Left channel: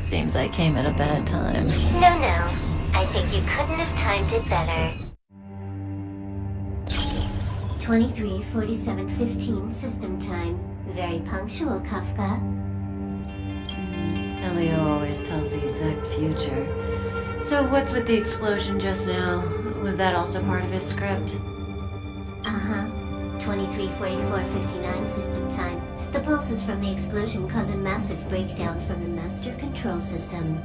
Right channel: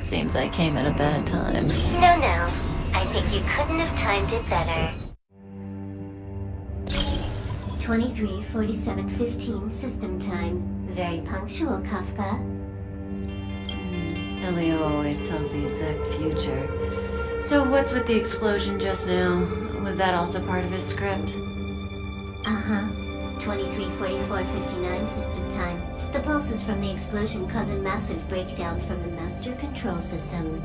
Seems I came at a bad time. No. I think you couldn't have timed it better. 23:47:15 system time. Very punctual, Kafka. Elio always tells the exact future. So what's with the explosion just now? Was that also part of his script? Uh-huh. 23:44:59 system time. The pulses from the explosion cause a massive breakdown from the master control system.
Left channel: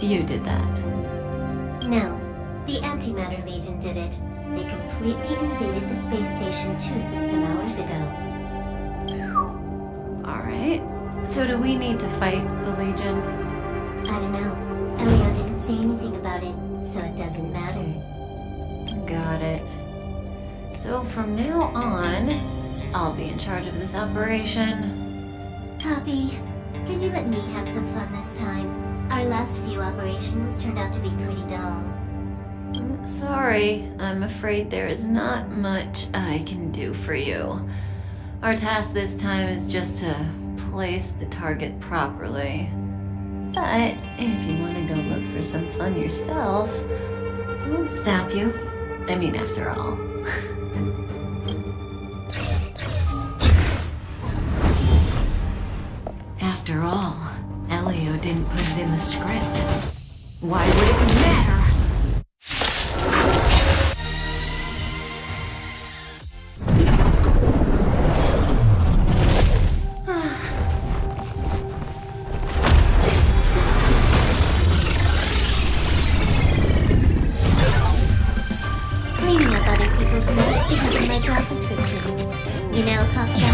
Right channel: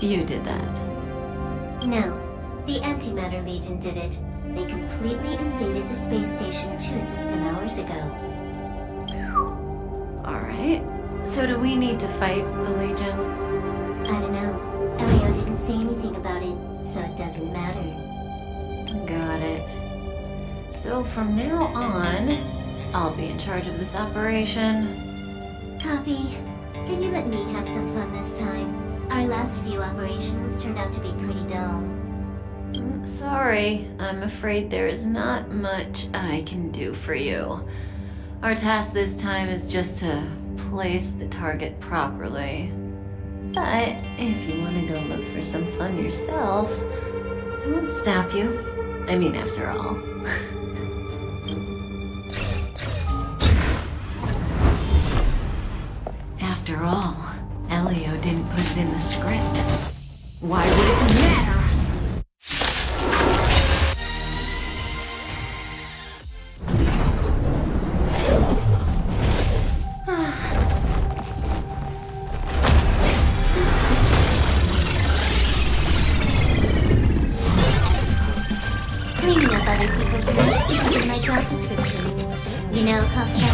You did that. No. The Antimatter Legion did it. They completely invaded the space station 2 system hours ago. Alright. So do we need to fight the Legion? I don't know. Elio didn't say anything about it, so it doesn't matter. Got it. So from now on, I'll be in charge of this operation. Copy. Can you let me have some fun this time? Our last few operations turned out to be pretty dull. Sorry, I'm afraid there is not much I can do for you. Our task this time is just to place the target properly. But if you want to go look for some fun yourself, I won't stop you. I mean, after all. After all, Elio didn't put it in the script. Why would it matter? Cleaning up other people's mess isn't in my job description. You know, Kafka?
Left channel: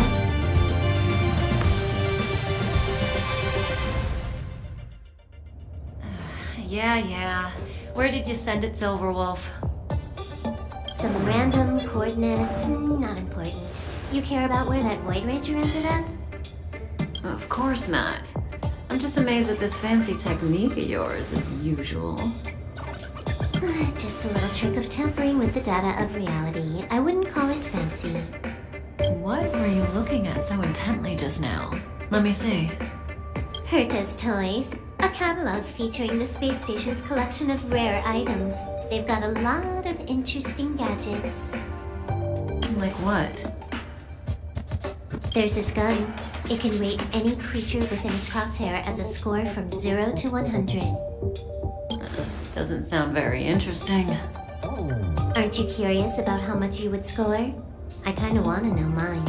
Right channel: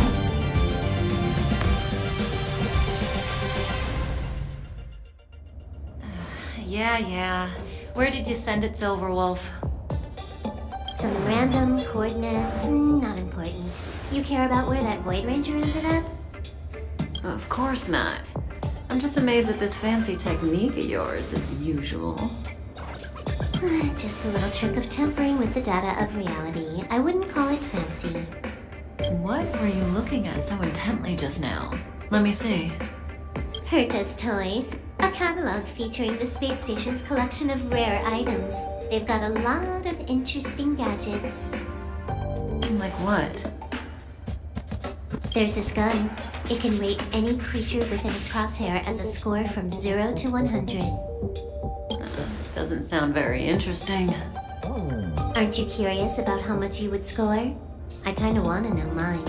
Yeah. Where did you send it, Silverwolf? Some random coordinates, not important. You care about where that Void Ranger ended up? Of course not. I'm just amazed at this fancy technique of yours, as usual. Just a little trick of tampering with the data of reality. I wouldn't call it fancy. What were you looking at so intently just now? Let me see. Herta's Toys, a catalog featuring the space station's collection of rare items. They've got a lot of interesting gadgets. Like what? There's this gun. It can rate any creature within its crosshair as a score from 0 to 100. Doesn't sound very interesting. Aren't you curious about how much you would score? I kinda wanna know mine.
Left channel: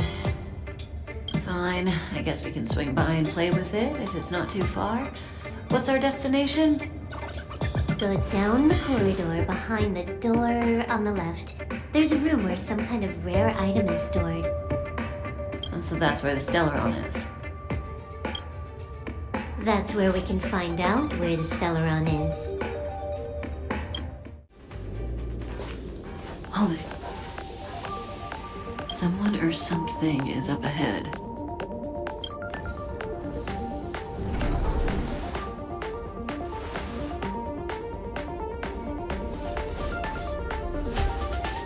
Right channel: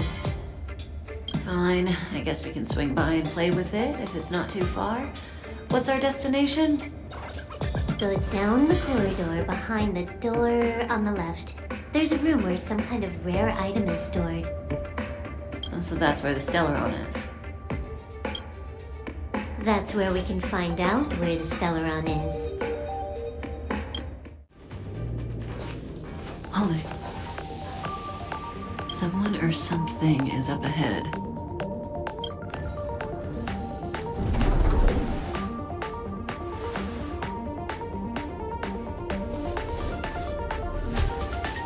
Fine, I guess we can swing by and play with it if it's not too far. What's our destination? Go down the corridor behind the door on the left. There's a room where some kind of rare item is stored. So that's where the Stellaron is. That's where we can find out where the Stellaron is. Hold it. Someone or something is up ahead.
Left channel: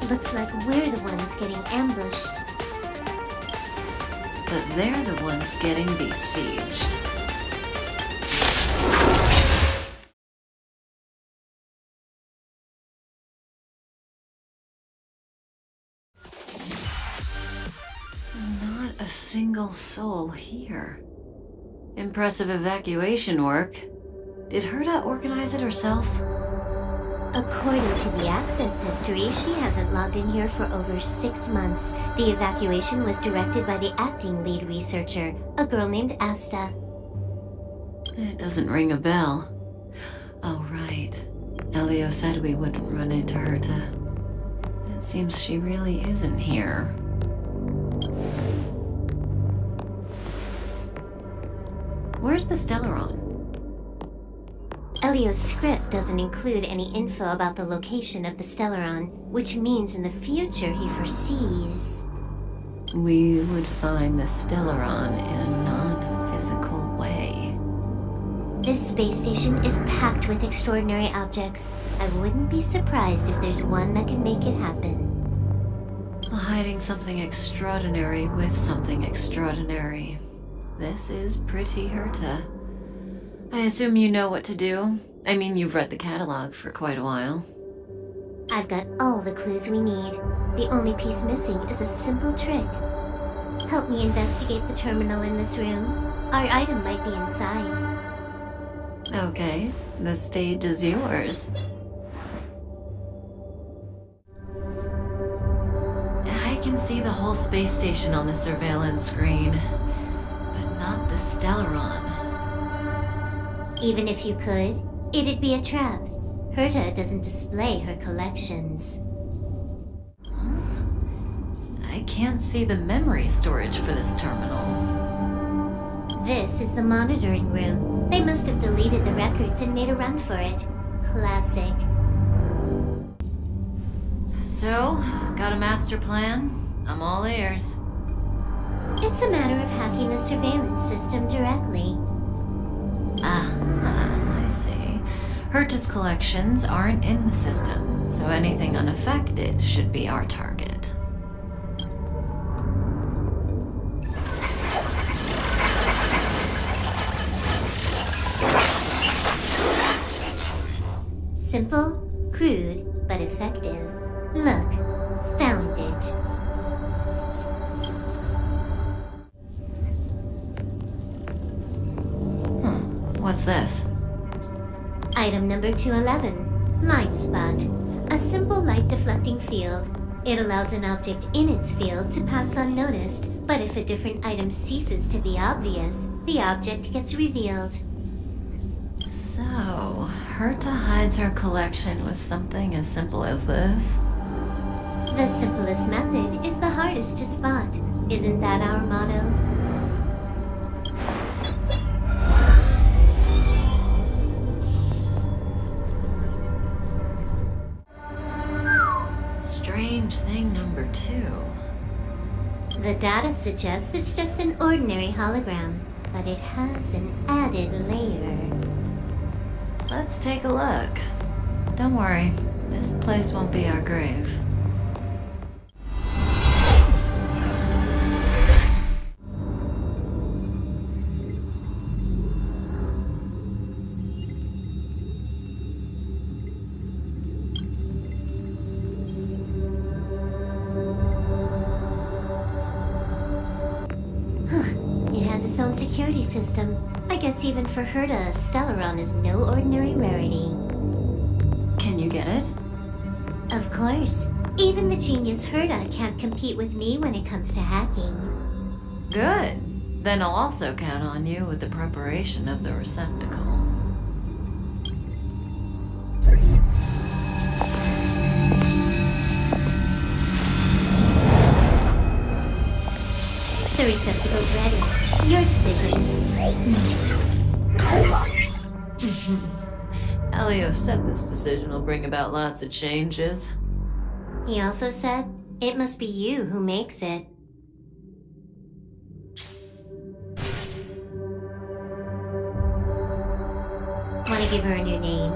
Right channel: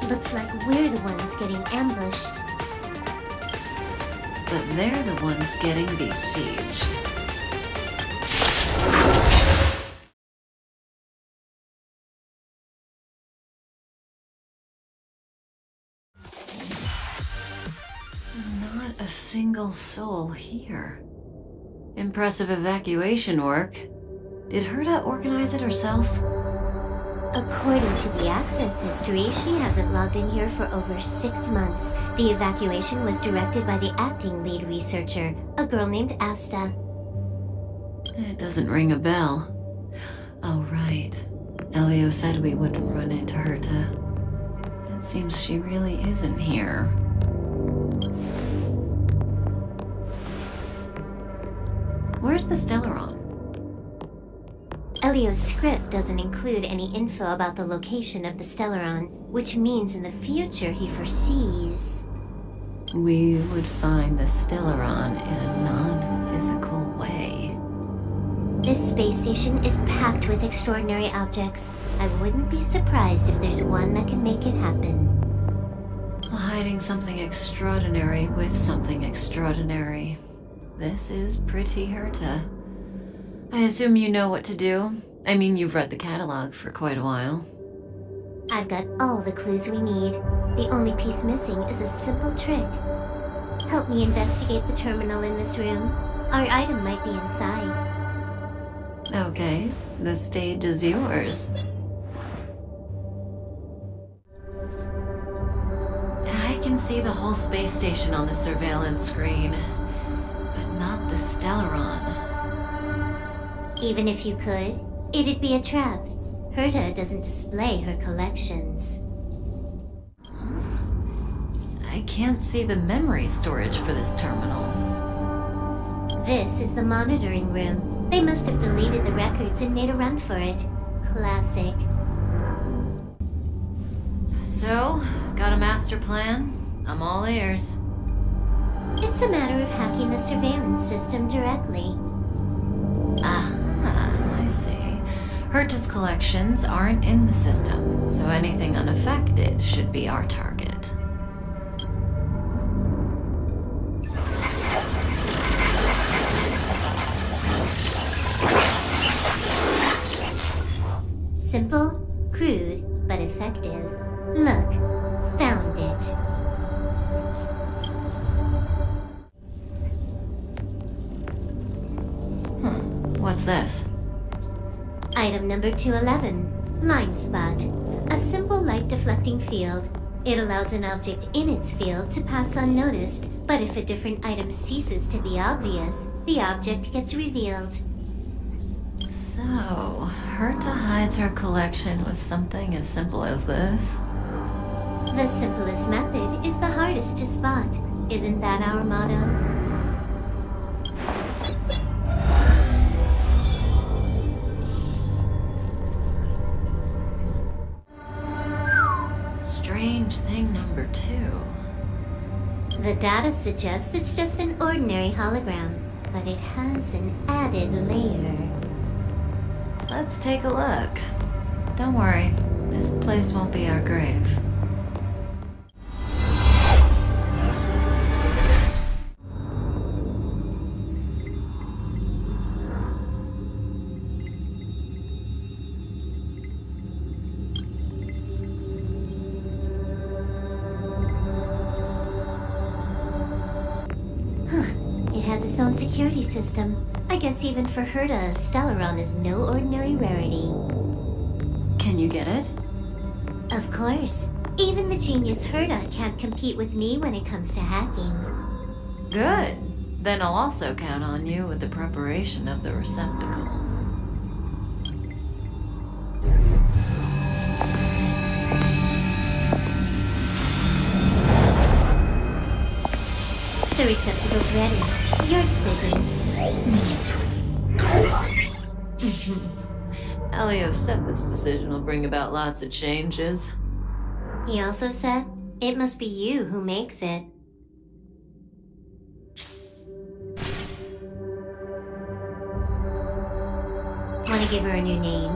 Looks like we're the ones getting ambushed. But they're the ones getting besieged. Not a single soul here. Impressive evacuation work. Did Herta organize it herself? According to the access history, she hasn't logged in here for over 6 months. The evacuation was directed by the acting lead researcher, a girl named Asta. It doesn't ring a bell. Oh, right. Elio said we wouldn't run into Herta. It seems she really isn't here. Where's the Stellaron? Elio's script doesn't include any info about the location of the Stellaron, which means in the future he foresees We would find the Stellaron in a non-physical way. this space station is packed with extraordinary objects. I wouldn't be surprised if there's one that can make it happen. Hiding something extraordinary with something extraordinary. This is pretty Herta. I assume you know what to do? I mean, you've read the catalog for quite a while. I've got all the clues we need. The only piece missing is a simple trick. Help me investigate the terminal in this room. Our item might be inside. Okay, the stage is yours. I can see the whole space station on the surveillance screen, but not the Stellaron. Even if you could, it'd be a trap. Herta doesn't display her collections. I can't see the memory storage for this terminal. This is the monitoring room. They must have deleted the records and made a run for it. Classic. So, got a master plan? I'm all ears. It's a matter of hacking the surveillance system directly. I see. Herta's collections aren't in the system, so anything unaffected should be our target. Simple, crude, but effective. Look, found it. What's this? Item number 211, Line Spot. A simple light deflecting field. It allows an object in its field to pass unnoticed, but if a different item ceases to be obvious, the object gets revealed. So, Herta hides her collection with something as simple as this? The simplest method is the hardest to spot. Isn't that our motto? Strange thing number 2. The data suggests it's just an ordinary hologram, but it has an added layer. Let's take a look. Don't worry, this place won't be our grave. It has its own security system. I guess even for Herta, Stellaron is no ordinary rarity. Can you get it? Of course. Even the genius Herta can't compete with me when it comes to hacking. Good. Then I'll also count on you with the preparation of the receptacle. The receptacle's ready. Your decision. Elio said this decision will bring about lots of changes. He also said, it must be you who makes it. Want to give her a new name?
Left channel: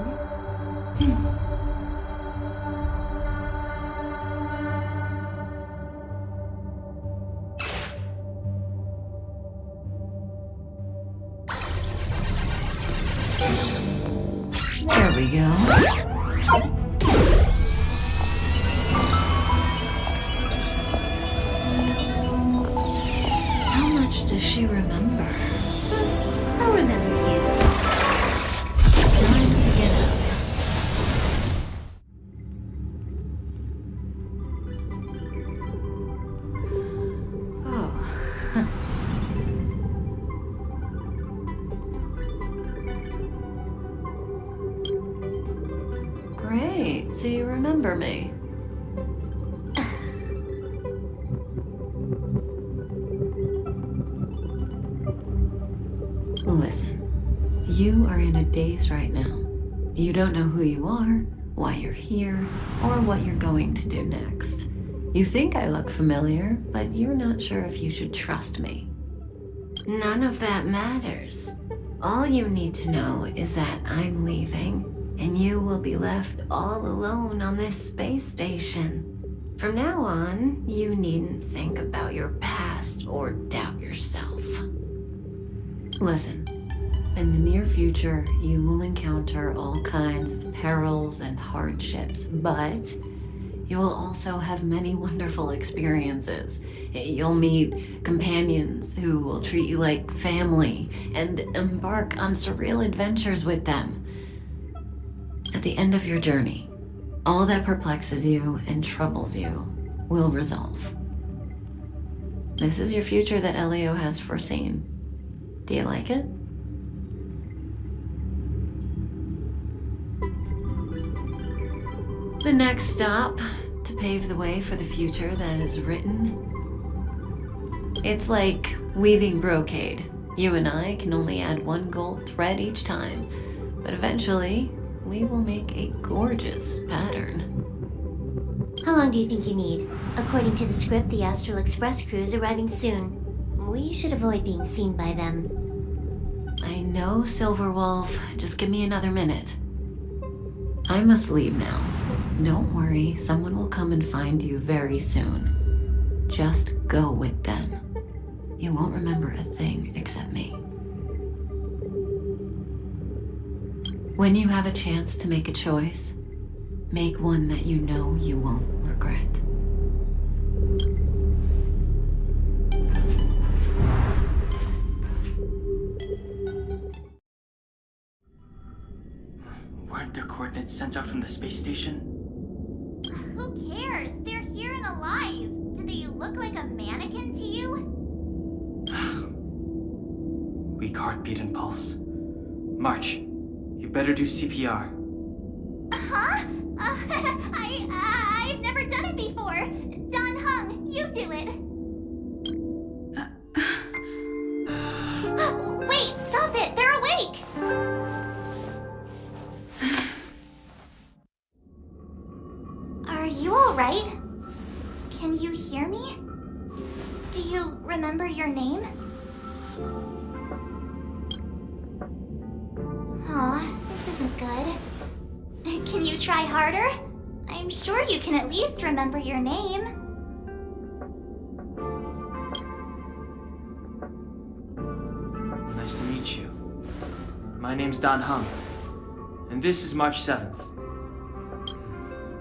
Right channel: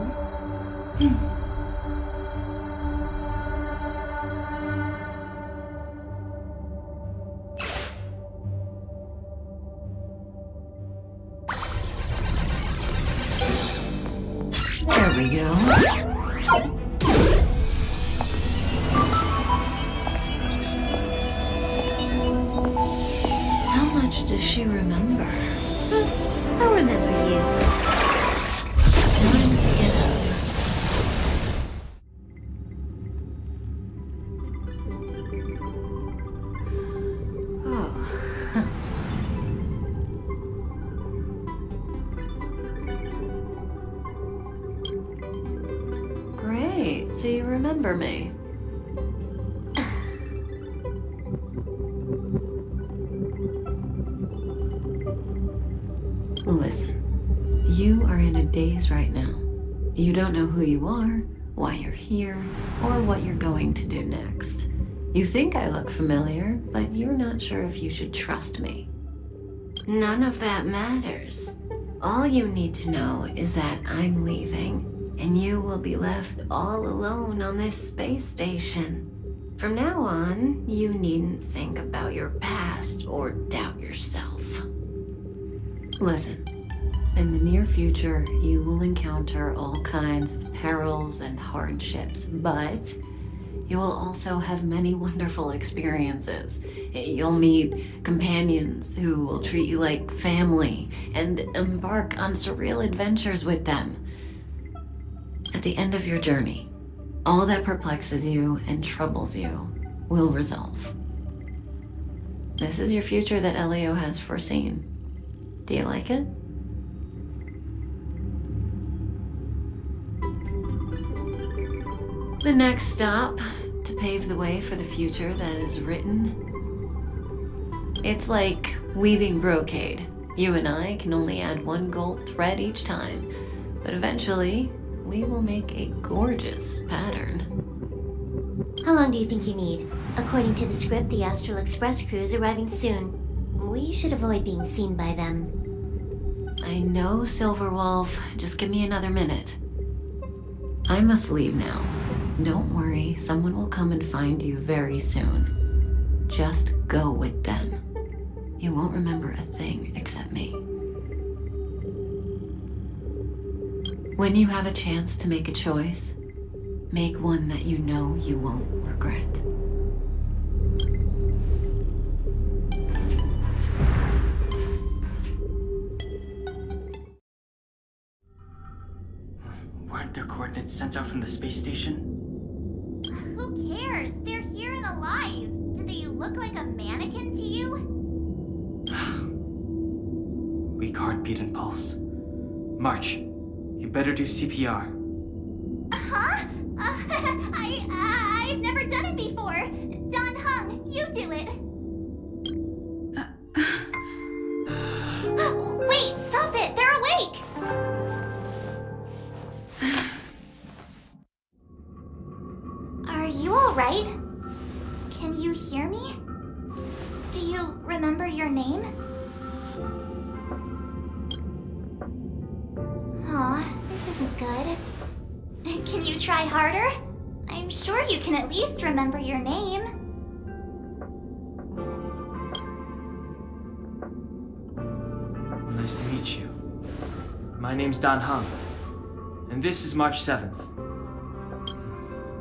There we go. How much does she remember? I'll remember you. Time to get up. Oh. Great, so you remember me. Listen, you are in a daze right now. You don't know who you are, why you're here, or what you're going to do next. You think I look familiar, but you're not sure if you should trust me. None of that matters. All you need to know is that I'm leaving, and you will be left all alone on this space station. From now on, you needn't think about your past or doubt yourself. Listen, In the near future, you will encounter all kinds of perils and hardships, but you will also have many wonderful experiences. You'll meet companions who will treat you like family and embark on surreal adventures with them. At the end of your journey, all that perplexes you and troubles you will resolve. This is your future that Elio has foreseen. Do you like it? The next stop to pave the way for the future that is written. It's like weaving brocade. You and I can only add one gold thread each time, but eventually we will make a gorgeous pattern. How long do you think you need? According to the script, the Astral Express crew is arriving soon. We should avoid being seen by them. I know, Silverwolf. Just give me another minute. I must leave now. Don't worry, someone will come and find you very soon. Just go with them. You won't remember a thing except me. When you have a chance to make a choice, make one that you know you won't regret. Weren't their coordinates sent out from the space station? Who cares? They're here and alive. Do they look like a mannequin to you? Weak heartbeat and pulse. March, you better do CPR. Huh? I've never done it before. Don Hung, you do it. Wait, stop it! They're awake! Are you alright? Can you hear me? Do you remember your name? Aw, this isn't good. Can you try harder? I'm sure you can at least remember your name. Nice to meet you. My name's Don Hung, and this is March 7th.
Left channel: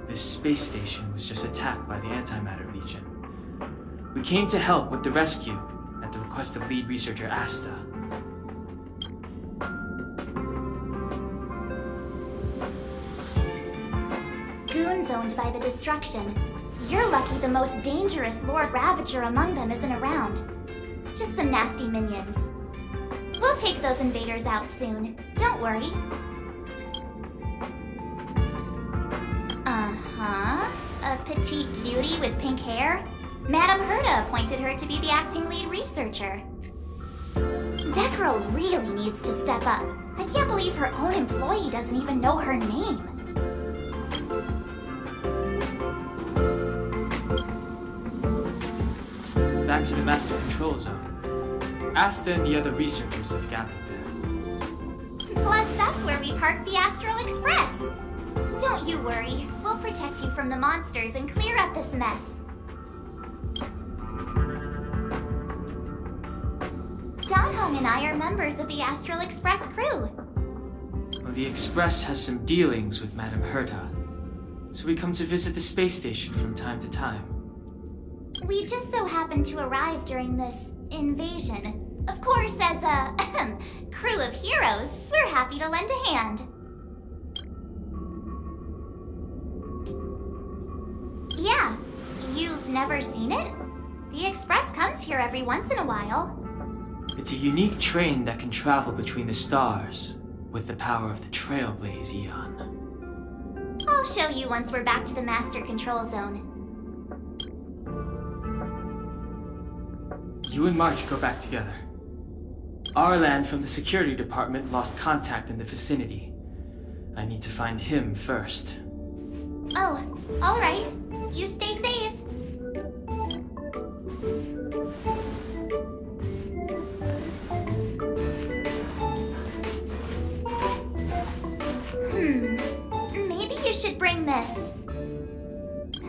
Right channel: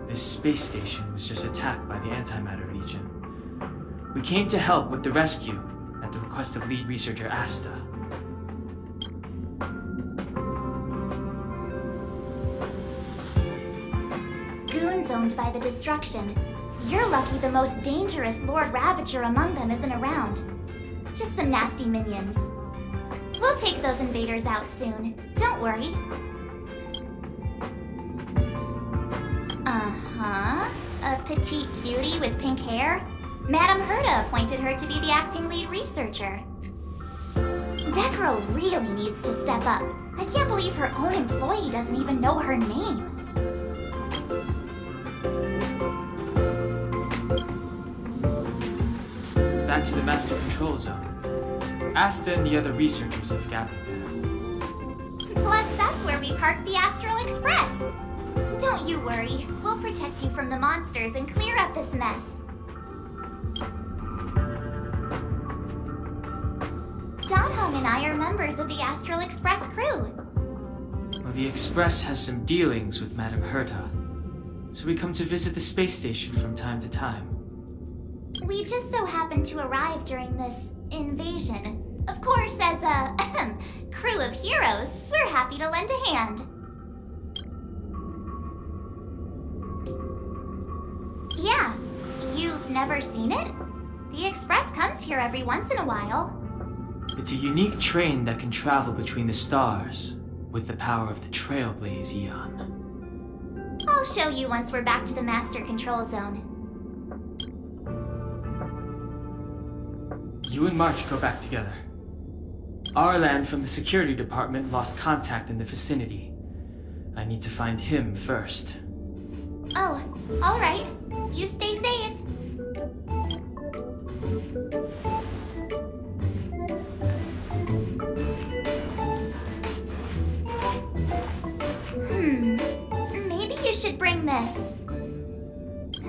This space station was just attacked by the Antimatter Legion. We came to help with the rescue at the request of lead researcher Asta. Goons owned by the destruction. You're lucky the most dangerous Lord Ravager among them isn't around. Just some nasty minions. We'll take those invaders out soon. Don't worry. Uh-huh. A petite cutie with pink hair? Madame Herta appointed her to be the acting lead researcher. That girl really needs to step up. I can't believe her own employee doesn't even know her name. Back to the Master Control Zone. Asta and the other researchers have gathered there. Plus, that's where we parked the Astral Express. Don't you worry. We'll protect you from the monsters and clear up this mess. Don Hung and I are members of the Astral Express crew. Well, the Express has some dealings with Madame Herta, so we come to visit the space station from time to time. We just so happened to arrive during this invasion. Of course, as a crew of heroes, we're happy to lend a hand. Yeah, you've never seen it? The Express comes here every once in a while. It's a unique train that can travel between the stars with the power of the Trailblaze Eon. I'll show you once we're back to the Master Control Zone. You and March go back together. Arlan from the security department lost contact in the vicinity. I need to find him first. Oh, all right. You stay safe. Maybe you should bring this.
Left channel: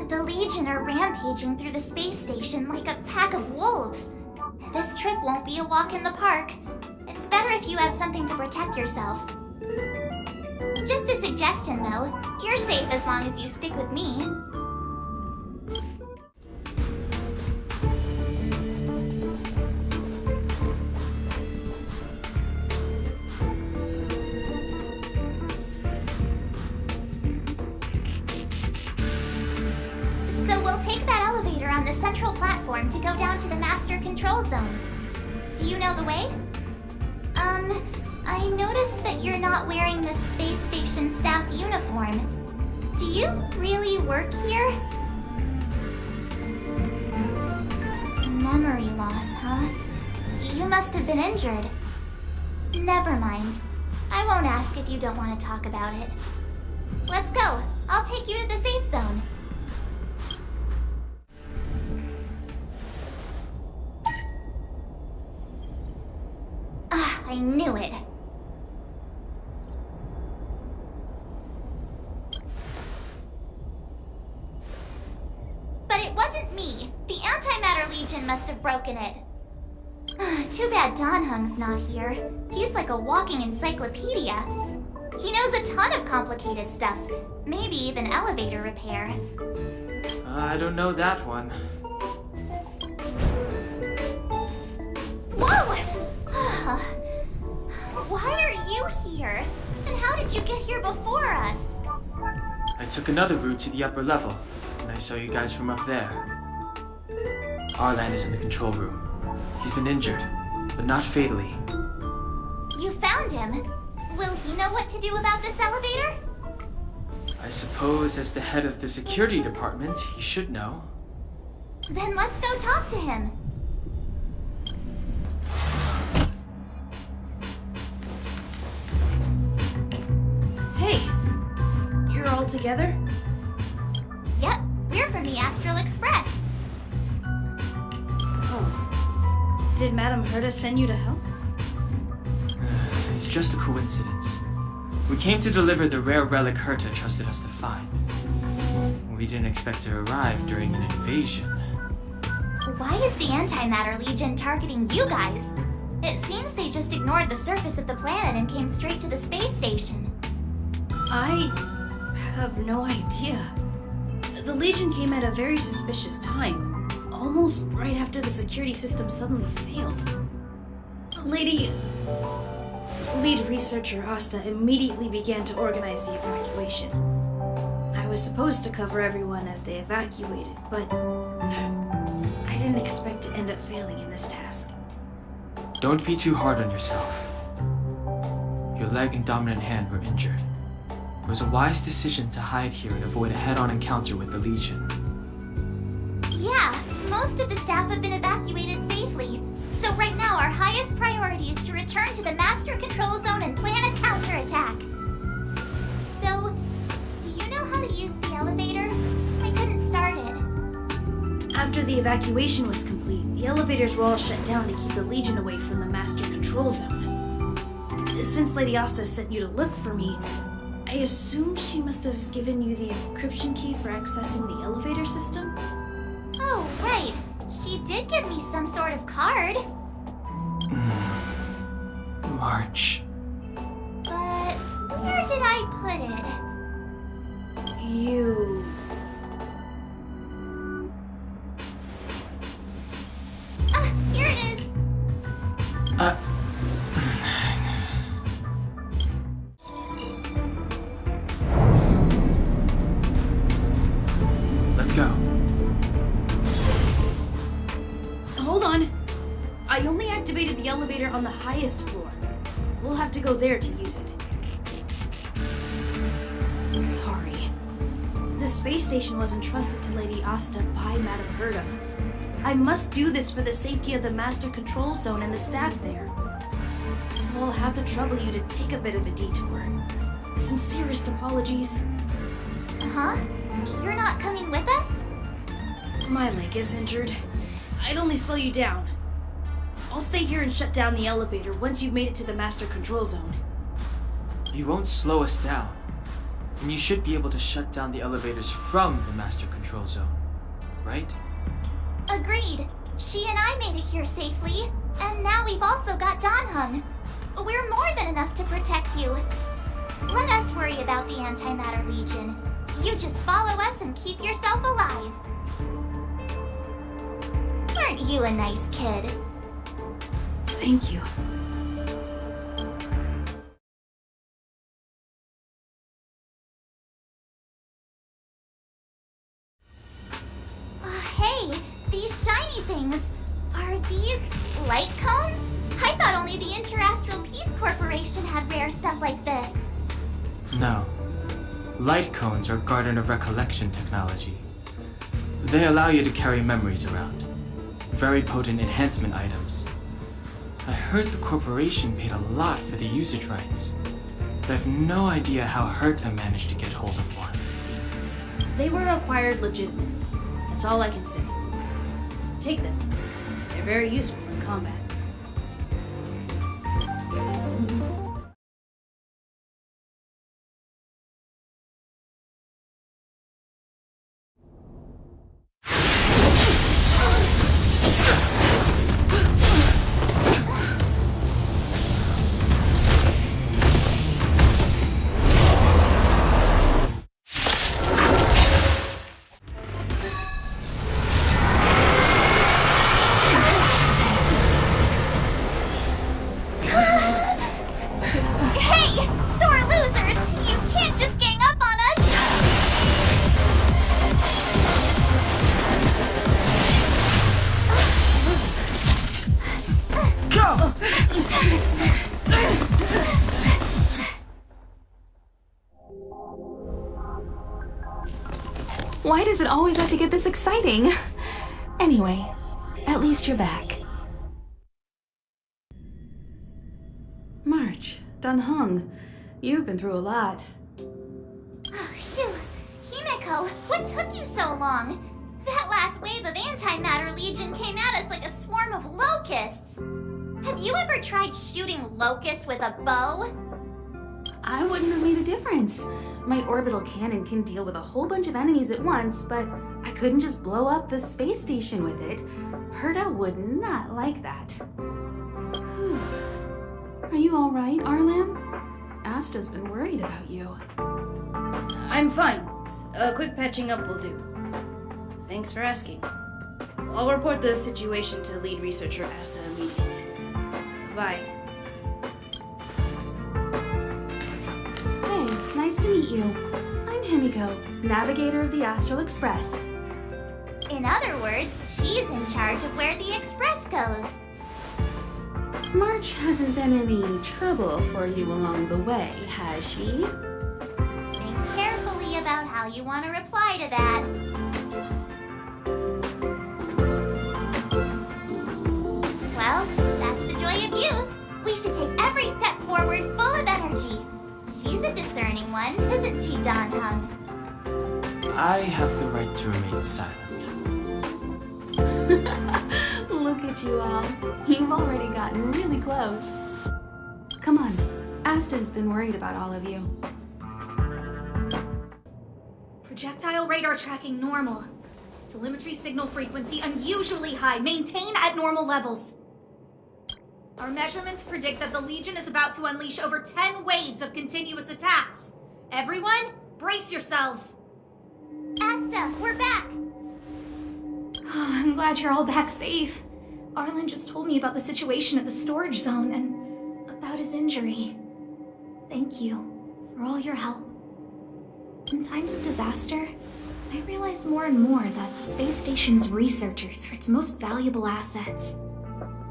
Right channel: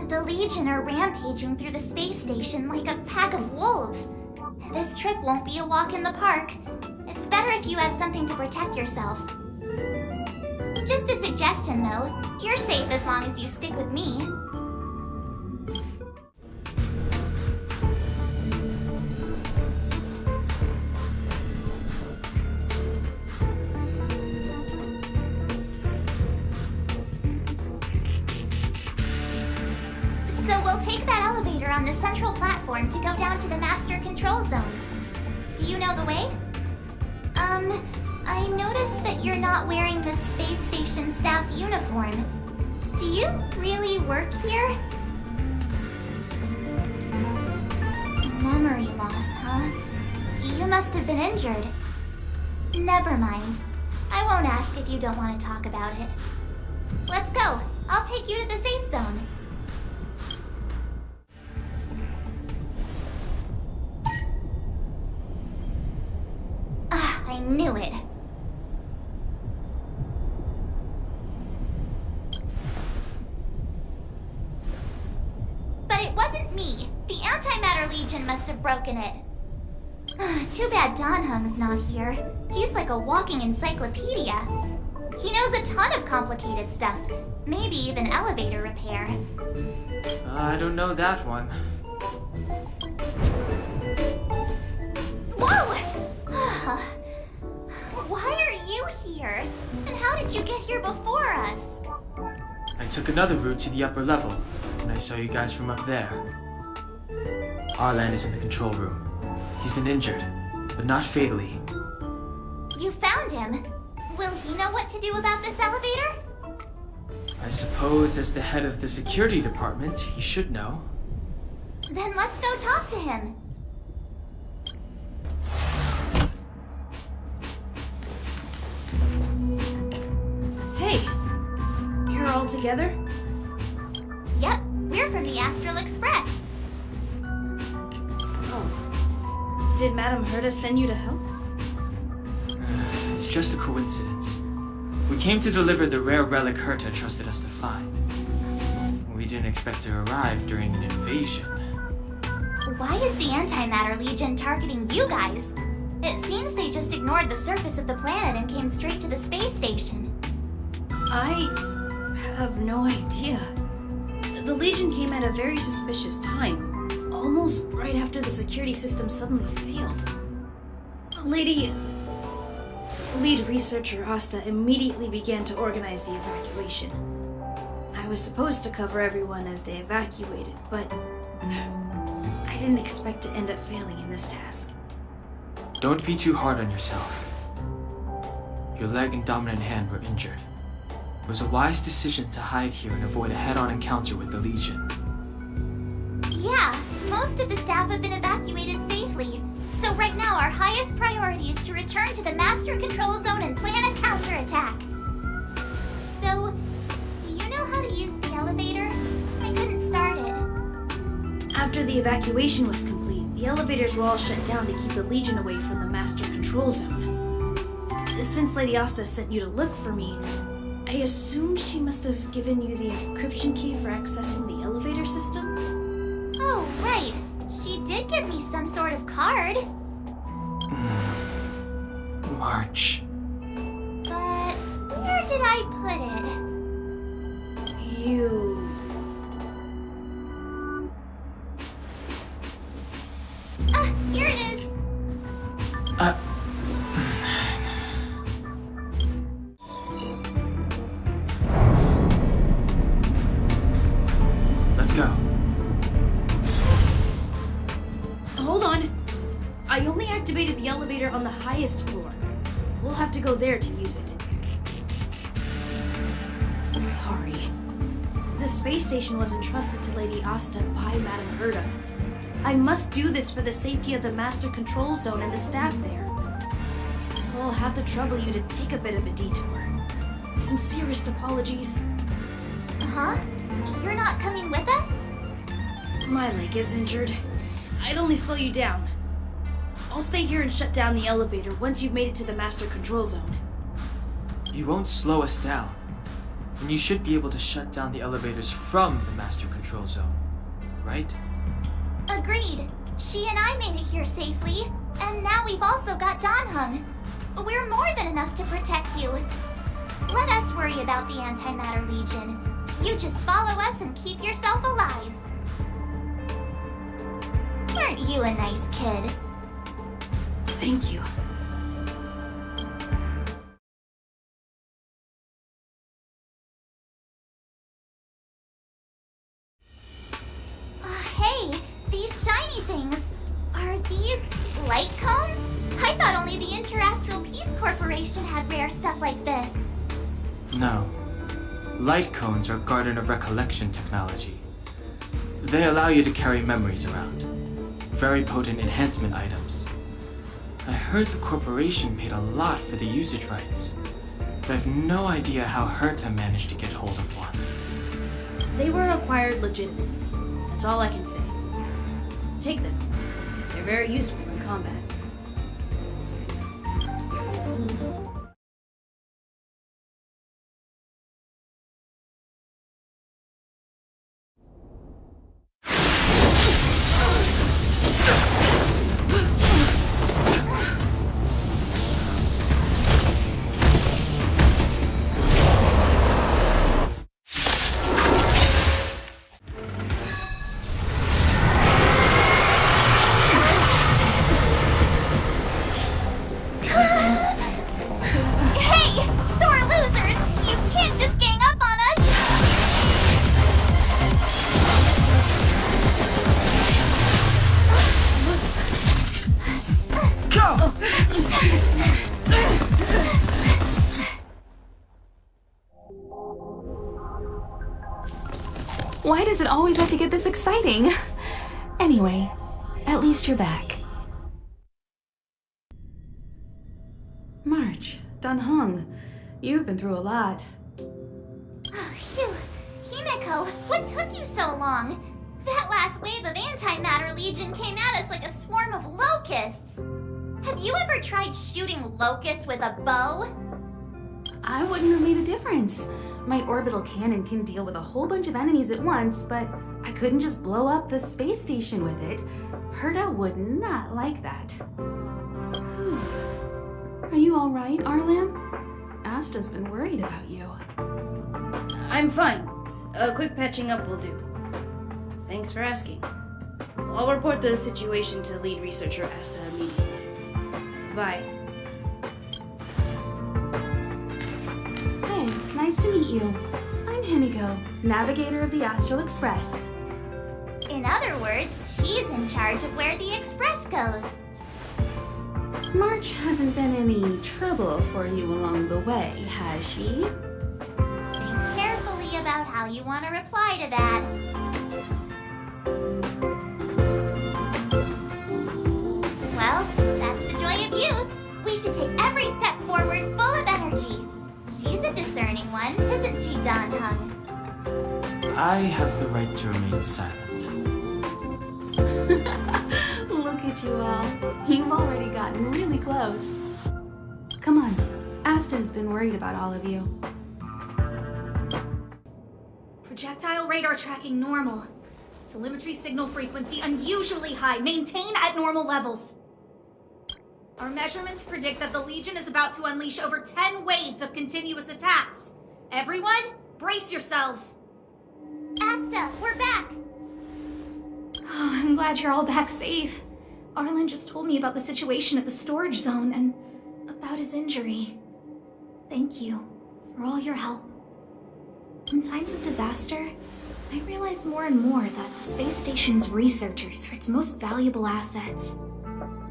The Legion are rampaging through the space station like a pack of wolves. This trip won't be a walk in the park. It's It's better if you have something to protect yourself. Just a suggestion, though. You're safe as long as you stick with me. So we'll take that elevator on the central platform to go down to the master control zone. Do you know the way? I noticed that you're not wearing the space station staff uniform. Do you really work here? Memory loss, huh? You must have been injured. Never mind. I won't ask if you don't want to talk about it. Let's go. I'll take you to the safe zone. I knew it. But it wasn't me. The Antimatter Legion must have broken it. Too bad Donhung's not here. He's like a walking encyclopedia. He knows a ton of complicated stuff. Maybe even elevator repair. I don't know that one. Whoa! Why are you here? And how did you get here before us? I took another route to the upper level, and I saw you guys from up there. Arlan is in the control room. He's been injured, but not fatally. You found him. Will he know what to do about this elevator? I suppose as the head of the security department, he should know. Then let's go talk to him. Hey, you're all together? Yep, we're from the Astral Express. Oh. Did Madame Herta send you to help? It's just a coincidence. We came to deliver the rare relic Herta trusted us to find. We didn't expect to arrive during an invasion. Why is the Antimatter Legion targeting you guys? It seems they just ignored the surface of the planet and came straight to the space station. I have no idea. The Legion came at a very suspicious time, almost right after the security system suddenly failed. Lead researcher Asta immediately began to organize the evacuation. I was supposed to cover everyone as they evacuated, but I didn't expect to end up failing in this task. Don't be too hard on yourself. Your leg and dominant hand were injured. It was a wise decision to hide here and avoid a head-on encounter with the Legion. Yeah, most of the staff have been evacuated safely. So right now our highest priority is to return to the Master Control Zone and plan a counterattack. So, do you know how to use the elevator? I couldn't start it. After the evacuation was complete, the elevators were all shut down to keep the Legion away from the Master Control Zone. Since Lady Asta sent you to look for me, I assume she must have given you the encryption key for accessing the elevator system? Oh, right. She did give me some sort of card. March. But where did I put it? You... Here it is. Let's go. Hold on. I only activated the elevator on the highest floor. We'll have to go there to use it. Sorry. The space station was entrusted to Lady Asta by Madame Herta. I must do this for the safety of the Master Control Zone and the staff there. So I'll have to trouble you to take a bit of a detour. Sincerest apologies. Huh? You're not coming with us? My leg is injured. I'd only slow you down. I'll stay here and shut down the elevator once you've made it to the Master Control Zone. You won't slow us down. And you should be able to shut down the elevators from the Master Control Zone, right? Agreed. She and I made it here safely, and now we've also got Donhung. We're more than enough to protect you. Let us worry about the Antimatter Legion. You just follow us and keep yourself alive. Aren't you a nice kid? Thank you. Hey, these shiny things. Are these light cones? I thought only the Interastral Peace Corporation had rare stuff like this. No. Light cones are Garden of Recollection technology. They allow you to carry memories around. Very potent enhancement items. I heard the corporation paid a lot for the usage rights, but I've no idea how Herta managed to get hold of one. They were acquired legitimately. That's all I can say. Take them. They're very useful in combat. Hey, sore losers! You can't just gang up on us! Go! Why does it always have to get this exciting? Anyway, at least you're back. March, Dunhung, you've been through a lot. Oh, phew. Himeko, what took you so long? That last wave of Antimatter Legion came at us like a swarm of locusts. Have you ever tried shooting locusts with a bow? I wouldn't have made a difference. My orbital cannon can deal with a whole bunch of enemies at once, but I couldn't just blow up the space station with it. Herta would not like that. Whew. Are you all right, Arlan? Asta's been worried about you. I'm fine. A quick patching up will do. Thanks for asking. I'll report the situation to lead researcher Asta immediately. Bye. Hey, nice to meet you. I'm Himiko, navigator of the Astral Express. In other words, she's in charge of where the express goes. March hasn't been any trouble for you along the way, has she? Think carefully about how you want to reply to that. Well, that's the joy of youth. We should take every step forward full of energy. She's a discerning one, isn't she, Donhung? I have the right to remain silent. Look at you all. You've already gotten really close. Come on. Asta has been worried about all of you. Projectile radar tracking normal. Telemetry signal frequency unusually high. Maintain at normal levels. Our measurements predict that the Legion is about to unleash over 10 waves of continuous attacks. Everyone, brace yourselves. Asta, we're back! Oh, I'm glad you're all back safe. Arlen just told me about the situation at the storage zone and about his injury. Thank you for all your help. In times of disaster, I realize more and more that the space station's researchers are its most valuable assets.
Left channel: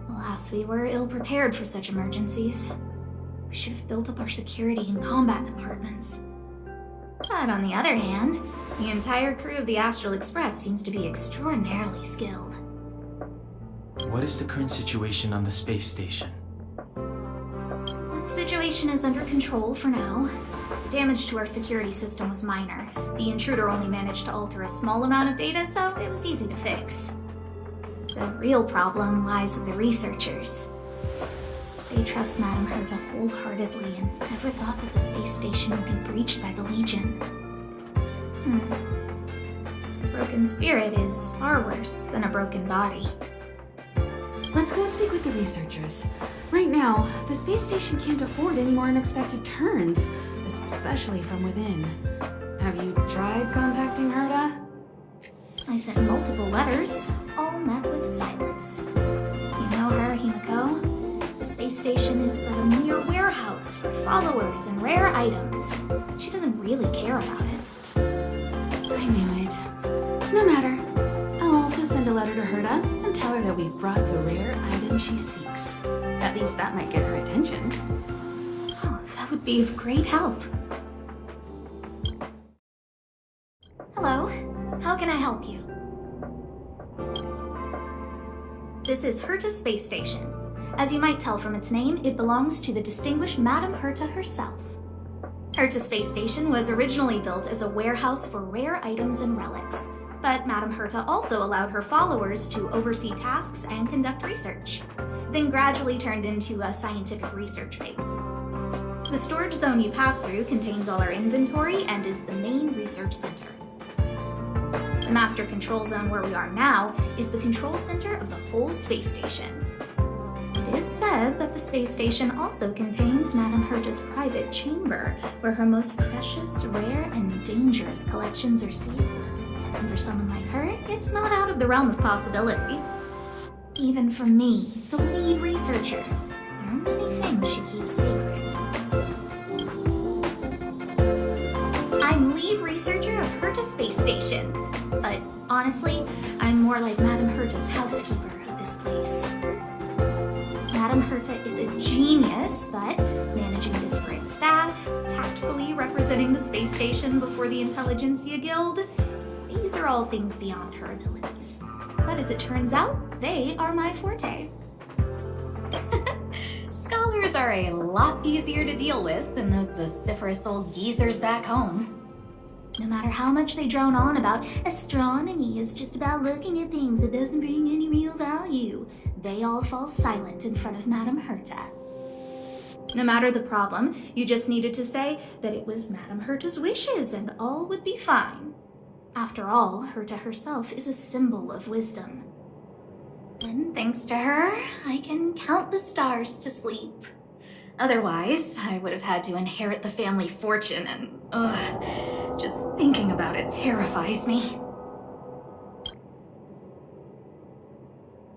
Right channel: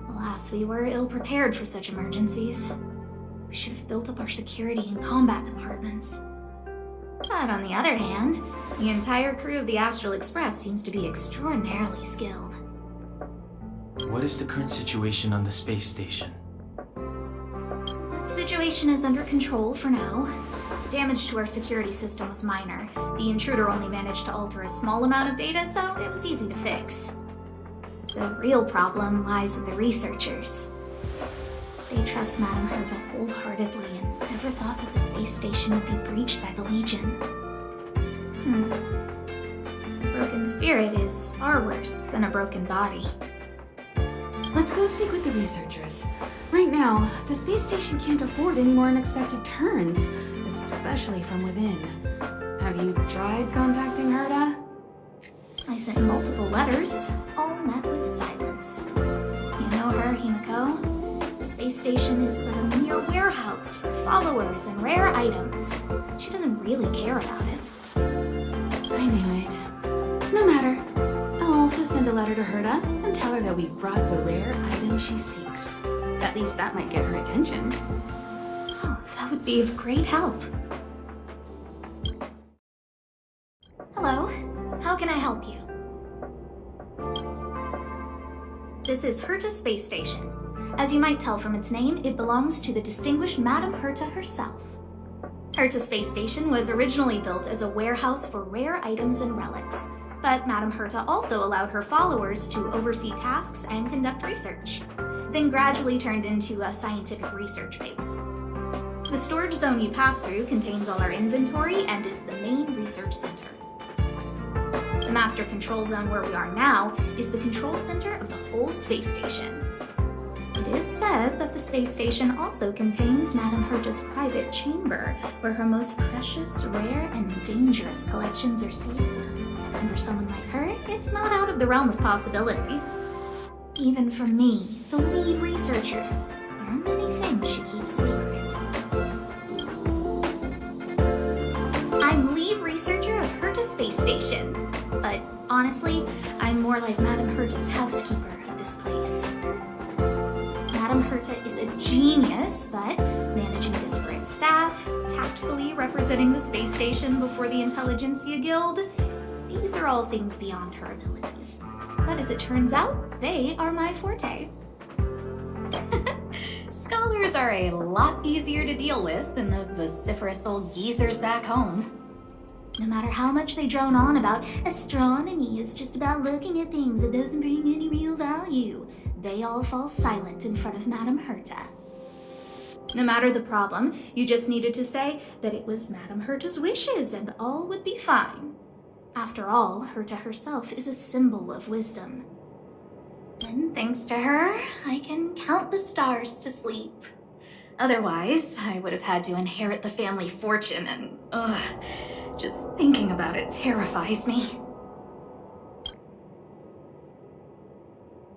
Alas, we were ill-prepared for such emergencies. We should have built up our security and combat departments. But on the other hand, the entire crew of the Astral Express seems to be extraordinarily skilled. What is the current situation on the space station? The situation is under control for now. Damage to our security system was minor. The intruder only managed to alter a small amount of data, so it was easy to fix. The real problem lies with the researchers. They trust Madame Herta wholeheartedly and never thought that the space station would be breached by the Legion. A broken spirit is far worse than a broken body. let's go speak with the researchers. Right now, the space station can't afford any more unexpected turns, especially from within. Have you tried contacting Herta? I sent multiple letters, all met with silence. You know her, Himiko? The space station is a mere warehouse for followers and rare items. She doesn't really care about it. I knew it. No matter. I'll also send a letter to Herta and tell her that we've brought the rare item she seeks. At least that might get her attention. Oh, that would be of great help. Hello, how can I help you? This is Herta Space Station. As you might tell from its name, it belongs to the distinguished Madame Herta herself. Herta Space Station was originally built as a warehouse for rare items and relics, but Madame Herta also allowed her followers to oversee tasks and conduct research, then gradually turned into a scientific research base. The storage zone you pass through contains all our inventory and is the main research center. The master control zone where we are now is the control center of the whole space station. It is said that the space station also contains Madame Herta's private chamber, where her most precious, rare, and dangerous collections are sealed. And for someone like her, it's not out of the realm of possibility. Even for me, the lead researcher, there are many things she keeps secret. I'm lead researcher of Herta Space Station, but honestly, I'm more like Madame Herta's housekeeper of this place. Madame Herta is a genius, but managing disparate staff, tactfully representing the space station before the Intelligentsia Guild, these are all things beyond her abilities. But as it turns out, they are my forte. Scholars are a lot easier to deal with than those vociferous old geezers back home. No matter how much they drone on about astronomy is just about looking at things that doesn't bring any real value, they all fall silent in front of Madame Herta. No matter the problem, you just needed to say that it was Madame Herta's wishes and all would be fine. After all, Herta herself is a symbol of wisdom. And thanks to her, I can count the stars to sleep. Otherwise, I would have had to inherit the family fortune and, just thinking about it terrifies me.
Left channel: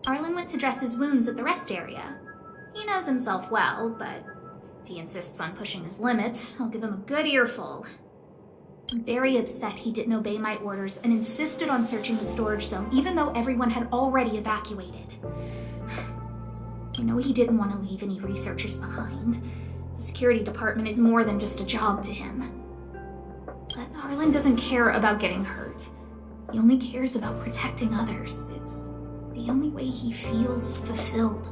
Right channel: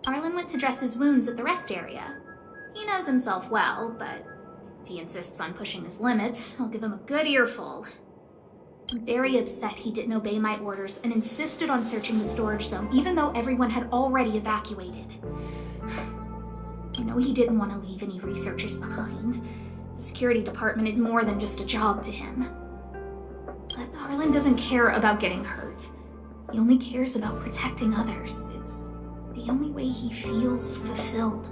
Arlen went to dress his wounds at the rest area. He knows himself well, but if he insists on pushing his limits, I'll give him a good earful. I'm very upset he didn't obey my orders and insisted on searching the storage zone, even though everyone had already evacuated. I know he didn't want to leave any researchers behind. The security department is more than just a job to him. But Arlen doesn't care about getting hurt. He only cares about protecting others. It's the only way he feels fulfilled.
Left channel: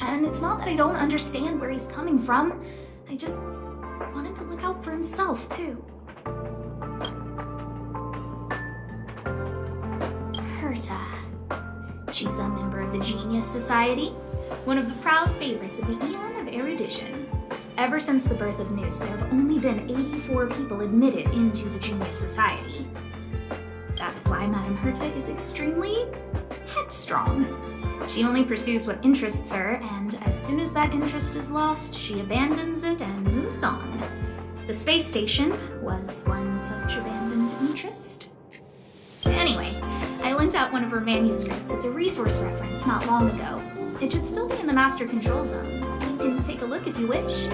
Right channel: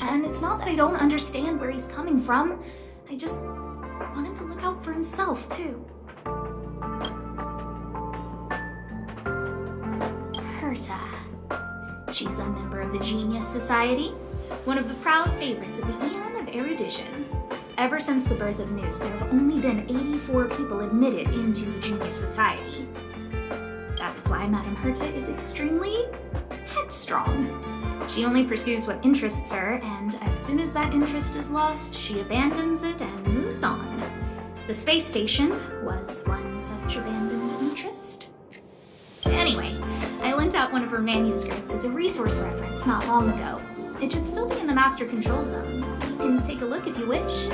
And it's not that I don't understand where he's coming from. I just want him to look out for himself, too. Herta. She's a member of the Genius Society, one of the proud favorites of the Eon of Erudition. Ever since the birth of News, there have only been 84 people admitted into the Genius Society. That is why Madame Herta is extremely headstrong. She only pursues what interests her, and as soon as that interest is lost, she abandons it and moves on. The space station was one such abandoned interest. Anyway, I lent out one of her manuscripts as a resource reference not long ago. It should still be in the master control zone. You can take a look if you wish.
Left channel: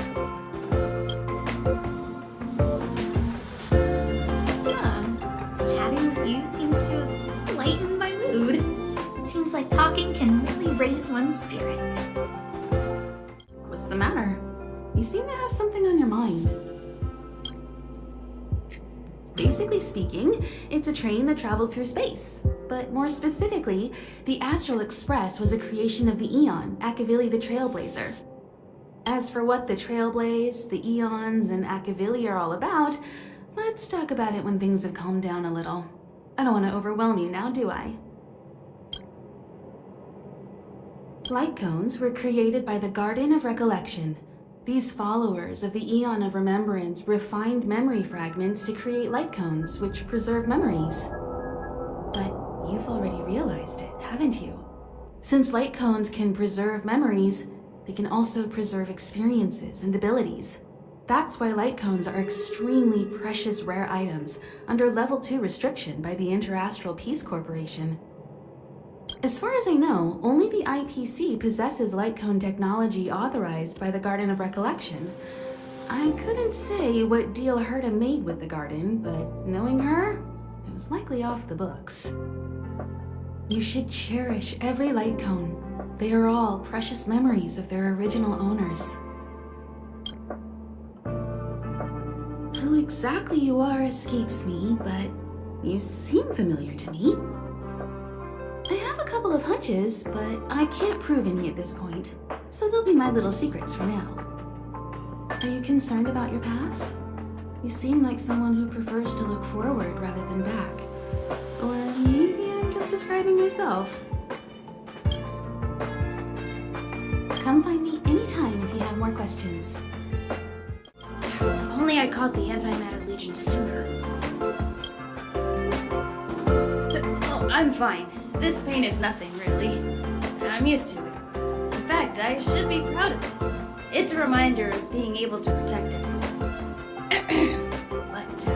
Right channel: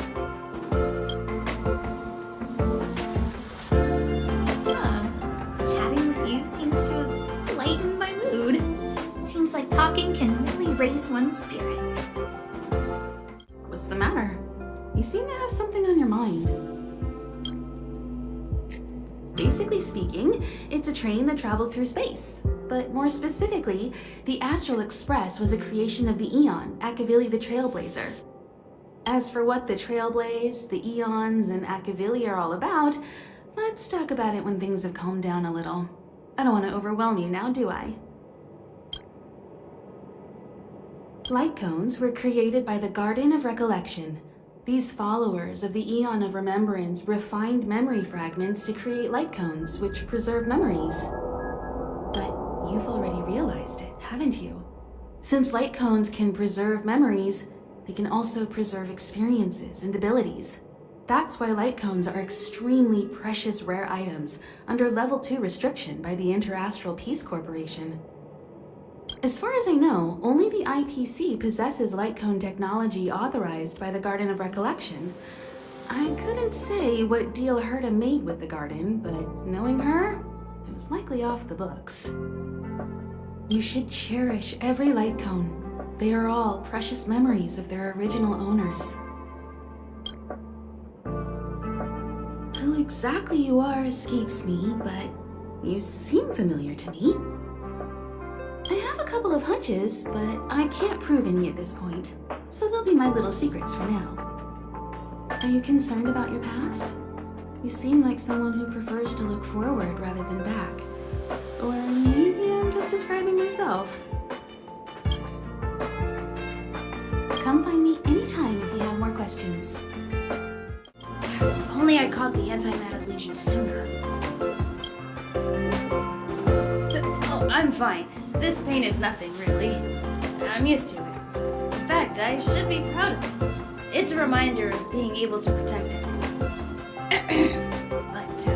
Chatting with you seems to have lightened my mood. Seems like talking can really raise one's spirits. What's the matter? You seem to have something on your mind. Basically speaking, it's a train that travels through space. But more specifically, the Astral Express was a creation of the Eon, Akavili the Trailblazer. As for what the Trailblaze, the Eons, and Akavili are all about, let's talk about it when things have calmed down a little. I don't want to overwhelm you now, do I? Light cones were created by the Garden of Recollection. These followers of the Eon of Remembrance refined memory fragments to create light cones, which preserve memories. But you've already realized it, haven't you? Since light cones can preserve memories, they can also preserve experiences and abilities. That's why light cones are extremely precious rare items under Level 2 restriction by the Interastral Peace Corporation. As far as I know, only the IPC possesses light cone technology authorized by the Garden of Recollection. I couldn't say what deal Herta made with the Garden, but knowing her, it was likely off the books. You should cherish every light cone. They are all precious memories of their original owners. Who exactly you are escapes me, but you seem familiar to me. I have a couple of hunches, but I can't prove any at this point, so they'll be my little secrets for now. Are you concerned about your past? You seem like someone who prefers to look forward rather than back. Or maybe I'm just describing myself. Come find me anytime if you have more questions. If only I caught the Antimatter Legion sooner. Oh, I'm fine. This pain is nothing, really. I'm used to it. In fact, I should be proud of it. It's a reminder of being able to protect it. But,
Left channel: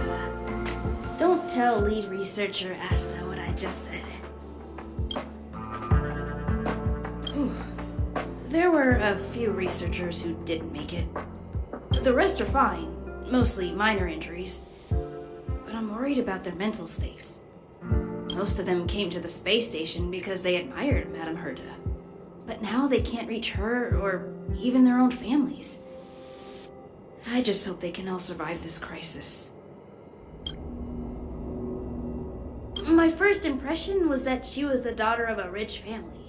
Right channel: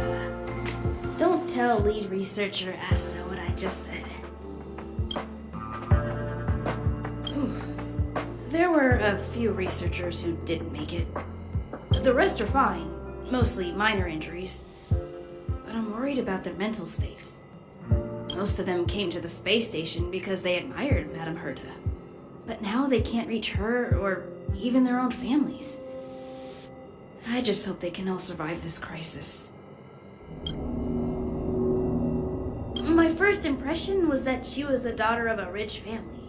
don't tell lead researcher Asta what I just said. There were a few researchers who didn't make it. The rest are fine, mostly minor injuries. But I'm worried about their mental states. Most of them came to the space station because they admired Madame Herta. But now they can't reach her or even their own families. I just hope they can all survive this crisis. My first impression was that she was the daughter of a rich family,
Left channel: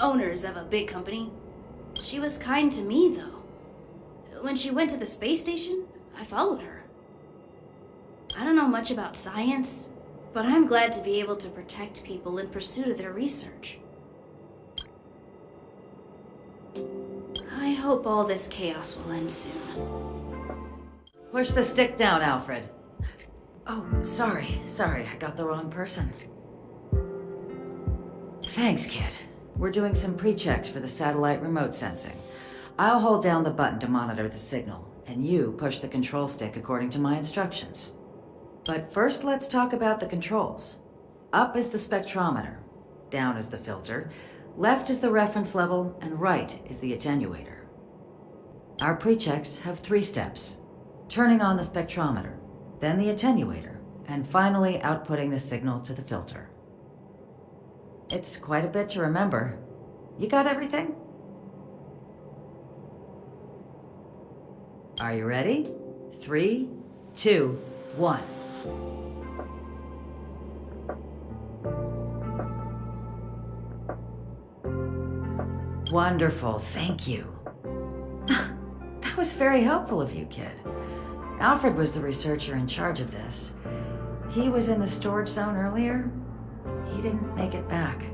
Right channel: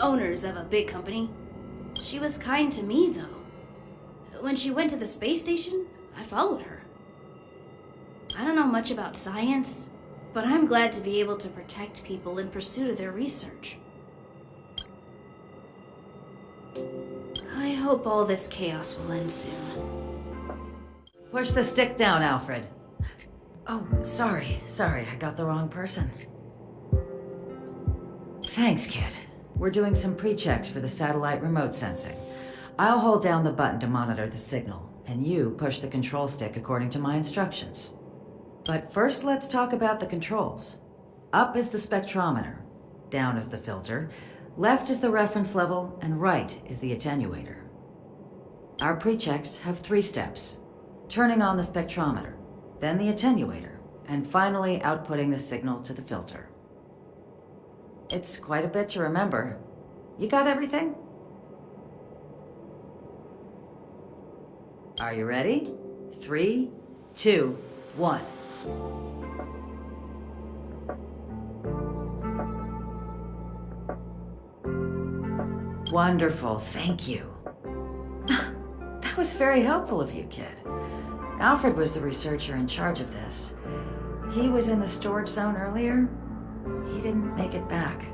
owners of a big company. She was kind to me, though. When she went to the space station, I followed her. I don't know much about science, but I'm glad to be able to protect people in pursuit of their research. I hope all this chaos will end soon. Push the stick down, Alfred. Oh, sorry, I got the wrong person. Thanks, kid. We're doing some pre-checks for the satellite remote sensing. I'll hold down the button to monitor the signal, and you push the control stick according to my instructions. But first, let's talk about the controls. Up is the spectrometer, down is the filter, left is the reference level, and right is the attenuator. Our pre-checks have 3 steps. Turning on the spectrometer, then the attenuator, and finally outputting the signal to the filter. It's quite a bit to remember. You got everything? Are you ready? 3, 2, 1. Wonderful, thank you. That was very helpful of you, kid. Alfred was the researcher in charge of this. He was in the storage zone earlier. He didn't make it back.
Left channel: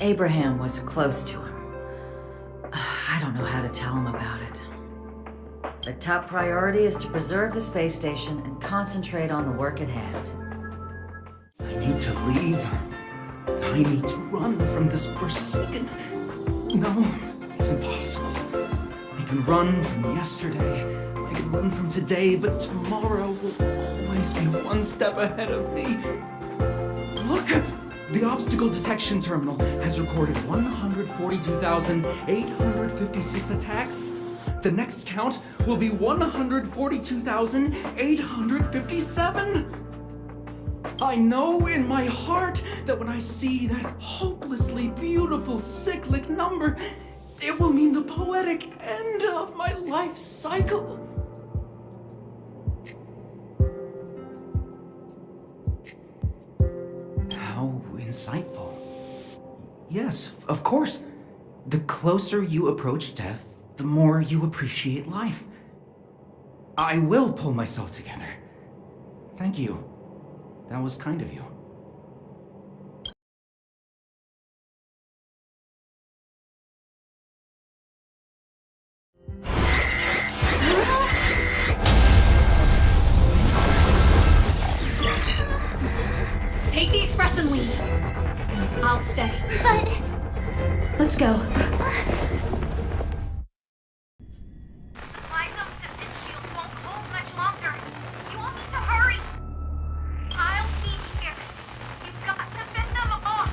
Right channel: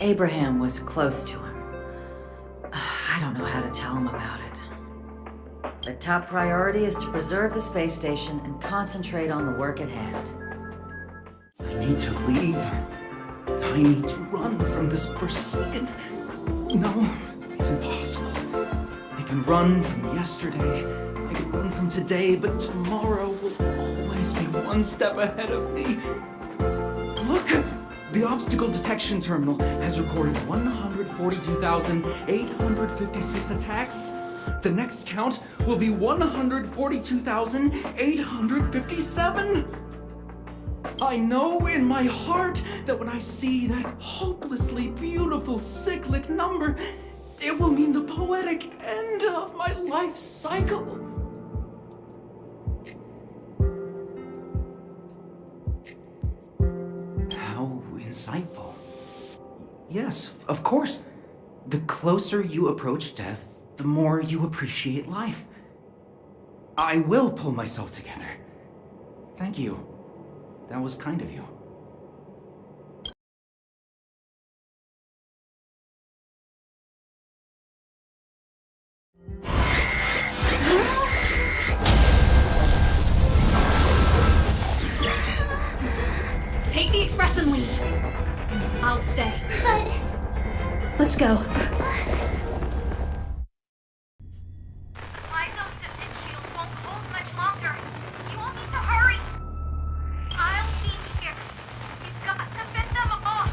Abraham was close to him. I don't know how to tell him about it. The top priority is to preserve the space station and concentrate on the work at hand. I need to leave. I need to run from this forsaken... No, it's impossible. I can run from yesterday. I can run from today, but tomorrow will always be one step ahead of me. Look! The obstacle detection terminal has recorded 142,856 attacks. The next count will be 142,857. I know in my heart that when I see that hopelessly beautiful cyclic number, it will mean the poetic end of my life cycle. How insightful. Yes, of course. The closer you approach death, the more you appreciate life. I will pull myself together. Thank you. That was kind of you. Take the express and leave. I'll stay. But go. My zone's defense shield won't hold much longer. You all need to hurry. I'll be here. You've got to fend them off.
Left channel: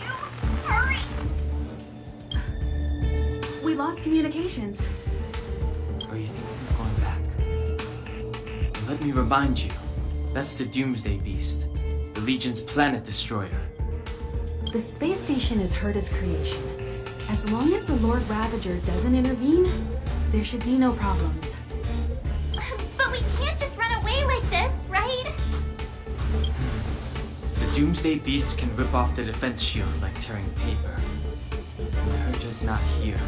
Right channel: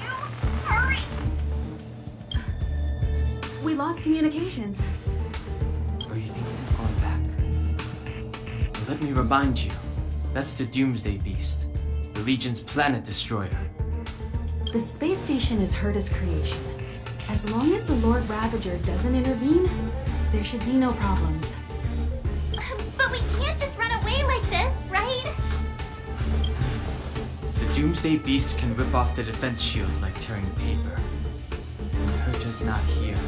You hurry. We lost communications. Are you thinking of going back? Let me remind you, that's the Doomsday Beast, the Legion's planet destroyer. The space station is Herta's creation. As long as the Lord Ravager doesn't intervene, there should be no problems. But we can't just run away like this, right? The Doomsday Beast can rip off the defense shield like tearing paper. Herta's not here.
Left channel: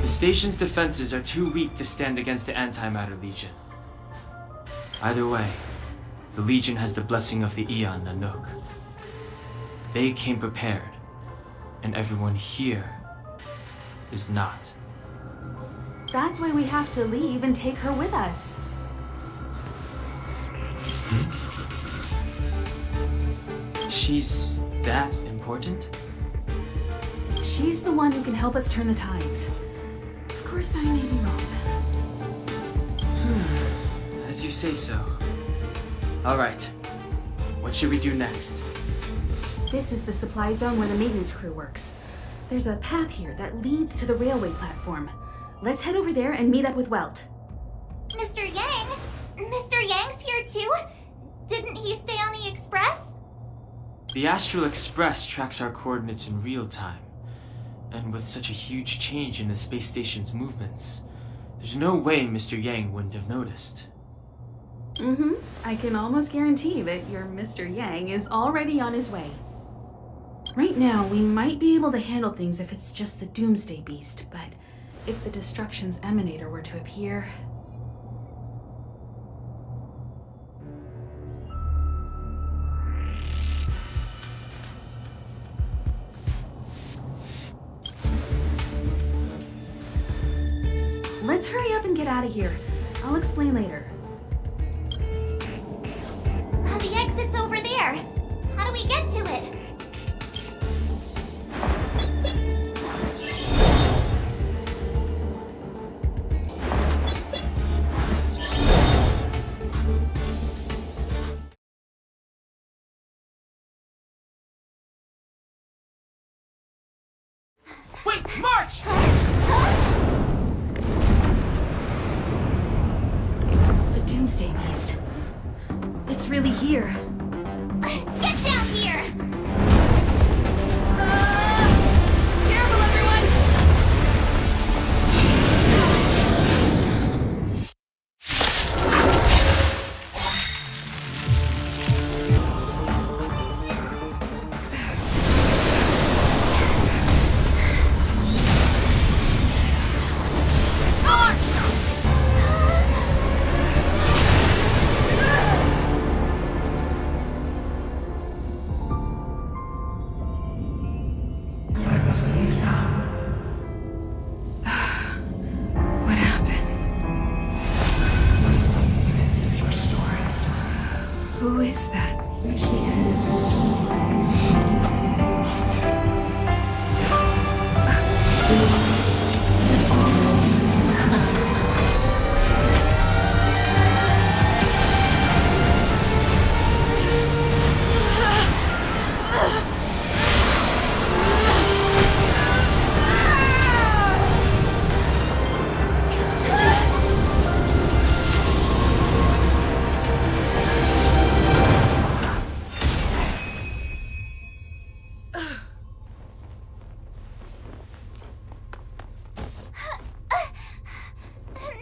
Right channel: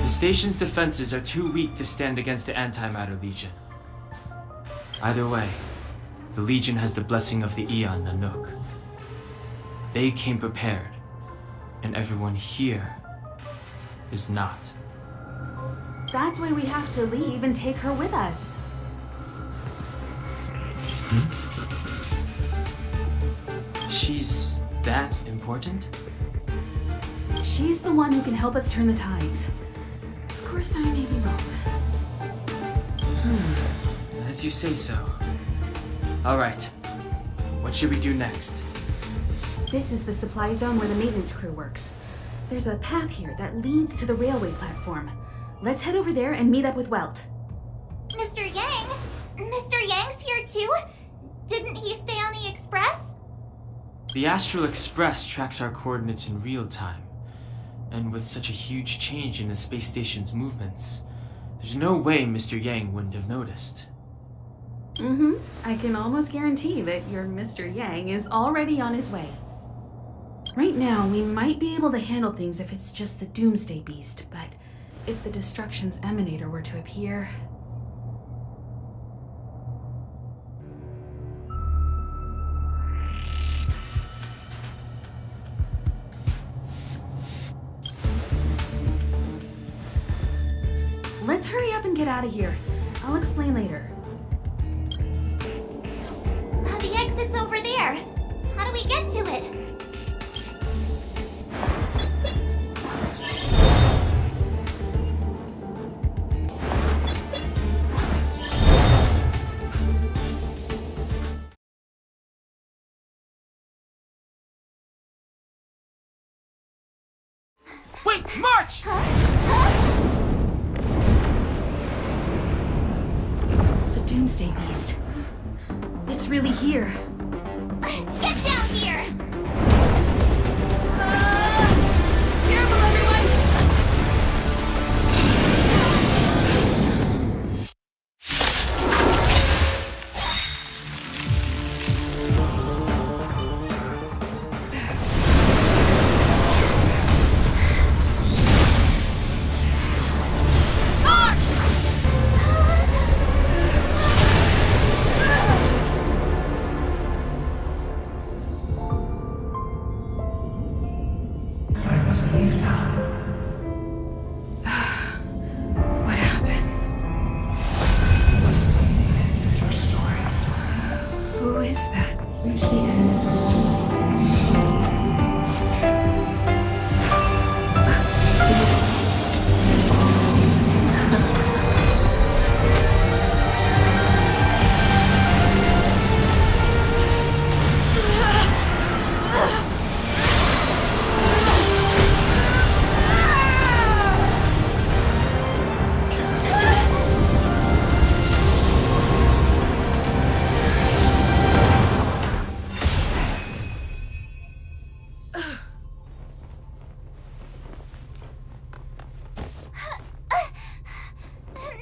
The station's defenses are too weak to stand against the Antimatter Legion. Either way, the Legion has the blessing of the Aeon Nanook. They came prepared, and everyone here is not. That's why we have to leave and take her with us. She's that important? She's the one who can help us turn the tides. Of course, I may be wrong. As you say so. Alright, what should we do next? This is the supply zone where the maintenance crew works. There's a path here that leads to the railway platform. Let's head over there and meet up with Welt. Mr. Yang? Mr. Yang's here too? Didn't he stay on the Express? The Astral Express tracks our coordinates in real time. And with such a huge change in the space station's movements, there's no way Mr. Yang wouldn't have noticed. I can almost guarantee that your Mr. Yang is already on his way. Right now, we might be able to handle things if it's just the Doomsday Beast, but if the Destruction's Emanator were to appear... Let's hurry up and get out of here. I'll explain later. The exit's over there. How do we get to it? Wait, march! The Doomsday Beast. It's really here. Get down here! Careful, everyone. What happened? Who is that?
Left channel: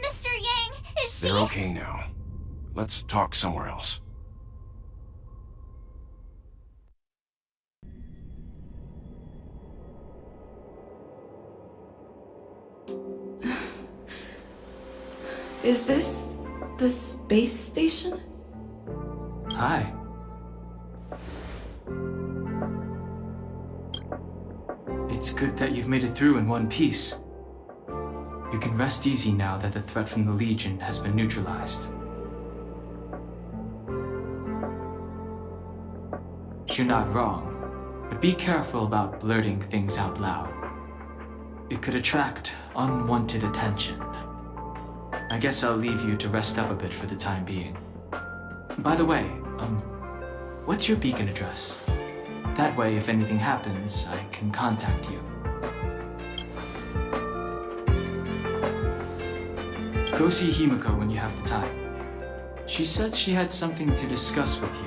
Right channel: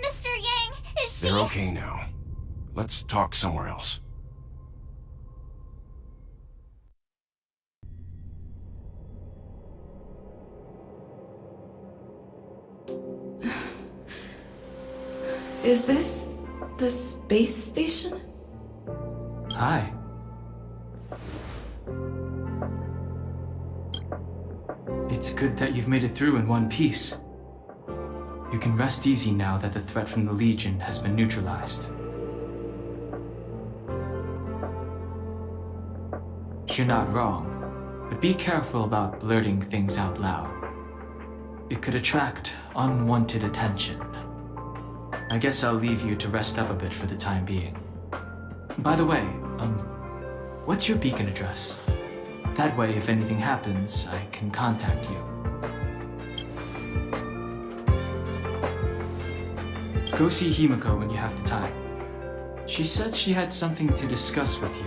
Mr. Yang, is she... They're okay now. Let's talk somewhere else. Is this the space station? Hi. It's good that you've made it through in one piece. You can rest easy now that the threat from the Legion has been neutralized. You're not wrong, But be careful about blurting things out loud. It could attract unwanted attention. I guess I'll leave you to rest up a bit for the time being. By the way, what's your beacon address? That way, if anything happens, I can contact you. Go see Himiko when you have the time. She said she had something to discuss with you.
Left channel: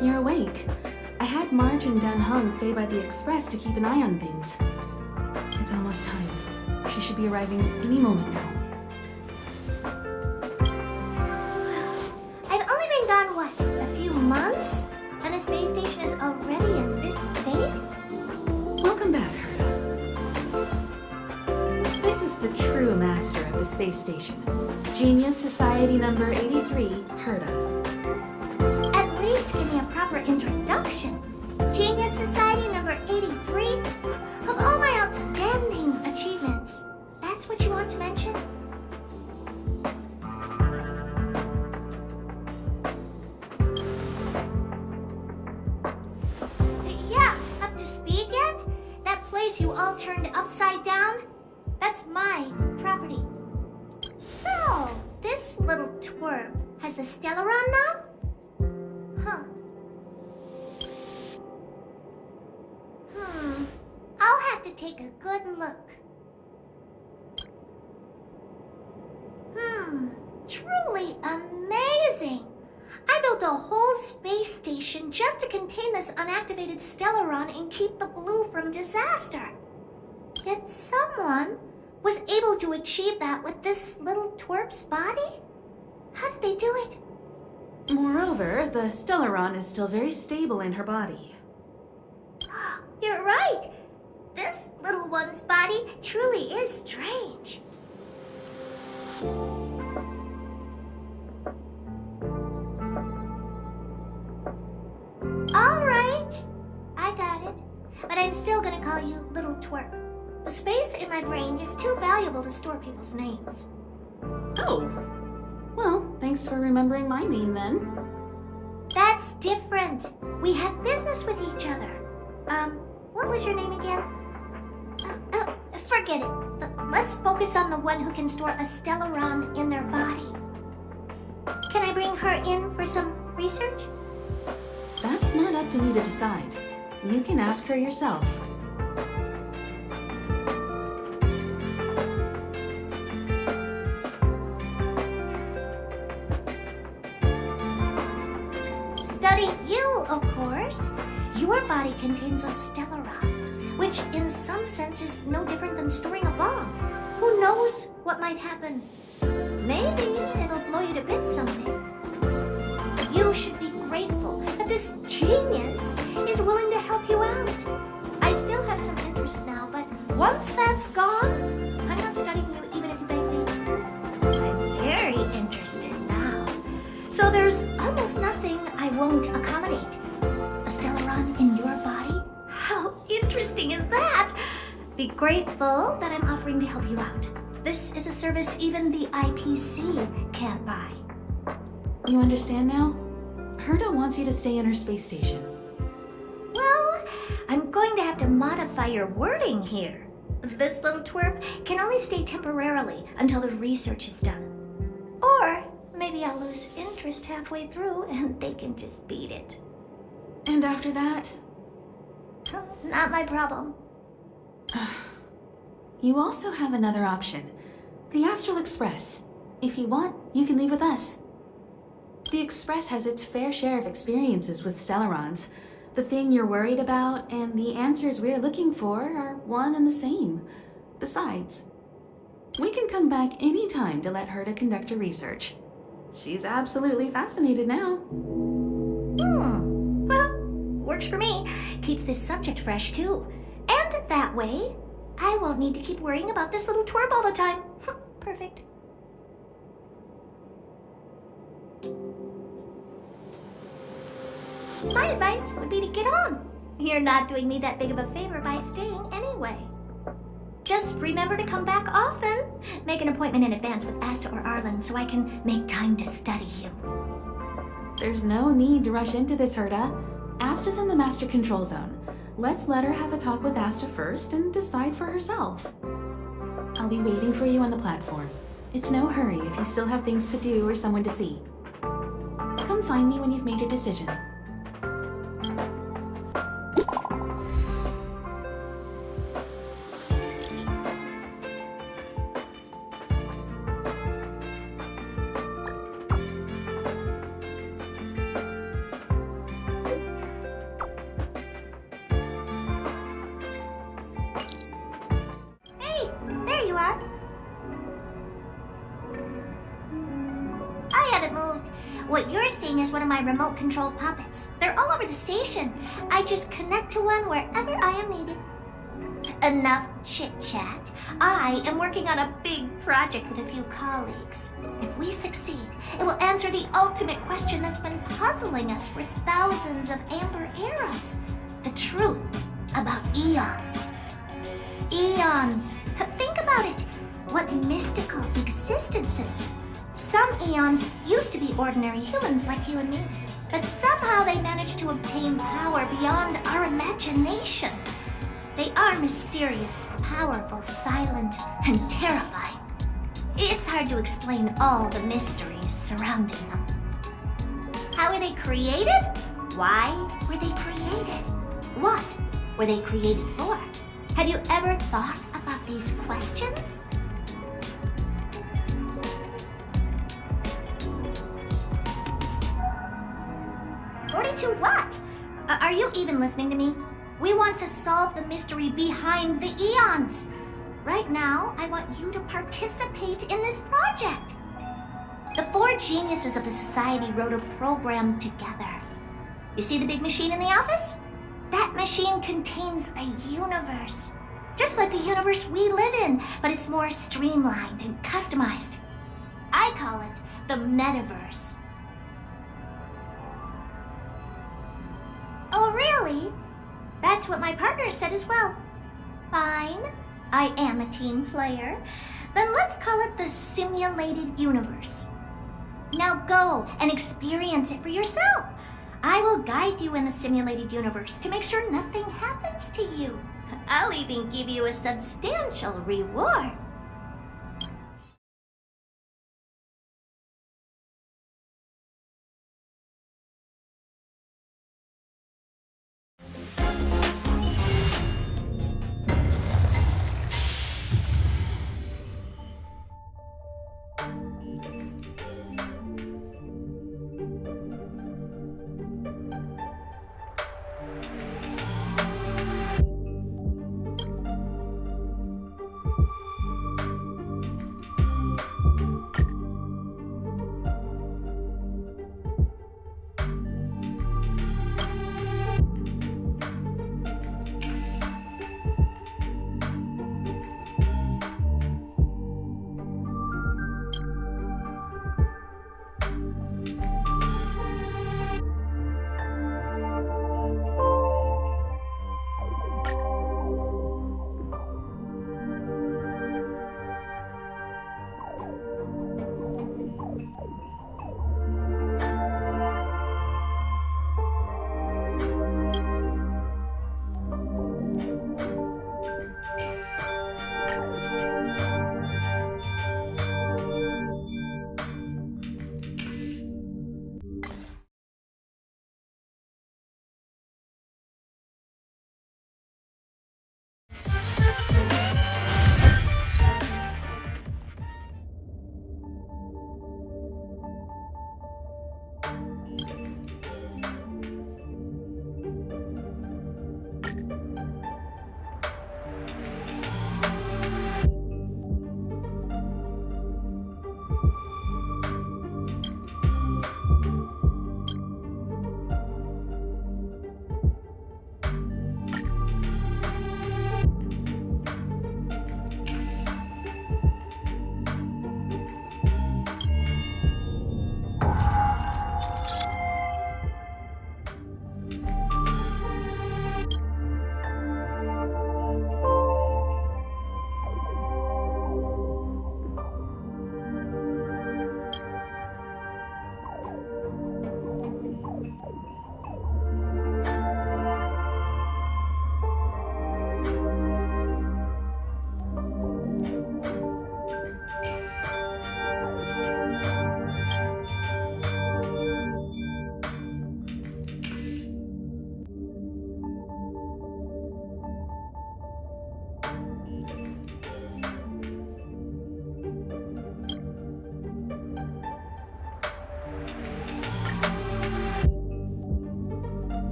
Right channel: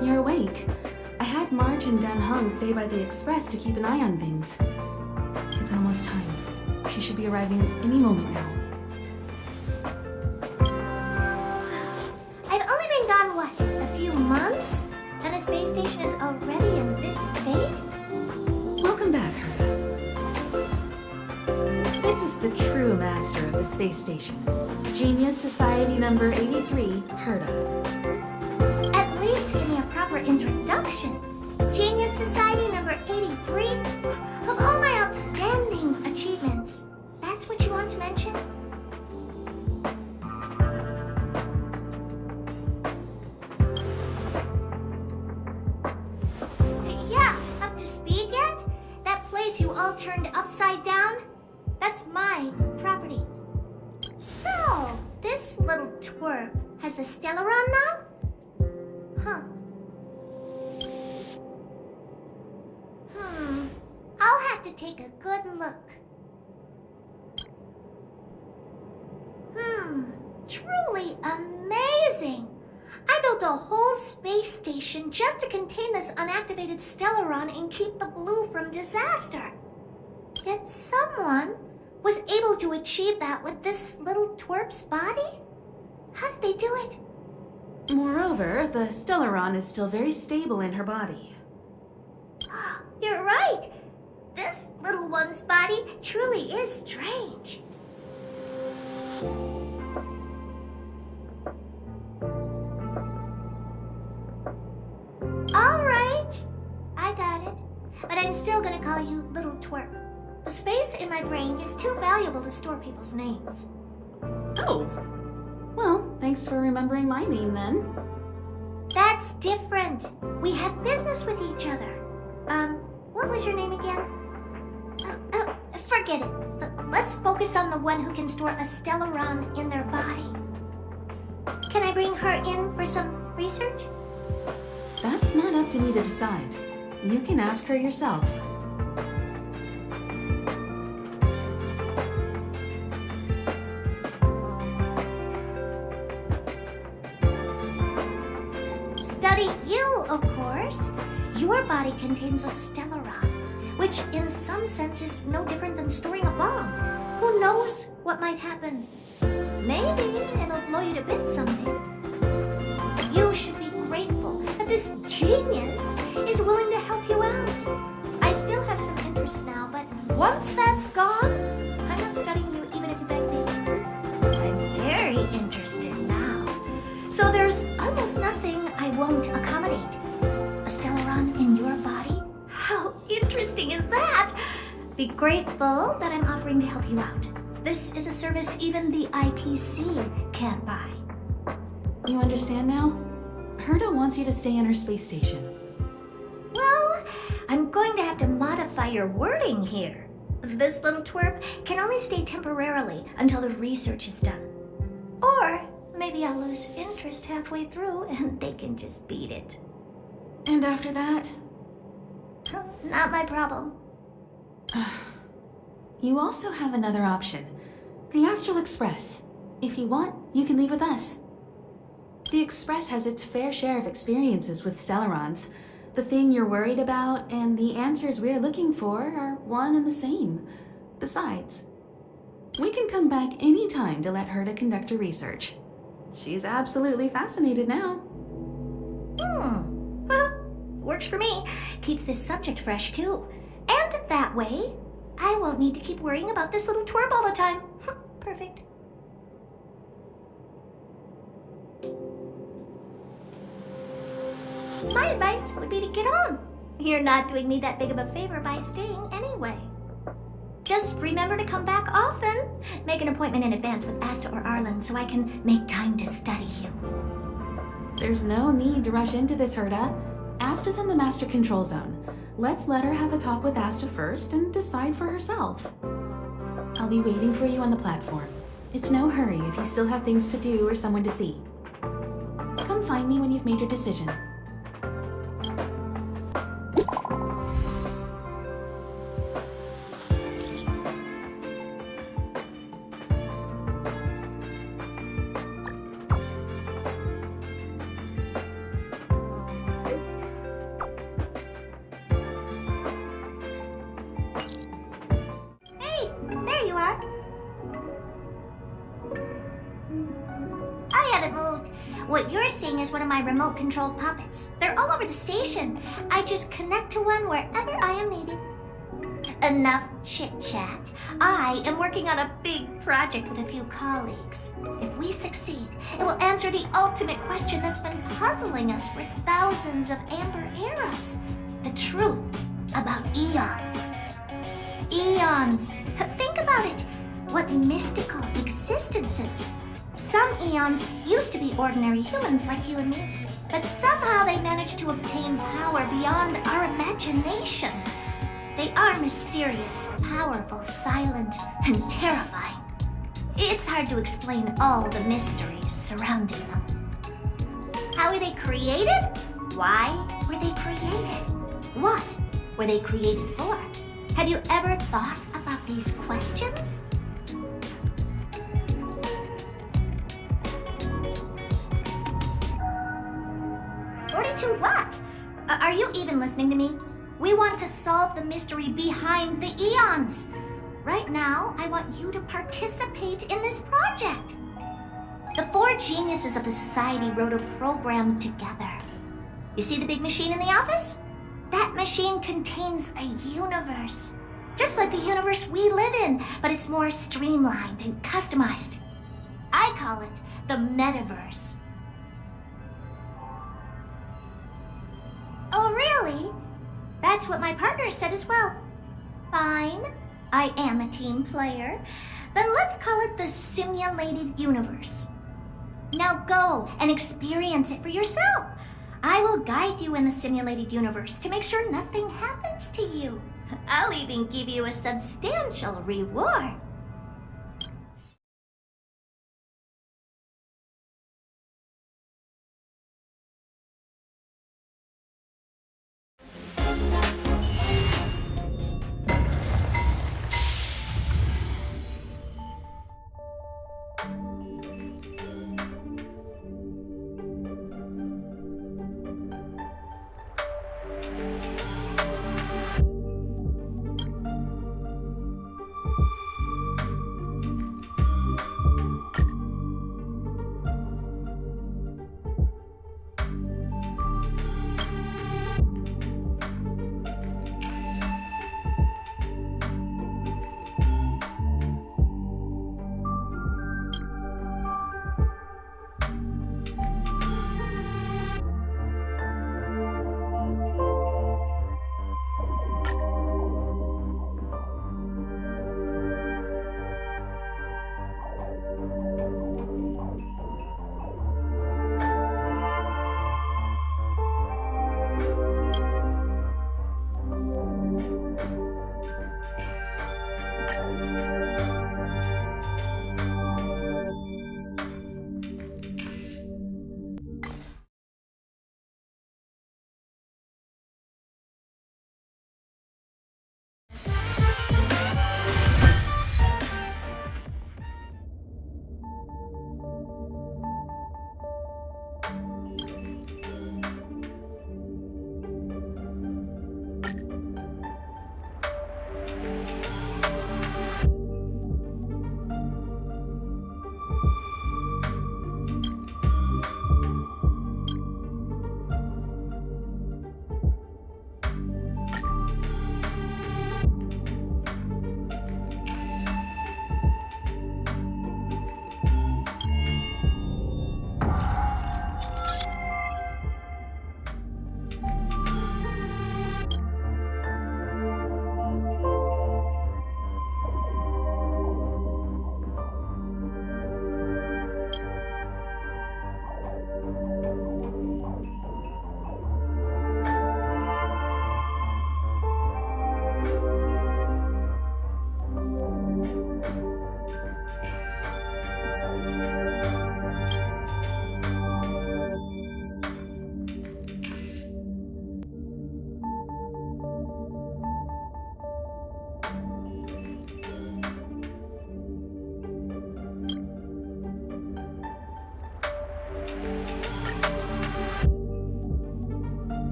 You're awake. I had Marge and Dan Hung stay by the express to keep an eye on things. It's almost time. She should be arriving any moment now. I've only been gone, what, a few months? And the space station is already in this state? Welcome back, Herta. This is the true master of the space station. Genius Society number 83, Herta. At least give me a proper introduction. Genius Society number 83? Of all my outstanding achievements, that's what you want to mention? Yeah, up to speed yet? That place you all turned upside down? That's my property. So, this little twerp has the Stellaron now? Huh. I'll have to take a good look. Truly amazing! I built a whole space station just to contain this unactivated Stellaron and keep the blue from disaster. Yet someone was able to achieve that with this little twerp's body? How did they do it? Moreover, the Stellaron is still very stable in her body. You're right. This little one's body truly is strange. All right. I got it. But I'm still gonna call you Little Twerp. The space in my brain is too valuable to store people's names. Oh. Well, thanks for remembering my name then. That's different. We have business with each other. What was your name again? Forget it. Let's focus on the one who can store a Stellaron in their body. Can I bring her in for some research? That's not up to me to decide. You can ask her yourself. Study you, of course. Your body contains a Stellaron, which in some sense is no different than storing a bomb. Who knows what might happen? Maybe it'll blow you to bits someday. You should be grateful that this genius is willing to help you out. I still have some interest now, but once that's gone, I'm not studying you even if you beg me. I'm very interested now. So there's almost nothing I won't accommodate. A Stellaron in your body? How interesting is that? Be grateful that I'm offering to help you out. This is a service even the IPC can't buy. You understand now? Herta wants you to stay in her space station. Well, I'm going to have to modify your wording here. This little twerp can only stay temporarily until the research is done. Or maybe I'll lose interest halfway through and they can just beat it. And after that? Not my problem. You also have another option. The Astral Express. If you want, you can leave with us. The Express has its fair share of experiences with Stellarons. The thing you're worried about and the answers we're looking for are one and the same. Besides, we can come back any time to let Herta conduct her research. She's absolutely fascinated now. Well, works for me. Keeps this subject fresh, too. And that way, I won't need to keep worrying about this little twerp all the time. Perfect. My advice would be to get on. You're not doing me that big of a favor by staying anyway. Just remember to come back often. Make an appointment in advance with Asta or Arlen so I can make time to study you. There's no need to rush into this, Herta. Asta's in the Master Control Zone. Let's let her have a talk with Asta first and decide for herself. I'll be waiting for you on the platform. It's no hurry if you still have things to do or someone to see. Come find me when you've made your decision. Hey, there you are. I haven't moved. What you're seeing is one of my remote-controlled puppets. They're all over the station. I just connect to one wherever I am needed. Enough chit-chat. I am working on a big project with a few colleagues. If we succeed, it will answer the ultimate question that's been puzzling us for thousands of amber eras. The truth about eons. Eons. Think about it. What mystical existences. Some eons used to be ordinary humans like you and me, but somehow they managed to obtain power beyond our imagination. They are mysterious, powerful, silent, and terrifying. It's hard to explain all the mysteries surrounding them. How were they created? Why were they created? What were they created for? Have you ever thought about these questions? Fortitude what? Are you even listening to me? We want to solve the mystery behind the eons. Right now, I want you to participate in this project. The 4 geniuses of the society wrote a program together. You see the big machine in the office? That machine contains a universe. Just like the universe we live in, but it's more streamlined and customized. I call it the metaverse. Oh, really? That's what my partner said as well. Fine, I am a team player. Then let's call it the simulated universe. Now go and experience it for yourself. I will guide you in the simulated universe to make sure nothing happens to you. I'll even give you a substantial reward.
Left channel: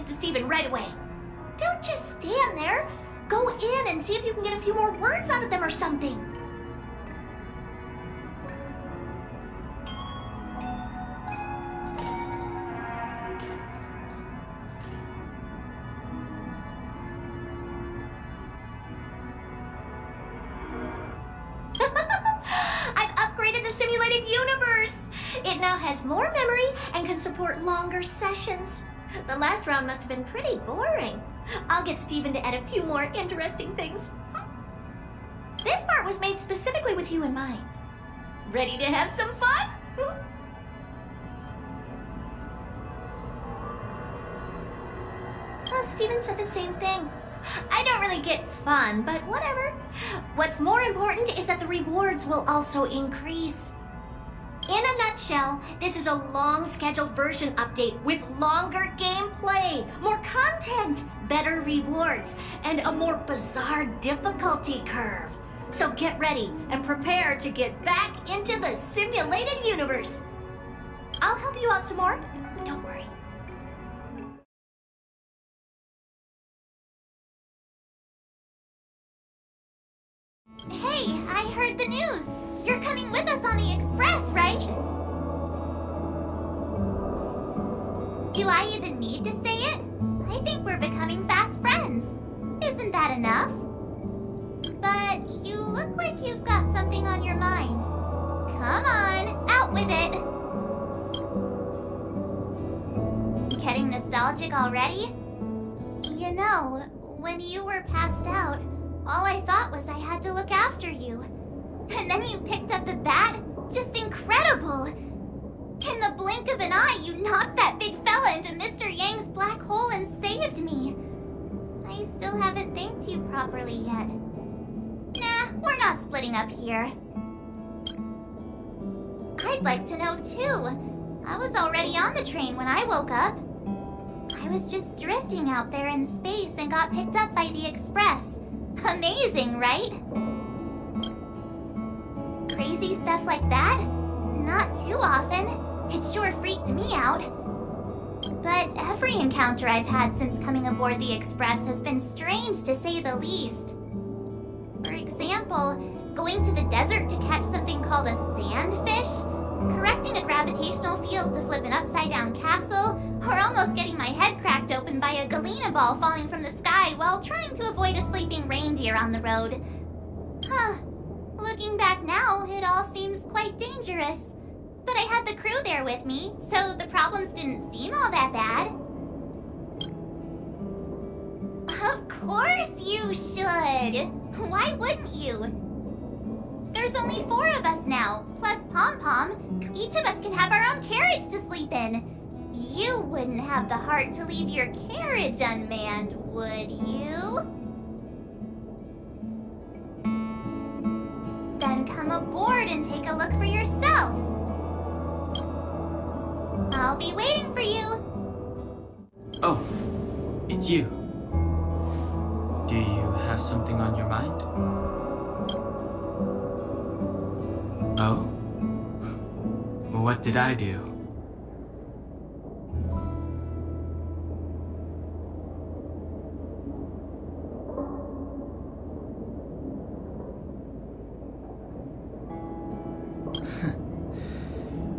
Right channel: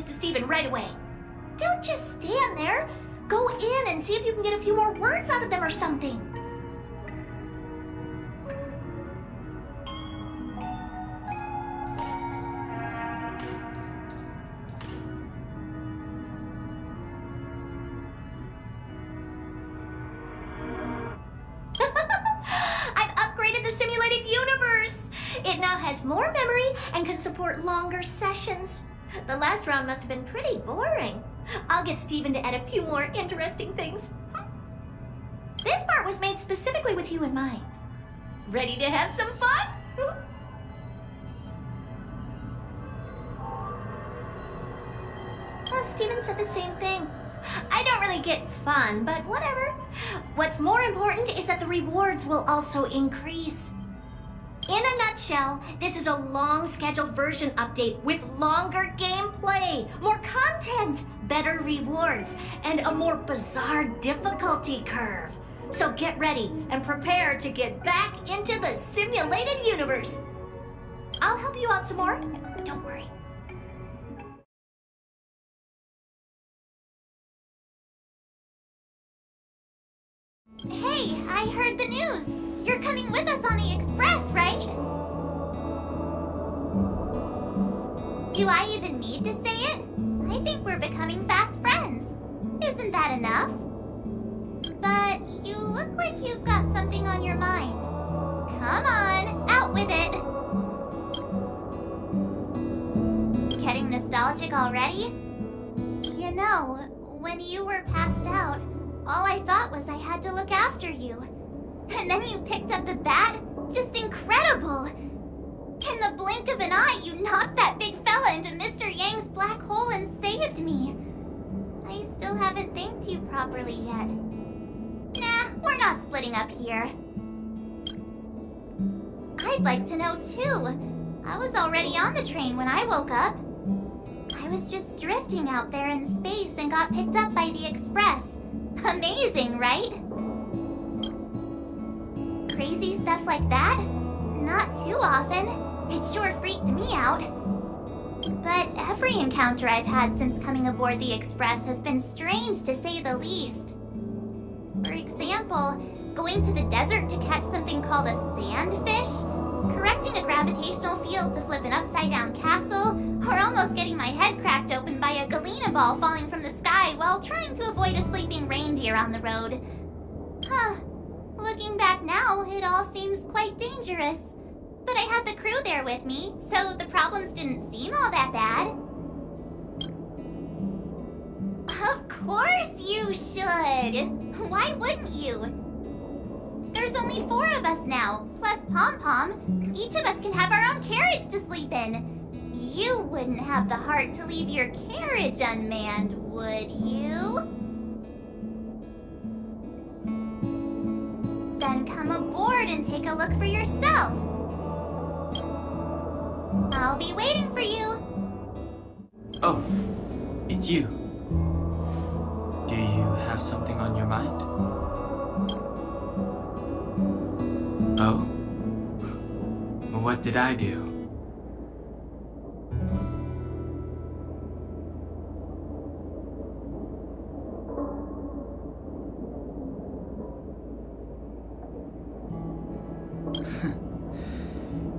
news to Steven right away. Don't just stand there. Go in and see if you can get a few more words out of them or something. I've upgraded the simulated universe. It now has more memory and can support longer sessions. The last round must have been pretty boring. I'll get Steven to add a few more interesting things. This part was made specifically with you in mind. Ready to have some fun? Well, Steven said the same thing. I don't really get fun, but whatever. What's more important is that the rewards will also increase. In a nutshell, this is a long scheduled version update with longer gameplay, more content, better rewards, and a more bizarre difficulty curve. So get ready and prepare to get back into the simulated universe. I'll help you out some more, don't worry. Hey, I heard the news. You're coming with us on the Express, right? Do I even need to say it? I think we're becoming fast friends. Isn't that enough? But you look like you've got something on your mind. Come on, out with it. Getting nostalgic already? You know, when you were passed out, all I thought was I had to look after you. And then you picked up the bat? Just incredible! In the blink of an eye, you knocked that big fella into Mr. Yang's black hole and saved me. I still haven't thanked you properly yet. Nah, we're not splitting up here. I'd like to know too. I was already on the train when I woke up. I was just drifting out there in space and got picked up by the Express. Amazing, right? Crazy stuff like that? Not too often. It sure freaked me out. But every encounter I've had since coming aboard the Express has been strange to say the least. For example, going to the desert to catch something called a sandfish, correcting a gravitational field to flip an upside-down castle, or almost getting my head cracked open by a galena ball falling from the sky while trying to avoid a sleeping reindeer on the road. Huh. Looking back now, it all seems quite dangerous. But I had the crew there with me, so the problems didn't seem all that bad. Of course you should! Why wouldn't you? There's only 4 of us now, plus Pom-Pom. Each of us can have our own carriage to sleep in. You wouldn't have the heart to leave your carriage unmanned, would you? Then come aboard and take a look for yourself. I'll be waiting for you. Oh, it's you. Do you have something on your mind? Oh? What did I do?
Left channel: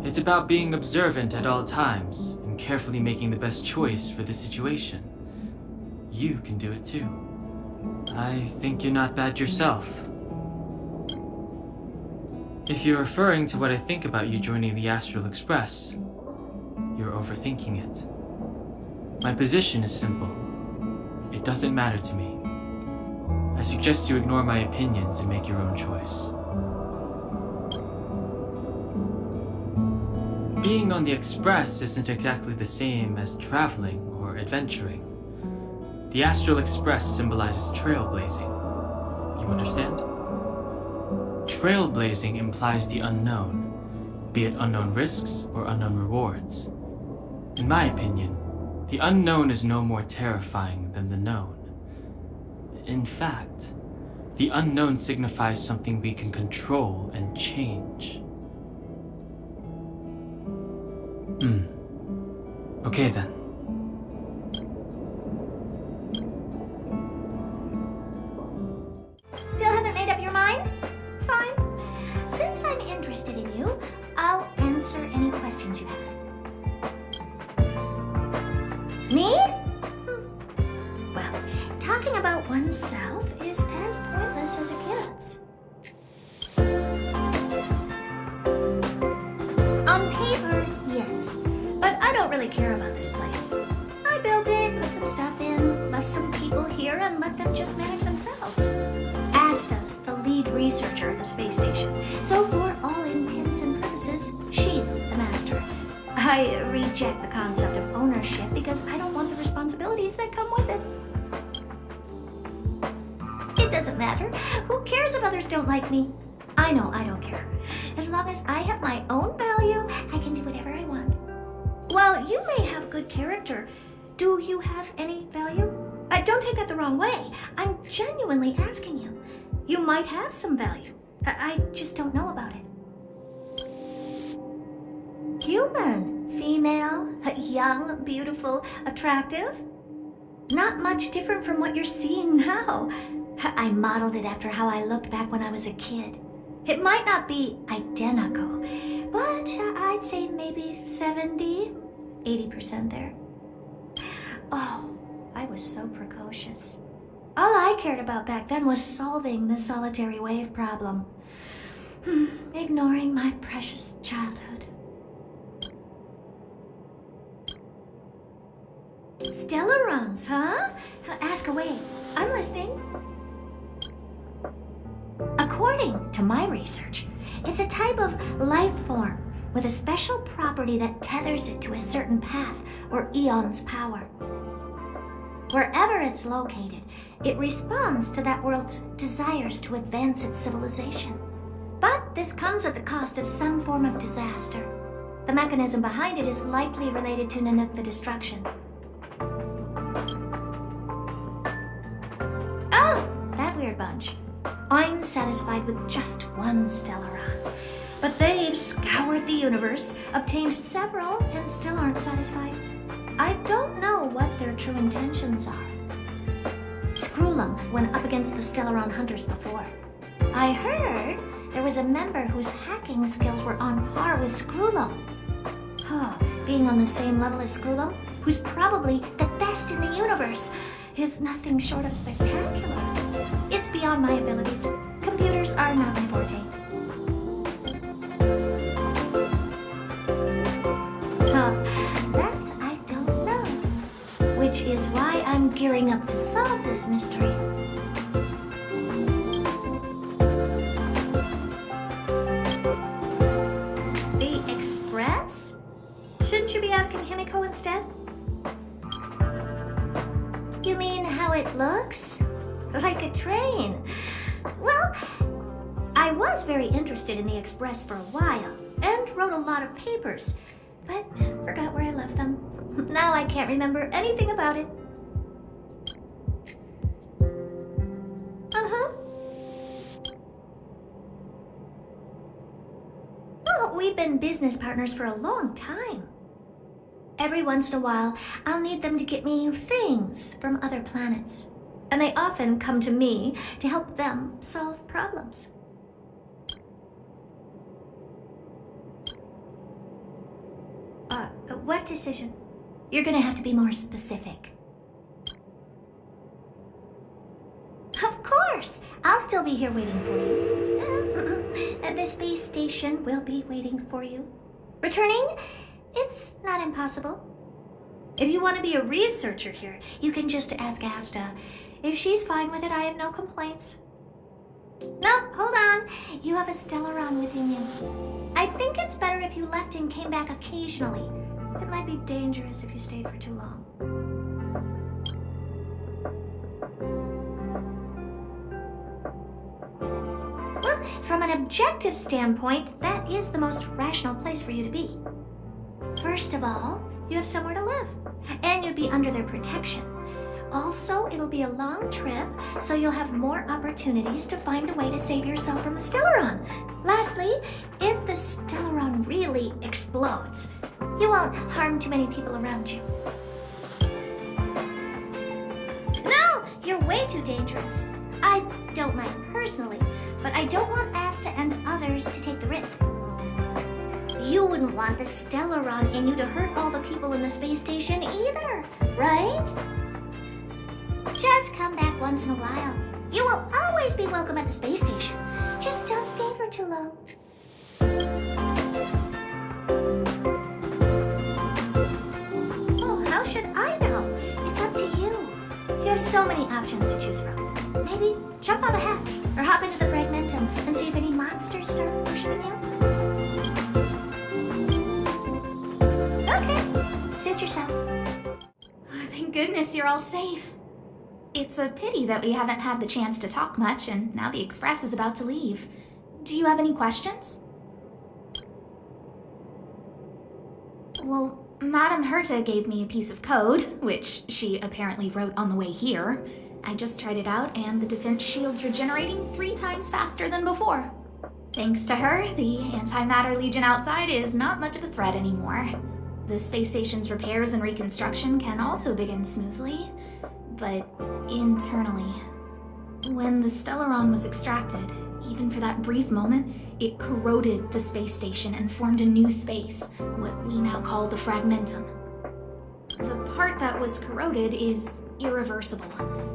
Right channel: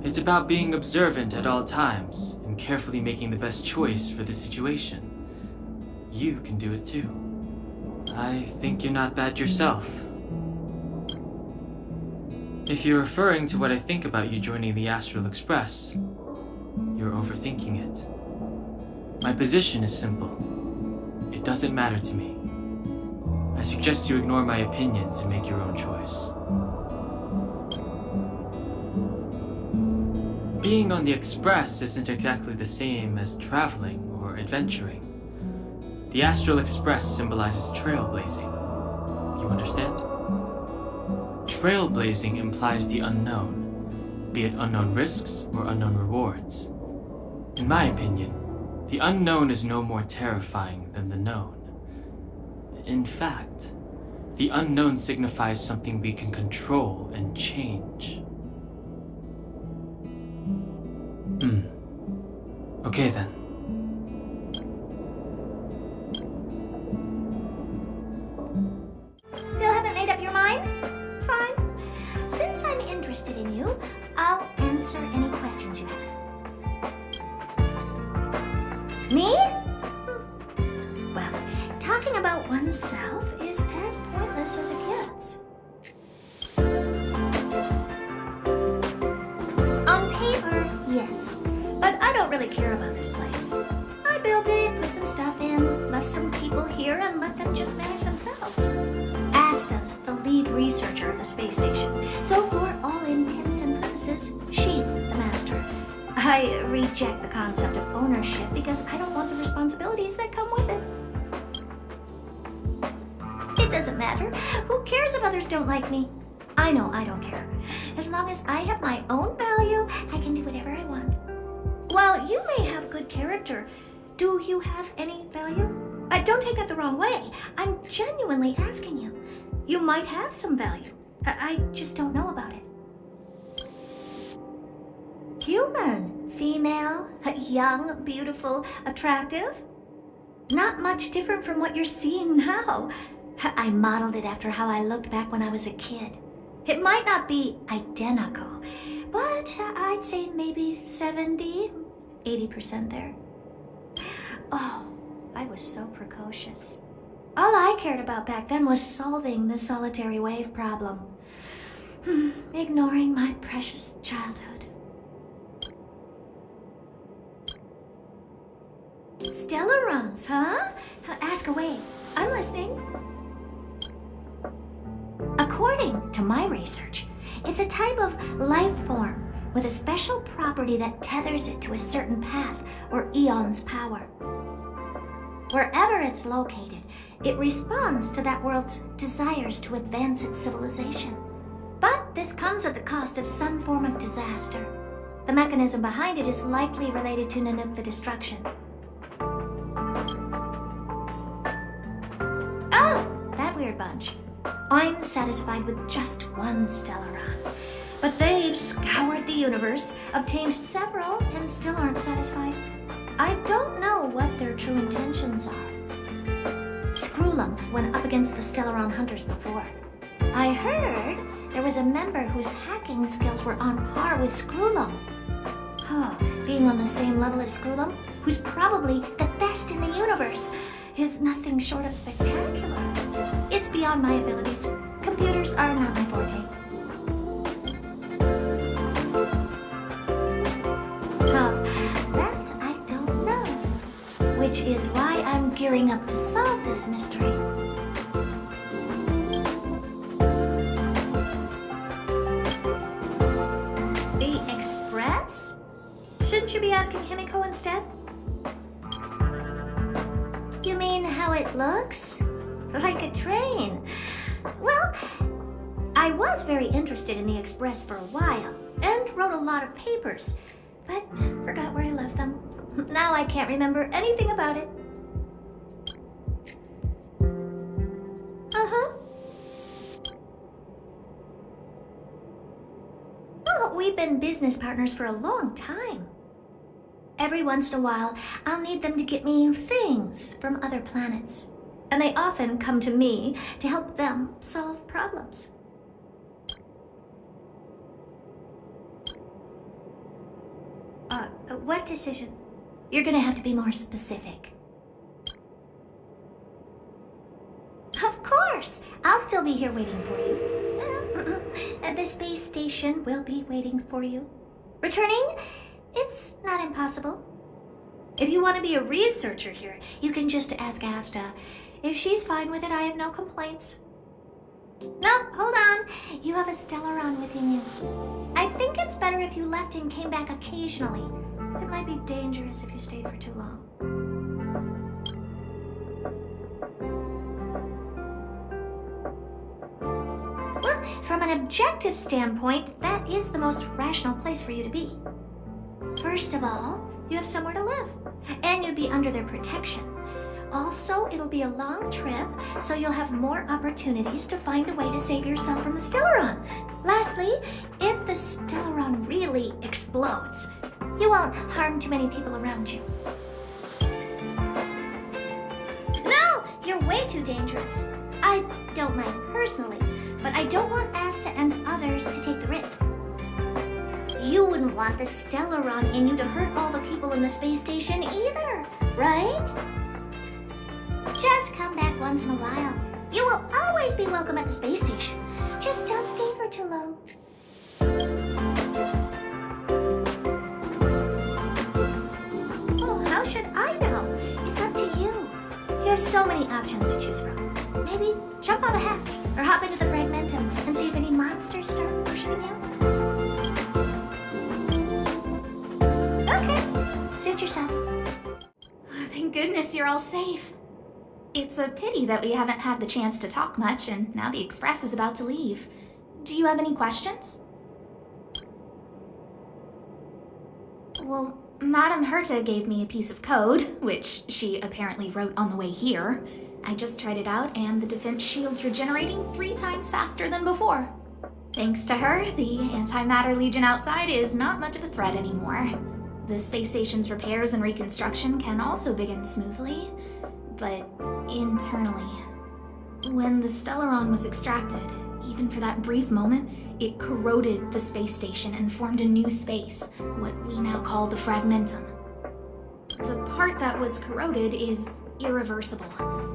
It's about being observant at all times and carefully making the best choice for the situation. You can do it too. I think you're not bad yourself. If you're referring to what I think about you joining the Astral Express, you're overthinking it. My position is simple. It doesn't matter to me. I suggest you ignore my opinions and make your own choice. Being on the Express isn't exactly the same as traveling or adventuring. The Astral Express symbolizes trailblazing. You understand? Trailblazing implies the unknown, be it unknown risks or unknown rewards. In my opinion, the unknown is no more terrifying than the known. In fact, the unknown signifies something we can control and change. Okay then. from you, I'll answer any questions you have. Me? Well, talking about oneself is as pointless as it gets. On paper, yes, but I don't really care about this place. I built it, put some stuff in, left some people here, and let them just manage themselves. Asta's the lead researcher of the space station, so for all intents and purposes, she's the master. I reject the concept of ownership because I don't want the responsibilities that come with it. It doesn't matter. Who cares if others don't like me? I know I don't care. As long as I have my own value, I can do whatever I want. While you may have good character, do you have any value? Don't take that the wrong way. I'm genuinely asking you. You might have some value. I just don't know about it. Human, female, young, beautiful, attractive. Not much different from what you're seeing now. I modeled it after how I looked back when I was a kid. It might not be identical, but I'd say maybe 70, 80% there. Oh, I was so precocious. All I cared about back then was solving the solitary wave problem. Ignoring my precious childhood. Stelle runs, huh? Ask away. I'm listening. According to my research, it's a type of life form with a special property that tethers it to a certain path or eon's power. Wherever it's located, it responds to that world's desires to advance its civilization. But this comes at the cost of some form of disaster. The mechanism behind it is likely related to Nanook the Destruction. Oh, that weird bunch. I'm satisfied with just one Stellaron. But they've scoured the universe, obtained several, and still aren't satisfied. I don't know what their true intentions are. Screwlum went up against the Stellaron hunters before. I heard there was a member whose hacking skills were on par with Screwlum. Being on the same level as Screwlum, who's probably the best in the universe, is nothing short of spectacular. It's beyond my abilities. Computers are not my forte. That I don't know. Which is why I'm gearing up to solve this mystery. The Express? Shouldn't you be asking Himiko instead? You mean how it looks? Like a train. Well, I was very interested in the Express for a while, and wrote a lot of papers, but forgot where I left them. Now I can't remember anything about it. Well, we've been business partners for a long time. Every once in a while, I'll need them to get me things from other planets. And they often come to me to help them solve problems. What decision? You're gonna have to be more specific. Of course! I'll still be here waiting for you. The space station will be waiting for you. Returning? It's not impossible. If you want to be a researcher here, you can just ask Asta. If she's fine with it, I have no complaints. No, hold on. You have a Stellaron within you. I think it's better if you left and came back occasionally. It might be dangerous if you stayed for too long. Well, from an objective standpoint, that is the most rational place for you to be. First of all, you have somewhere to live, and you'd be under their protection. Also, it'll be a long trip, so you'll have more opportunities to find a way to save yourself from the Stellaron. Lastly, if the Stellaron really explodes, you won't harm too many people around you. No! You're way too dangerous. I don't mind personally, but I don't want Asta and others to take the risk. You wouldn't want the Stellaron in you to hurt all the people in the space station either, right? Just come back once in a while. You will always be welcome at the space station. Just don't stay for too long. Oh, how should I know? It's up to you. You have so many options to choose from. Maybe jump on a hatch or hop into the fragmentum and see if any monsters start worshipping you. Okay, suit yourself. Thank goodness you're all safe. It's a pity that we haven't had the chance to talk much, and now the Express is about to leave. Do you have any questions? Well, Madame Herta gave me a piece of code, which she apparently wrote on the way here. I just tried it out, and the defense shield's regenerating 3 times faster than before. Thanks to her, the Antimatter Legion outside is not much of a threat anymore. The space station's repairs and reconstruction can also begin smoothly, but internally. When the Stellaron was extracted, even for that brief moment, it corroded the space station and formed a new space, what we now call the fragmentum. The part that was corroded is irreversible,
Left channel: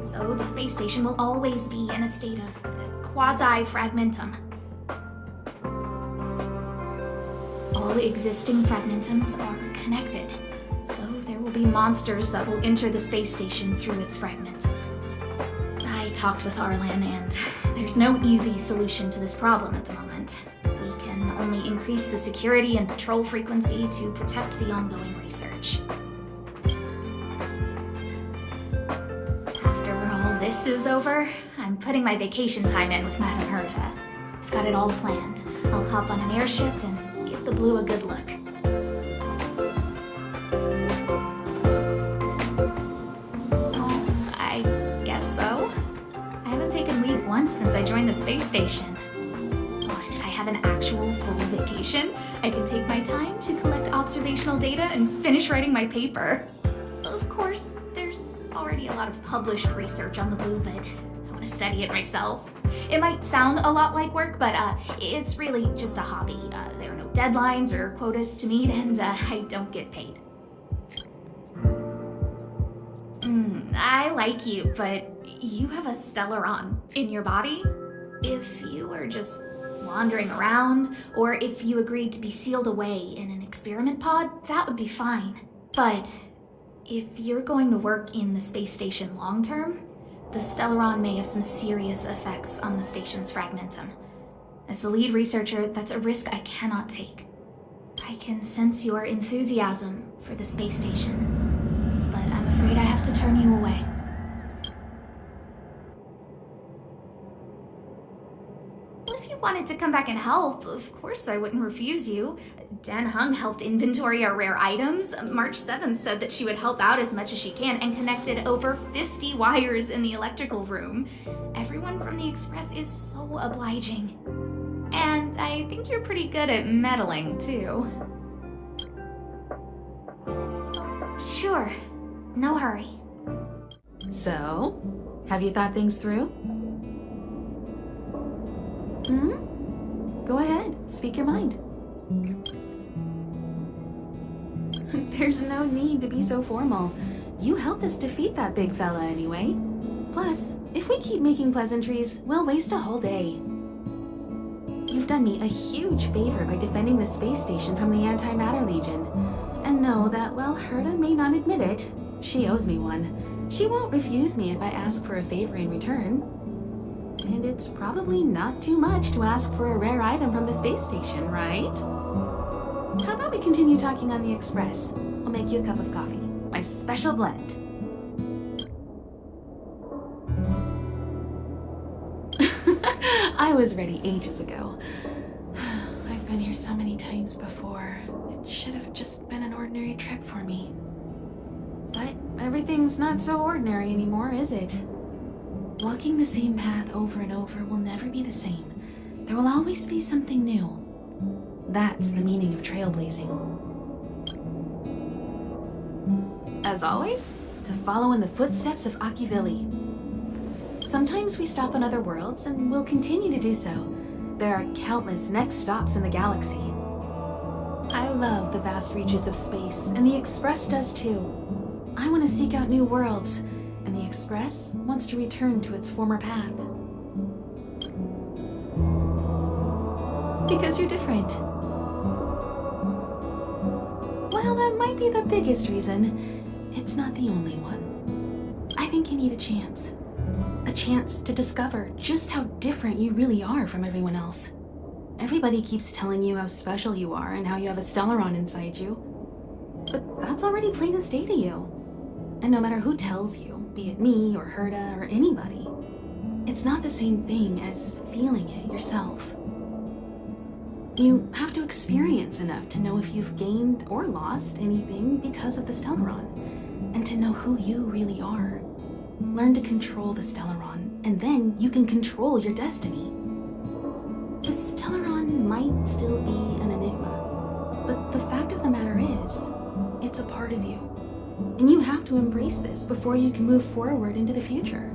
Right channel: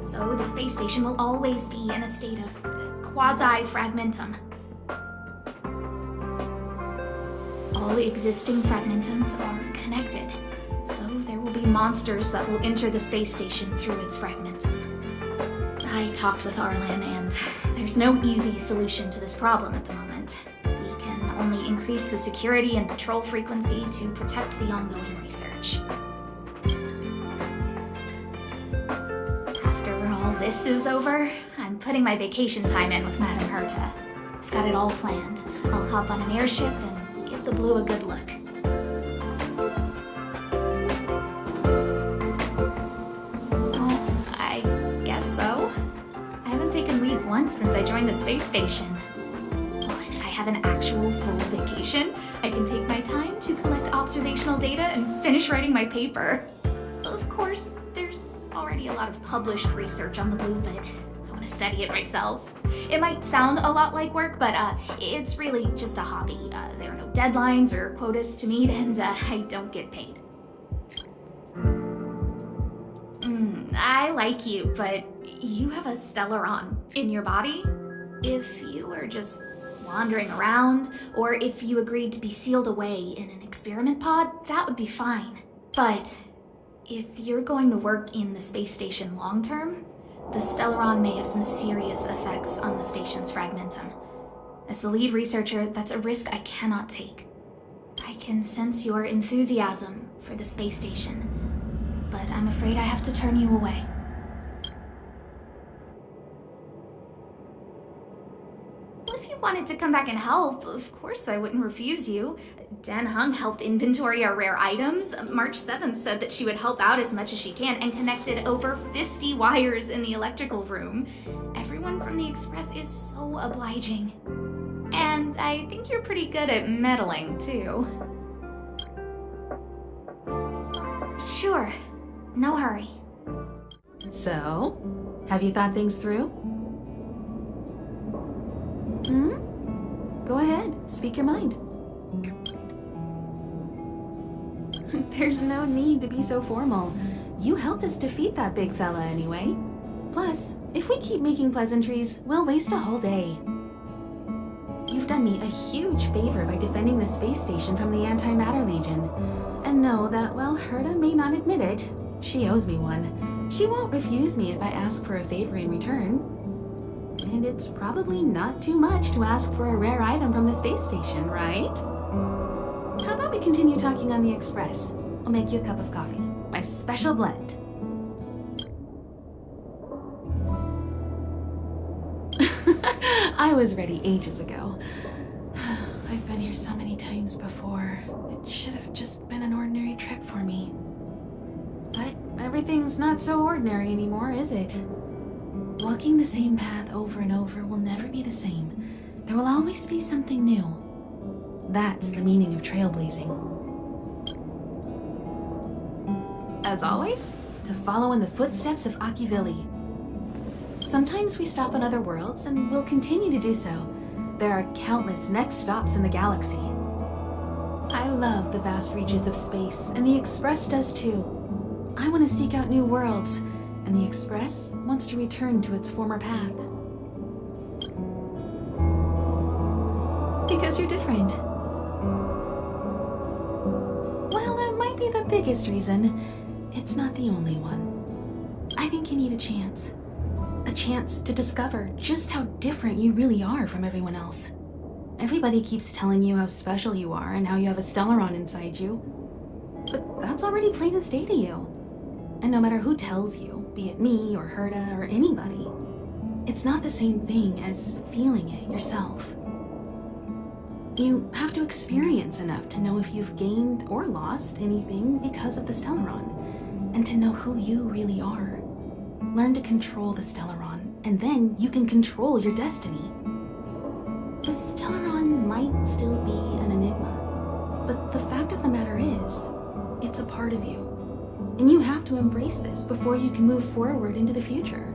so the space station will always be in a state of quasi-fragmentum. All existing fragmentums are connected, so there will be monsters that will enter the space station through its fragment. I talked with Arlan, and there's no easy solution to this problem at the moment. We can only increase the security and patrol frequency to protect the ongoing research. After all this is over, I'm putting my vacation time in with Madame Herta. I've got it all planned. I'll hop on an airship and give the Blue a good look. Once since I joined the space station. If I have an actual full vacation, I can take my time to collect observational data and finish writing my paper. Of course, there's already a lot of published research on the Blue, but I want to study it myself. It might sound a lot like work, but it's really just a hobby. There are no deadlines or quotas to meet, and I don't get paid. I like you, but you have a Stellaron in your body. If you were just wandering around, or if you agreed to be sealed away in an experiment pod, that would be fine. But if you're going to work in the space station long term, the Stellaron may have some serious effects on the station's fragmentum. As the lead researcher, that's a risk I cannot take. I can sense your enthusiasm for the space station, but I'm afraid I have to turn you away. If you wanted to come back and help, of course I wouldn't refuse you. Dan Hung helped inventory our rare items. March 7th said that she would help out as much as she can and connected over 50 wires in the electrical room. Everyone from the Express is so obliging. And I think you're pretty good at meddling, too. Sure. No hurry. So, have you thought things through? Go ahead, speak your mind. There's no need to be so formal. You helped us defeat that big fella anyway. Plus, if we keep making pleasantries, we'll waste a whole day. You've done me a huge favor by defending the space station from the Antimatter Legion. And know that while Herta may not admit it, she owes me one. She won't refuse me if I ask for a favor in return. And it's probably not too much to ask for a rare item from the space station, right? How about we continue talking on the Express? I'll make you a cup of coffee. My special blend. I was ready ages ago. I've been here so many times before. It should have just been an ordinary trip for me. But everything's not so ordinary anymore, is it? Walking the same path over and over will never be the same. There will always be something new. That's the meaning of trailblazing. As always, to follow in the footsteps of Akivili. Sometimes we stop on other worlds, and we'll continue to do so. There are countless next stops in the galaxy. love the vast reaches of space, and the Express does too. I want to seek out new worlds, and the Express wants to return to its former path. Because you're different. While that might be the biggest reason, it's not the only one. I think you need a chance. A chance to discover just how different you really are from everyone else. Everybody keeps telling you how special you are and how you have a Stellaron inside you. But that's already plain as day to you. And no matter who tells you, be it me or Herta or anybody, it's not the same thing as feeling it yourself. You have to experience enough to know if you've gained or lost anything because of the Stellaron, and to know who you really are. Learn to control the Stellaron, and then you can control your destiny. The Stellaron might still be an enigma, but the fact of the matter is, it's a part of you. And you have to embrace this before you can move forward into the future.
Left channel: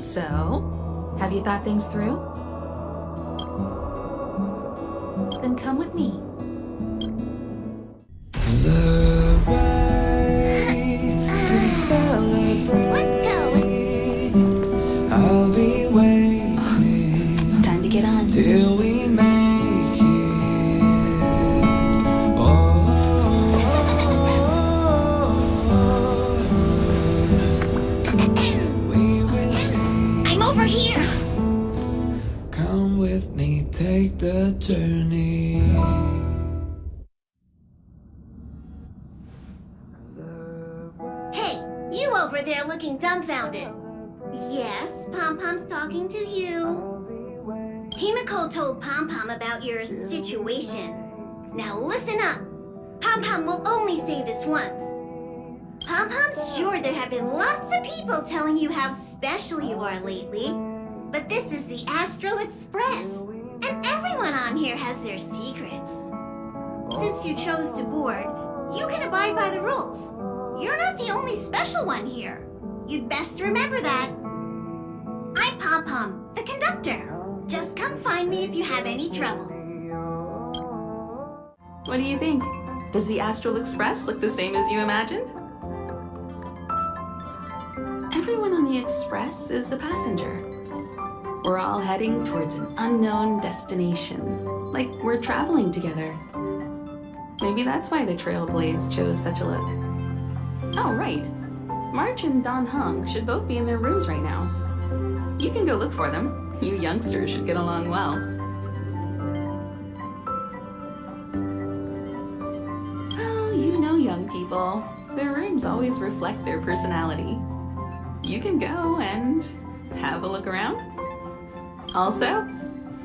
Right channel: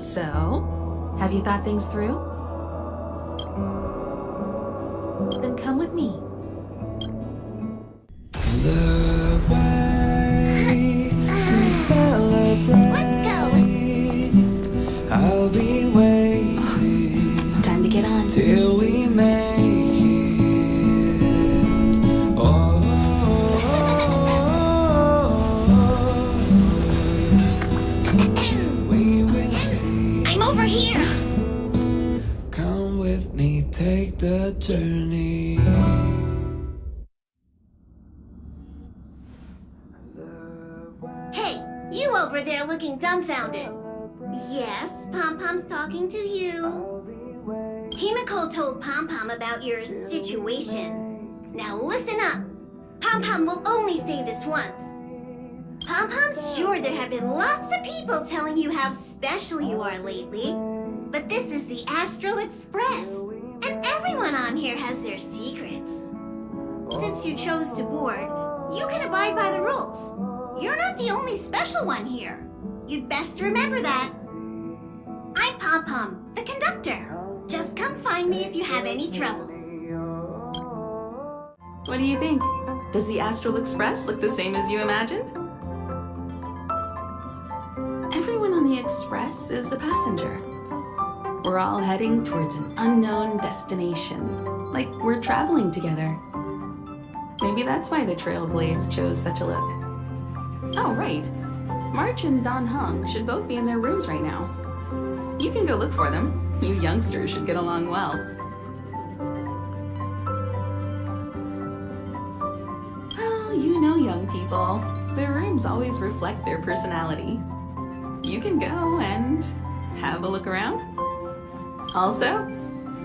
So, have you thought things through? Then come with me. The way to celebrate. Let's go. I'll be waiting. Time to get on. Till we make it. Oh, we will see. I'm over here. Come with me, take the journey. Hey, you over there looking dumbfounded. Yes, Pom-Pom's talking to you. Himiko told Pom-Pom about your situation. Now listen up. Pom-Pom will only say this once. Pom-Pom's sure there have been lots of people telling you how special you are lately. But this is the Astral Express, and everyone on here has their secrets. Since you chose to board, you can abide by the rules. You're not the only special one here. You'd best remember that. I'm Pom-Pom, the conductor. Just come find me if you have any trouble. What do you think? Does the Astral Express look the same as you imagined? Everyone on the Express is a passenger. We're all heading towards an unknown destination, like we're traveling together. Maybe that's why the Trailblaze chose such a look. Oh, right. March and Don Hung should both be in their rooms right now. You can go look for them. You youngsters should get along well. Oh, you know young people. Their rooms always reflect their personality. You can go and have a look around. Also,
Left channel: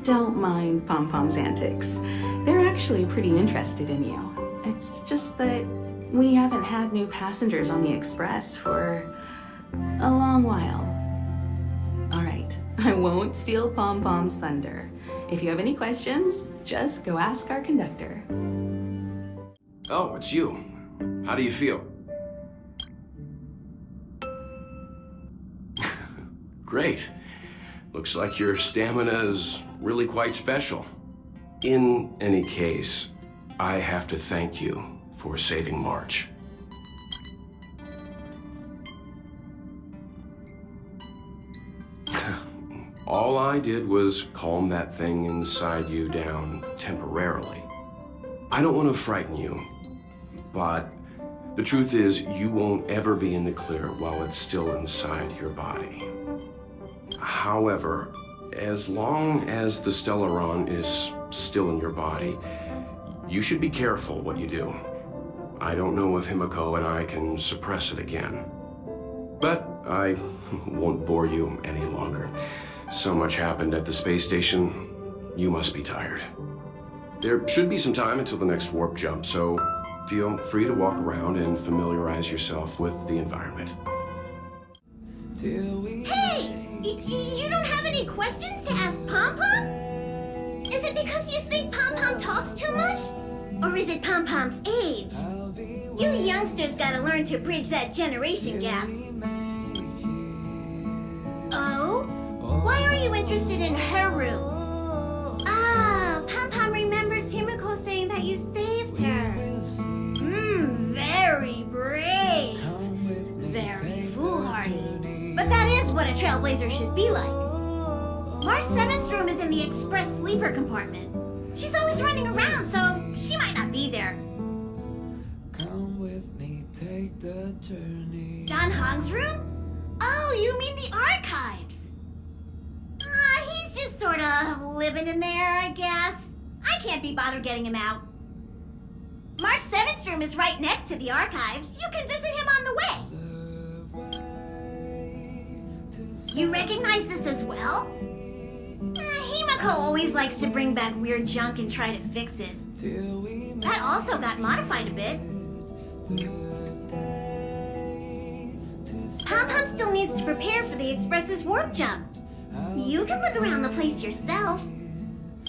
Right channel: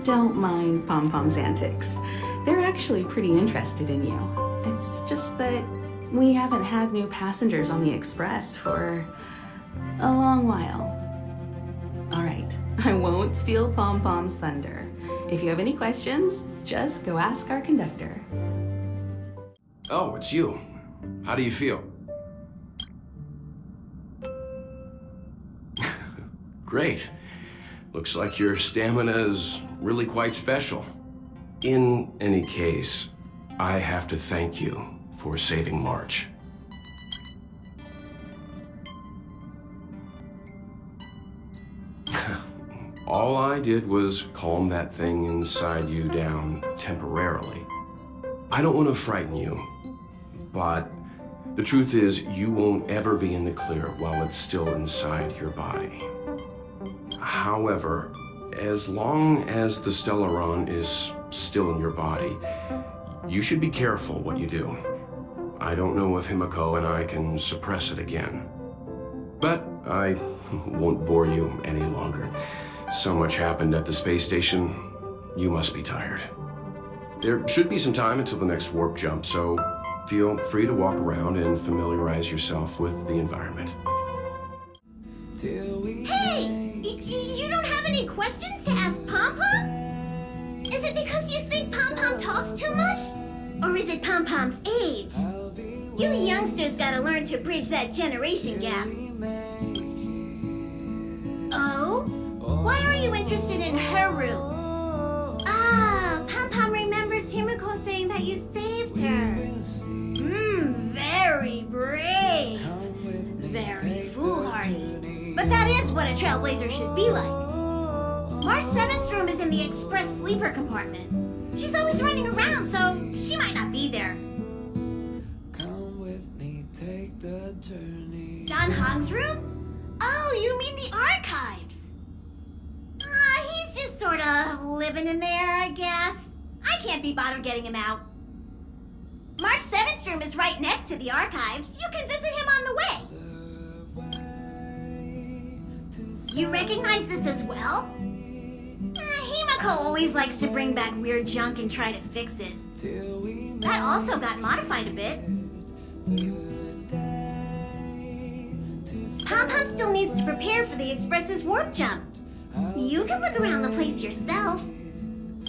don't mind Pom-Pom's antics. They're actually pretty interested in you. It's just that we haven't had new passengers on the Express for a long while. All right, I won't steal Pom-Pom's thunder. If you have any questions, just go ask our conductor. Oh, it's you. How do you feel? Great. Looks like your stamina is really quite special. In any case, I have to thank you for saving March. All I did was calm that thing inside you down temporarily. I don't want to frighten you, but the truth is you won't ever be in the clear while it's still inside your body. However, as long as the Stellaron is still in your body, you should be careful what you do. I don't know if Himiko and I can suppress it again. But I won't bore you any longer. So much happened at the space station, you must be tired. There should be some time until the next warp jump, so feel free to walk around and familiarize yourself with the environment. Hey! You don't have any questions to ask Pom-Pom? Is it because you think Pom-Pom talks too much? Or is it Pom-Pom's age? You youngsters gotta learn to bridge that generation gap. Oh? Why are you interested in her room? Ah, Pom-Pom Trailblazer should be like. March 7th's room is in the express sleeper compartment. She's always running around, so she might not be there. Come with me, take the journey. Don Hong's room? Oh, you mean the archives? He's just sort of living in there, I guess. I can't be bothered getting him out. March 7th's room is right next to the archives. You can visit him on the way. You recognize this as well? Himiko always likes to bring back weird junk and try to fix it. That also got modified a bit. Pom-Pom still needs to prepare for the Express's warp jump. You can look around the place yourself.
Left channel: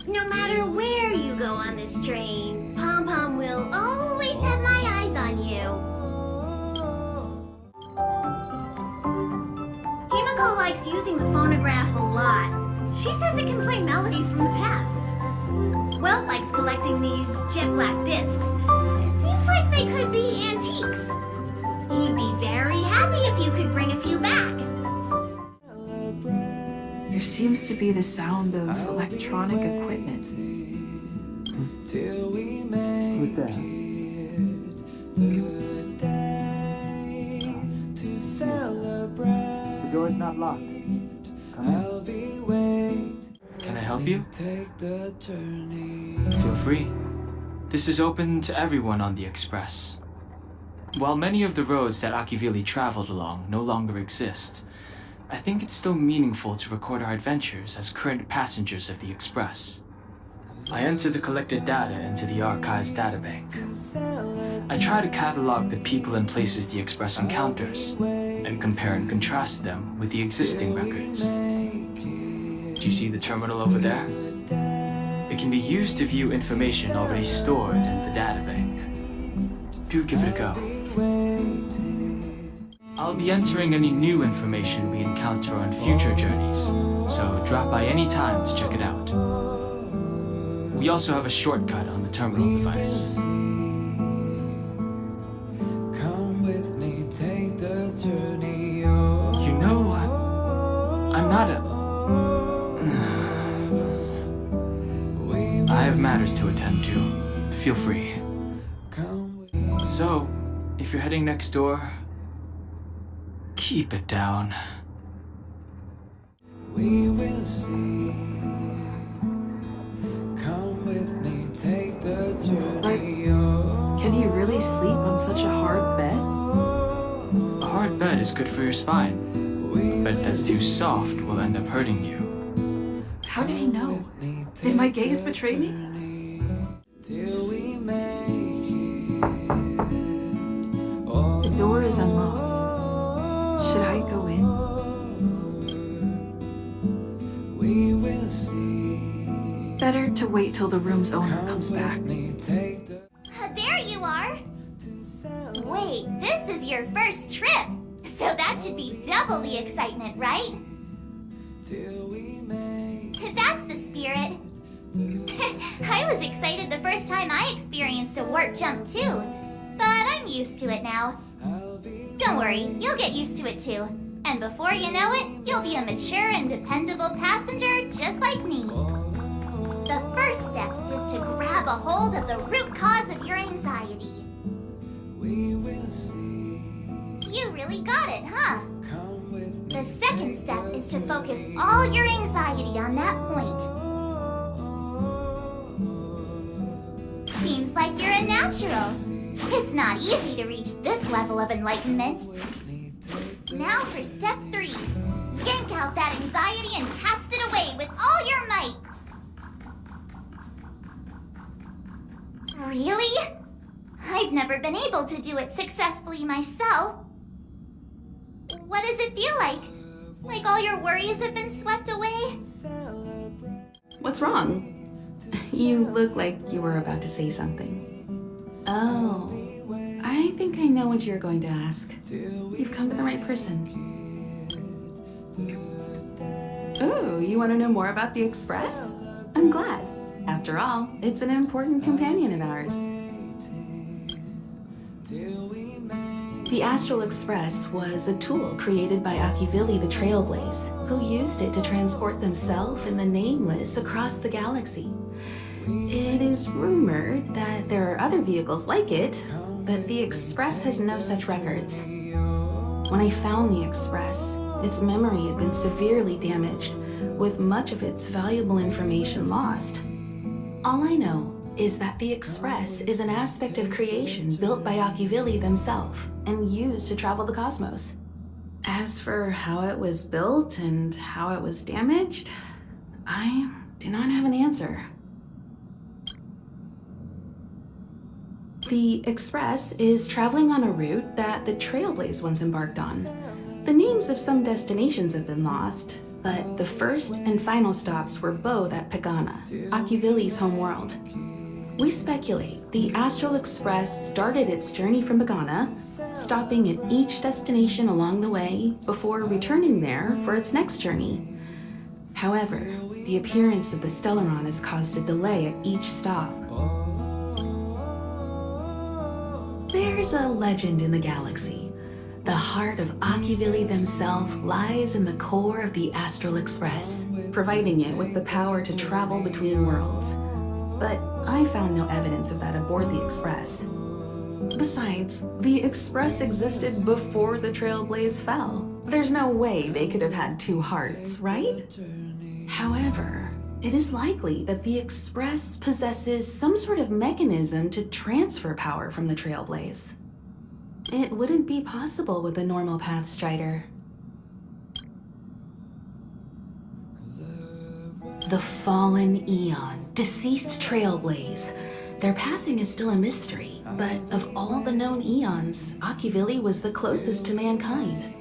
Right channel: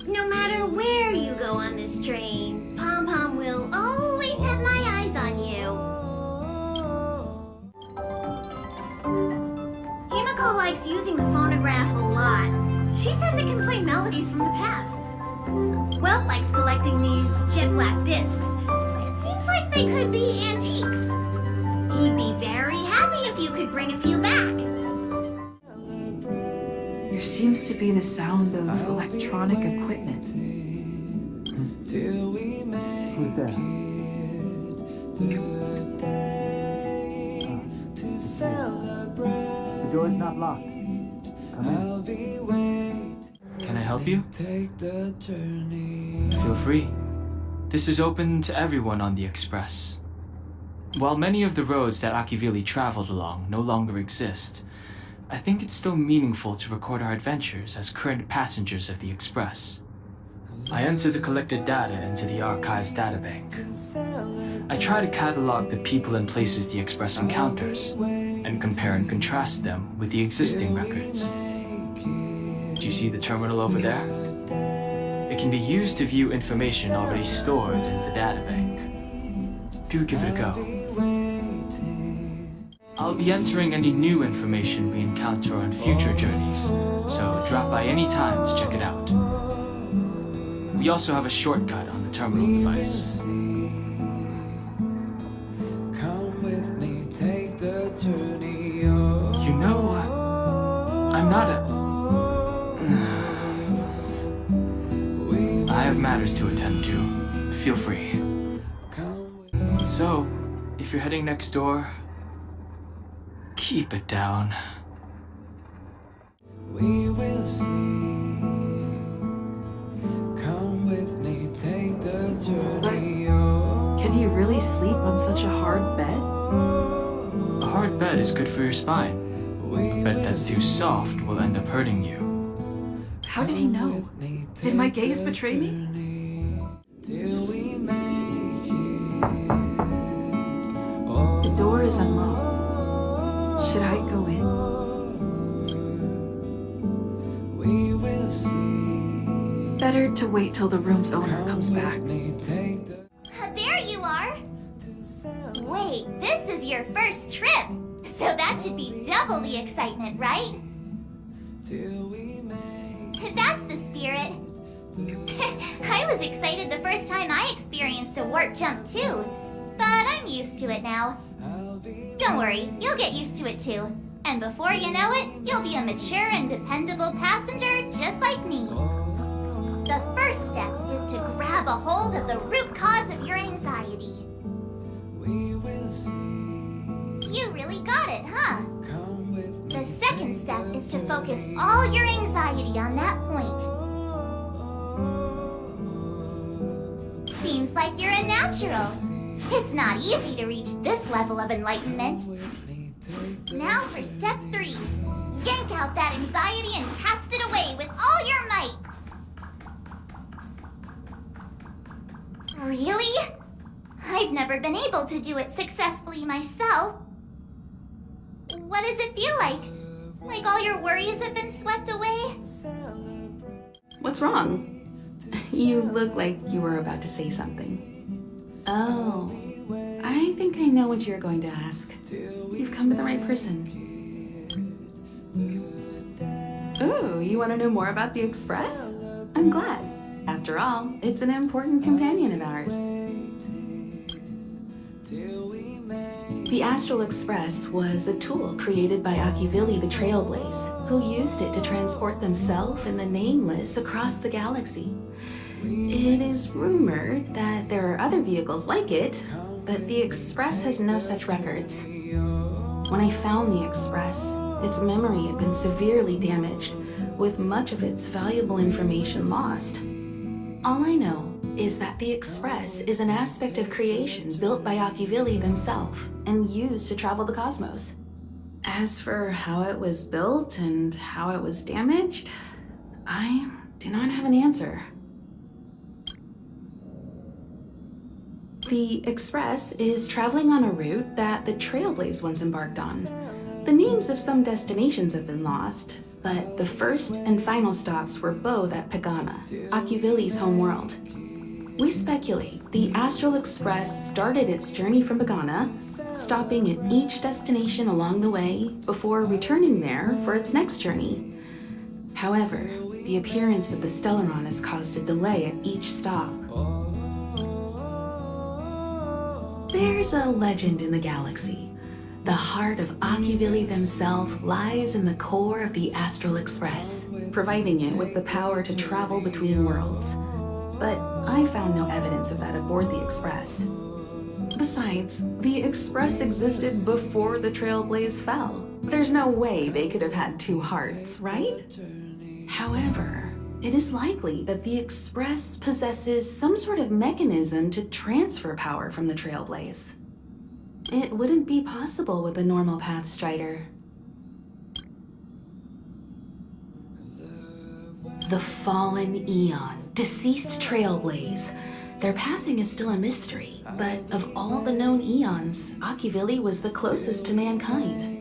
No matter where you go on this train, Pom-Pom will always have my eyes on you. Himiko likes using the phonograph a lot. She says it can play melodies from the past. Welt likes collecting these jet black discs. It seems like they could be antiques. He'd be very happy if you could bring a few back. There seems to be the sound of electronic equipment. Till we make Who's there? to celebrate. The door is not locked. Come I'll be waiting. Can I help you? Take the journey. Feel free. This is open to everyone on the Express. While many of the roads that Akivili traveled along no longer exist, I think it's still meaningful to record our adventures as current passengers of the Express. I enter the collected data into the Archives databank. I try to catalog the people and places the Express encounters, and compare and contrast them with the existing records. Do you see the terminal over there? It can be used to view information already stored in the databank. Do give it a go. I'll be entering any new information we encounter on future journeys, so drop by any time to check it out. We also have a shortcut on the terminal device. Come with me, take the journey. You know what? I'm not a... I have matters to attend to. Feel free. So, if you're heading next door, keep it down. We will see. Come with me, take the journey. Can you really sleep on such a hard bed? A hard bed is good for your spine. A bed that's too soft will end up hurting you. How did he know? Did my gaze betray me? Till we make it. The door is unlocked. Should I go in? We will see. Better to wait till the room's owner comes back. There you are. Wait, this is your first trip. So that should be double the excitement, right? That's the spirit. I was excited the first time I experienced a warp jump too, but I'm used to it now. Don't worry, you'll get used to it too. And before you know it, you'll be a mature and dependable passenger just like me. The first step is to grab a hold of the root cause of your anxiety. You really got it, huh? The second step is to focus all your anxiety on that point. Seems like you're a natural. It's not easy to reach this level of enlightenment. Now for step 3. Yank out that anxiety and cast it away with all your might. Really? I've never been able to do it successfully myself. What does it feel like? Like all your worries have been swept away? What's wrong? You look like you were about to say something. Oh, I think I know what you're going to ask. You've come to the right person. Ooh, you want to know more about the Express? I'm glad. After all, it's an important companion of ours. The Astral Express was a tool created by Akivili the Trailblaze, who used it to transport themselves and the Nameless across the galaxy. It is rumored that there are other vehicles like it, but the Express has no such records. When I found the Express, its memory had been severely damaged, with much of its valuable information lost. All I know is that the Express is an aspect of creation built by Akivili themselves and used to travel the cosmos. As for how it was built and how it was damaged, I do not have an answer. The Express is traveling on a route that the Trailblaze once embarked on. The names of some destinations have been lost, but the first and final stops were both at Pagana, Akivili's homeworld. We speculate the Astral Express started its journey from Pagana, stopping at each destination along the way before returning there for its next journey. However, the appearance of the Stellaron has caused a delay at each stop. There's a legend in the galaxy. The heart of Akivili themselves lies in the core of the Astral Express, providing it with the power to travel between worlds. But I found no evidence of that aboard the Express. Besides, the Express existed before the Trailblaze fell. There's no way they could have had two hearts, right? However, it is likely that the Express possesses some sort of mechanism to transfer power from the Trailblaze. It wouldn't be possible with a normal Pathstrider. The Fallen Eon, deceased Trailblaze. Their passing is still a mystery, but of all the known eons, Akivili was the closest to mankind.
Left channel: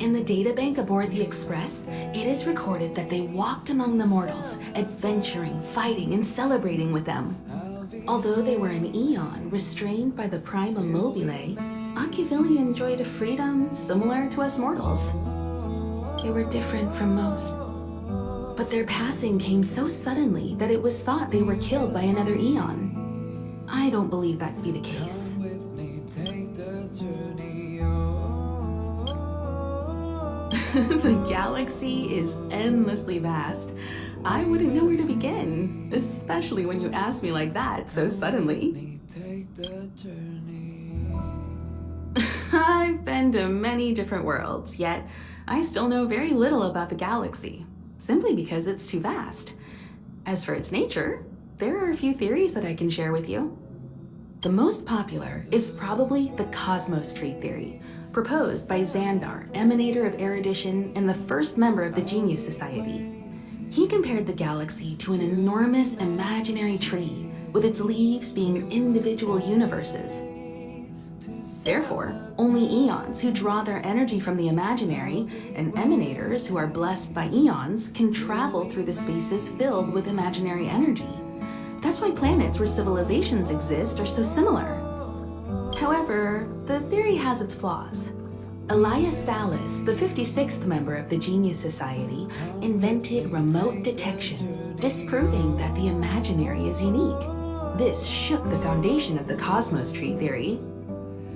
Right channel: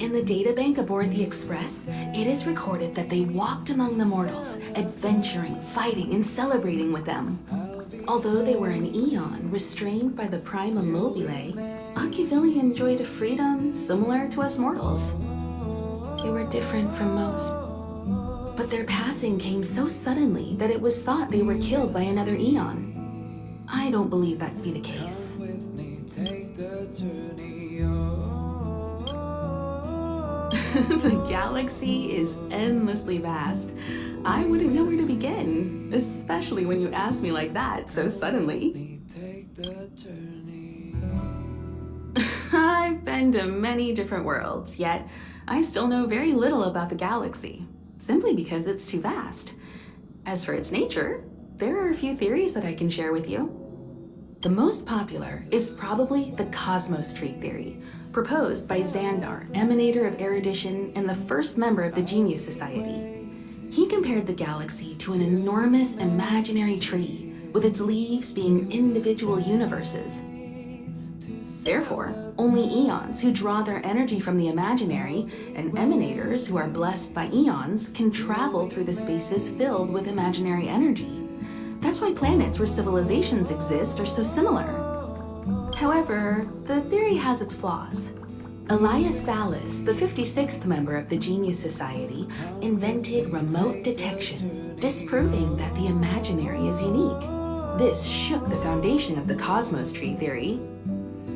In the databank aboard the Express, it is recorded that they walked among the mortals, adventuring, fighting, and celebrating with them. Although they were an eon restrained by the Prima Mobile, Akivili enjoyed a freedom similar to us mortals. They were different from most. But their passing came so suddenly that it was thought they were killed by another eon. I don't believe that to be the case. The galaxy is endlessly vast. I wouldn't know where to begin, especially when you ask me like that so suddenly. I've been to many different worlds, yet I still know very little about the galaxy, simply because it's too vast. As for its nature, there are a few theories that I can share with you. The most popular is probably the Cosmos Tree theory, proposed by Xandar, emanator of erudition and the first member of the Genius Society. He compared the galaxy to an enormous imaginary tree, with its leaves being individual universes. Therefore, only eons who draw their energy from the imaginary, and emanators who are blessed by eons, can travel through the spaces filled with imaginary energy. That's why planets where civilizations exist are so similar. However, the theory has its flaws. Elias Salas, the 56th member of the Genius Society, invented remote detection, disproving that the imaginary is unique. This shook the foundation of the Cosmos Tree theory.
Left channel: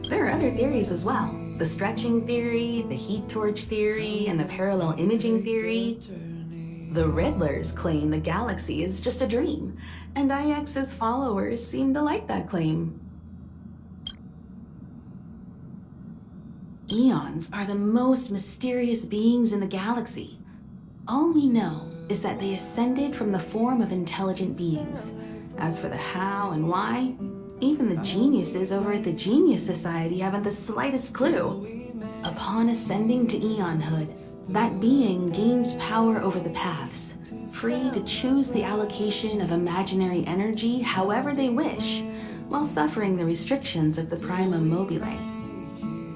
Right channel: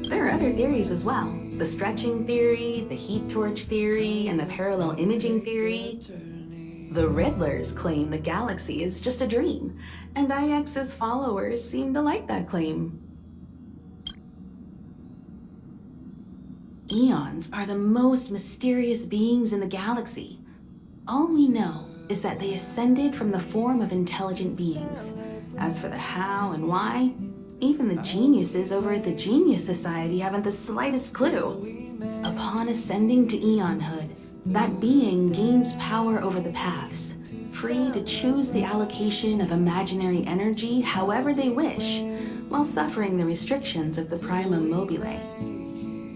There are other theories as well. The stretching theory, the heat torch theory, and the parallel imaging theory. The Riddlers claim the galaxy is just a dream, and IX's followers seem to like that claim. Eons are the most mysterious beings in the galaxy. All we know is that they ascended from the form of intelligent beings. As for the how and why, even the geniuses over at the Genius Society haven't the slightest clue. Upon ascending to eonhood, that being gains power over the paths, free to choose the allocation of imaginary energy however they wish, while suffering the restrictions of the Prima Mobile.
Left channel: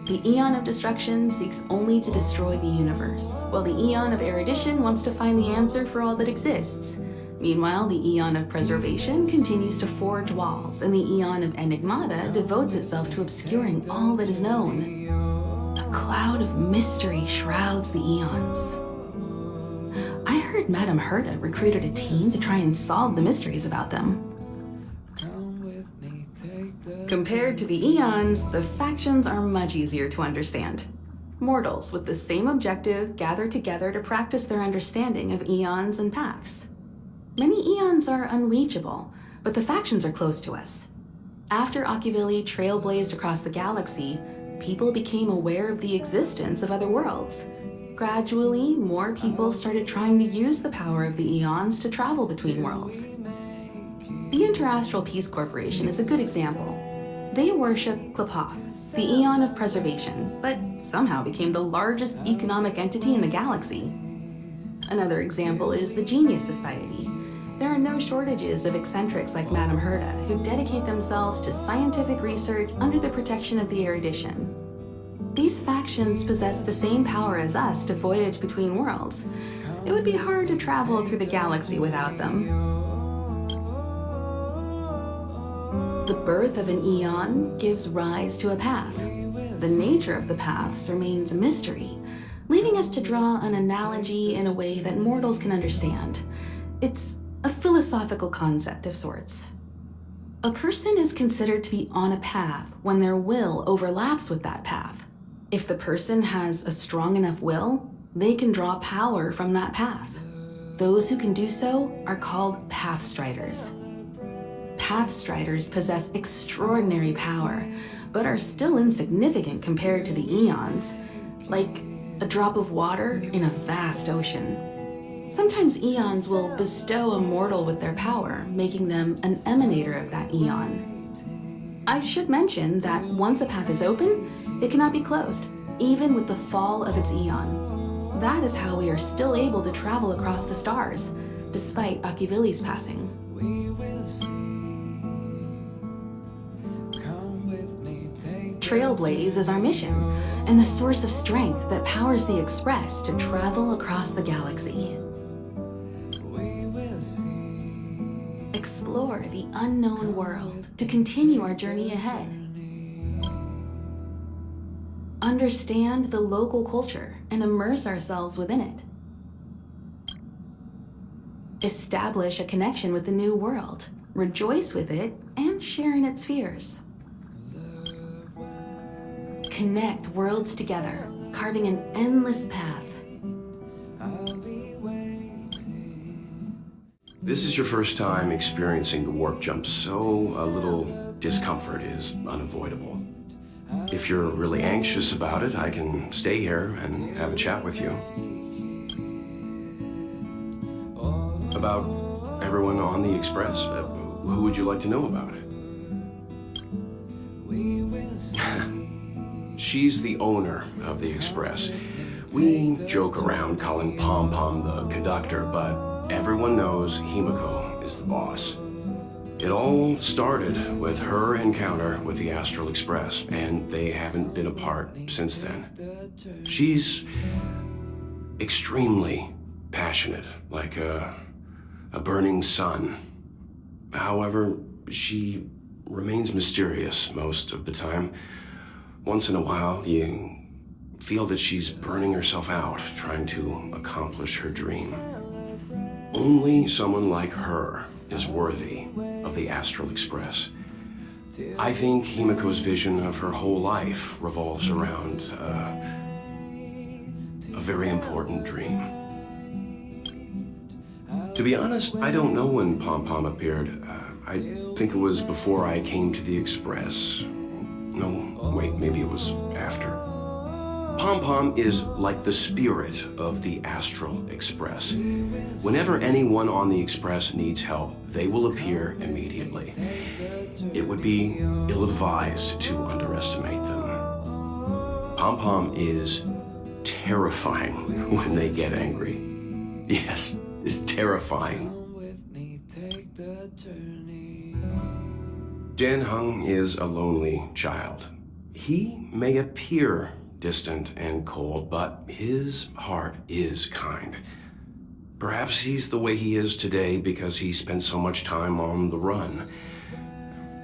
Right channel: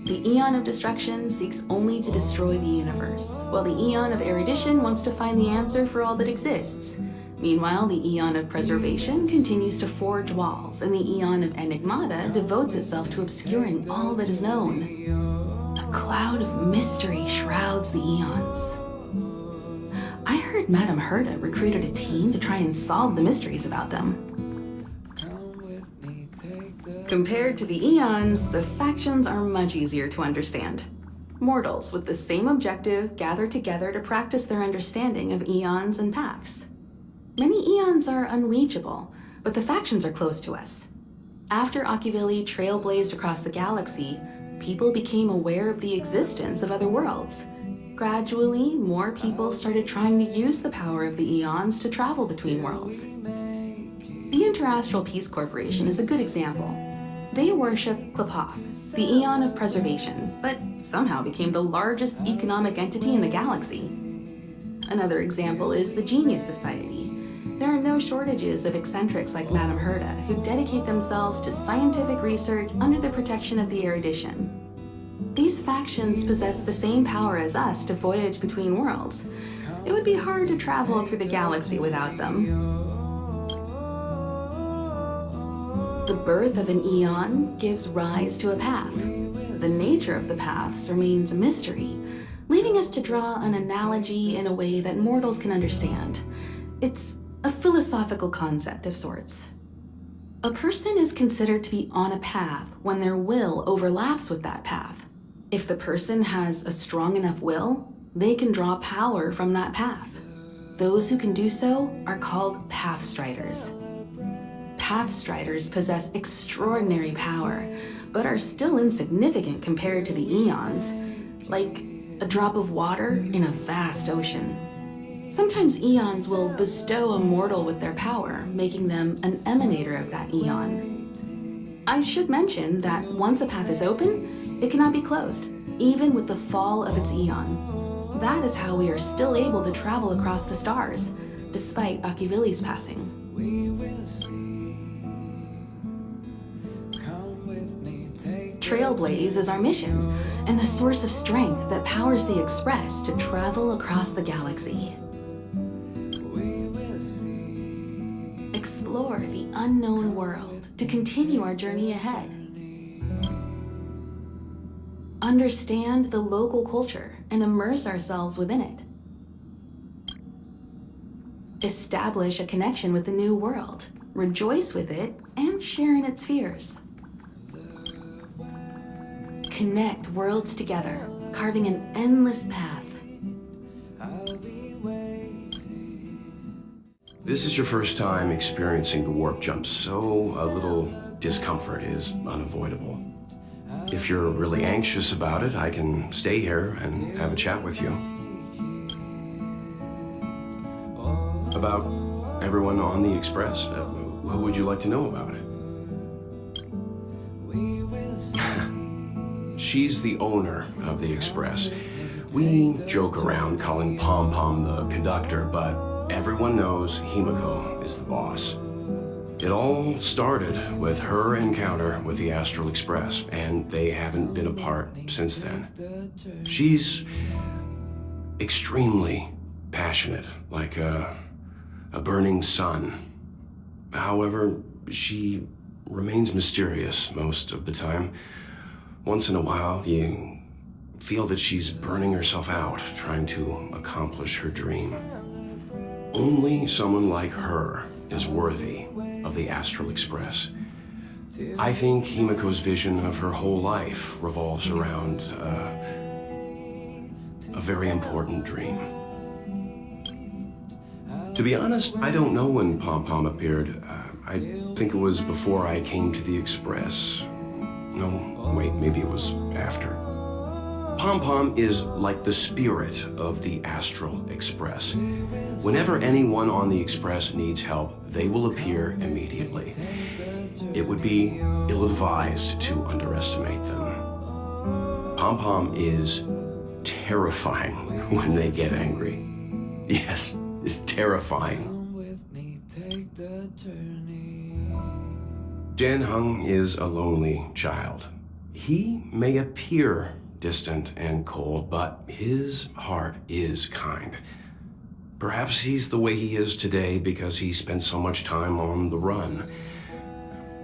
The Eon of Destruction seeks only to destroy the universe, while the Eon of Erudition wants to find the answer for all that exists. Meanwhile, the Eon of Preservation continues to forge walls, and the Eon of Enigmata devotes itself to obscuring all that is known. A cloud of mystery shrouds the Eons. I heard Madame Herta recruited a team to try and solve the mysteries about them. Compared to the Eons, the factions are much easier to understand. Mortals with the same objective gather together to practice their understanding of eons and paths. Many eons are unreachable, but the factions are close to us. After Akivili trailblazed across the galaxy, people became aware of the existence of other worlds. Gradually, more people started trying to use the power of the eons to travel between worlds. The Interastral Peace Corporation is a good example. They worship Klapoth, the Eon of Preservation, but somehow became the largest economic entity in the galaxy. Another example is the Genius Society. There are no shortages of eccentrics like Madame Herta who dedicate themselves to scientific research under the protection of the erudition. These factions possess the same power as us to voyage between worlds. It would be hard to travel through the galaxy without them. The birth of an eon gives rise to a path. The nature of the paths remains a mystery, leaving us to draw an analogy in a way that mortals can understand. It's a philosophical concept of sorts. A person is considered to be on a path when their will overlaps with that path. If the person has a strong enough will, they can draw power from that path. Those who can do so are called Pathstriders. Pathstriders possess extraordinary power, but are still insignificant compared to the eons, like a drop of water in a vast ocean. Sometimes eons will bestow a mortal with their power, making them an emanator of that eon. I should mention that once a path is open, it cannot be closed, even with the fall of its eon. That is how we are still able to travel across the stars, despite Akivili's passing. Trailblaze is our mission, and the source of strength that powers the Express to travel across the galaxy. Explore the unknown world to continue our journey ahead. Understand the local culture and immerse ourselves within it. Establish a connection with the new world, rejoice with it, and share in its fears. Connect worlds together, carving an endless path. This is your first time experiencing the warp jump, so a little discomfort is unavoidable. If you're really anxious about it, I can stay here and have a chat with you. About everyone on the Express? Who would you like to know about? She's the owner of the Express. We joke around calling Pom Pom the conductor, but everyone knows Himiko is the boss. It all started with her encounter with the Astral Express, and they haven't been apart since then. She's extremely passionate, like a burning sun. However, she remains mysterious most of the time. Once in a while, you feel that she's burning herself out, trying to accomplish her dream. Only someone like her is worthy of the Astral Express. I think Himiko's vision of her whole life revolves around a very important dream. To be honest, I don't know when Pom Pom appeared. I think it was before I came to the Express. No, wait, maybe it was after. Pom Pom is like the spirit of the Astral Express. Whenever anyone on the Express needs help, they will appear immediately. It would be ill-advised to underestimate them. Pom Pom is terrifying when they get angry. Yes, it's terrifying. Dan Hung is a lonely child. He may appear distant and cold, but his heart is kind. Perhaps he's the way he is today because he spent so much time on the run.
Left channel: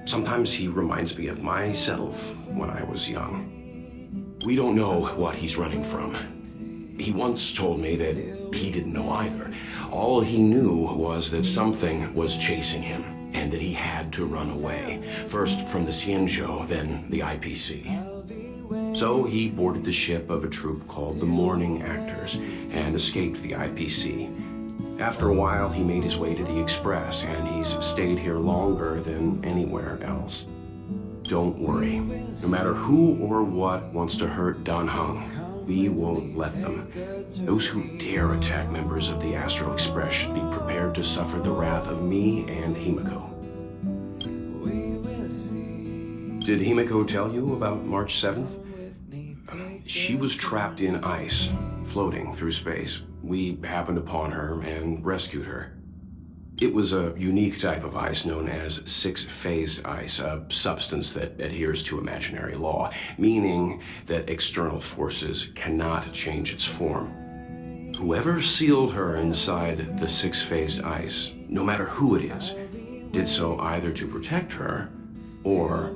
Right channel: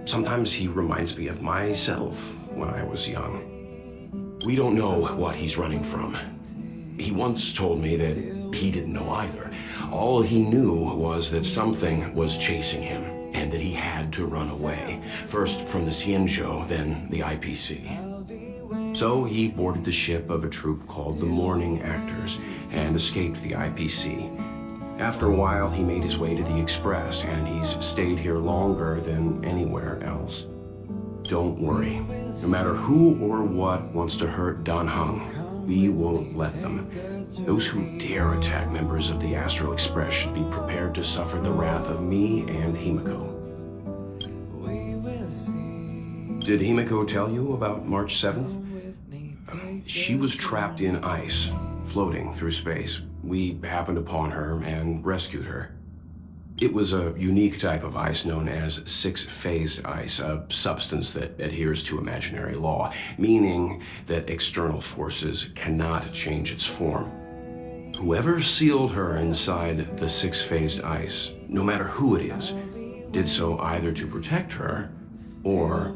Sometimes he reminds me of myself when I was young. We don't know what he's running from. He once told me that he didn't know either. All he knew was that something was chasing him, and that he had to run away. First from the Xianzhou, then the IPC. So he boarded the ship of a troupe called the Morning Actors and escaped the IPC. After a while, he made his way to the Express, and he's stayed here longer than anywhere else. Don't worry. No matter who or what wants to hurt Dan Heng, we won't let them. Those who dare attack members of the Astral Express should be prepared to suffer the wrath of me and Himiko. Did Himiko tell you about March 7th? She was trapped in ice, floating through space. We happened upon her and rescued her. It was a unique type of ice known as six-phase ice, a substance that adheres to imaginary law, meaning that external forces cannot change its form. Whoever sealed her inside the six-phased ice, no matter who it is, did so either to protect her or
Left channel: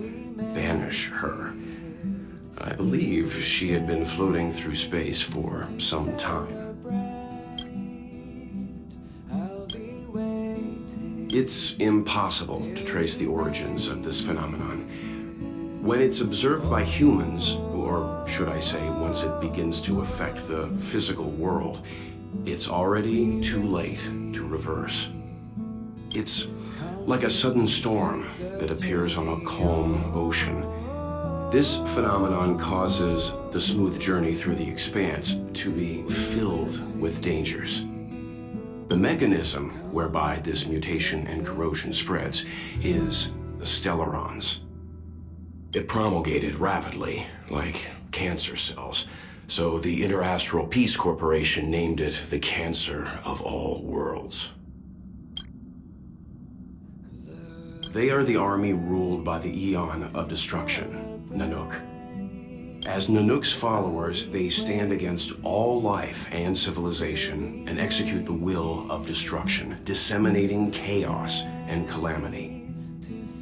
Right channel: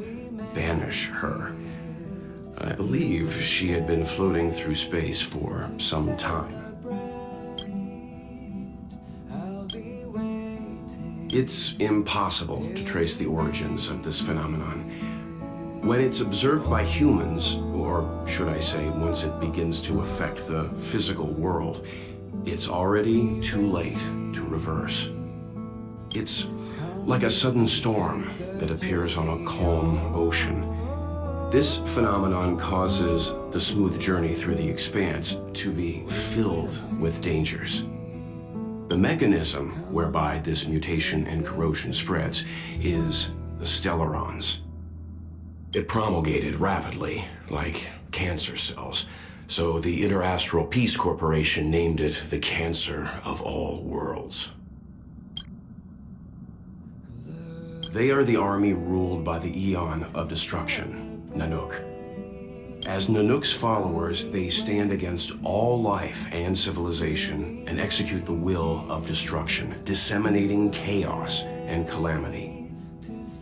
banish her. I believe she had been floating through space for some time. It's impossible to trace the origins of this phenomenon. When it's observed by humans, or should I say, once it begins to affect the physical world, it's already too late to reverse. It's like a sudden storm that appears on a calm ocean. This phenomenon causes the smooth journey through the expanse to be filled with dangers. The mechanism whereby this mutation and corrosion spreads is the stellarons. It promulgated rapidly, like cancer cells, so the Interastral Peace Corporation named it the cancer of all worlds. They are the army ruled by the Eon of Destruction, Nanook. As Nanook's followers, they stand against all life and civilization and execute the will of destruction, disseminating chaos and calamity.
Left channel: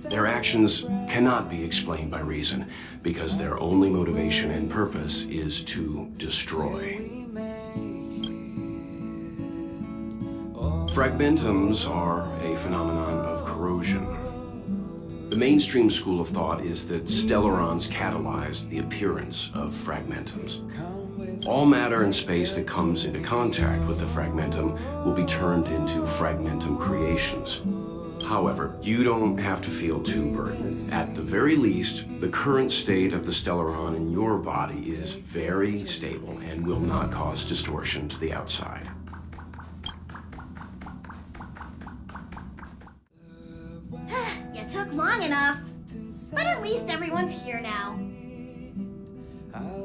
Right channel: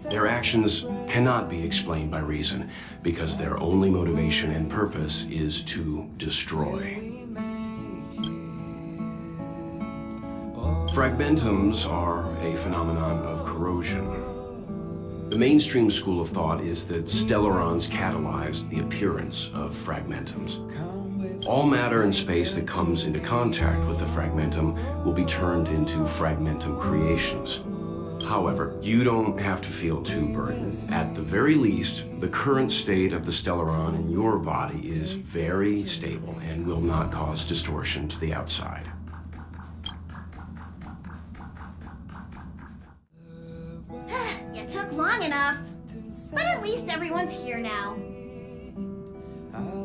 Their actions cannot be explained by reason, because their only motivation and purpose is to destroy. Fragmentums are a phenomenon of corrosion. The mainstream school of thought is that stellarons catalyze the appearance of fragmentums. All matter in space that comes into contact with the fragmentum will be turned into fragmentum creations. However, you don't have to feel too burdened. At the very least, the current state of the stellaron in your body is very stable and will not cause distortion to the outside. You took long enough. But at least everyone's here now.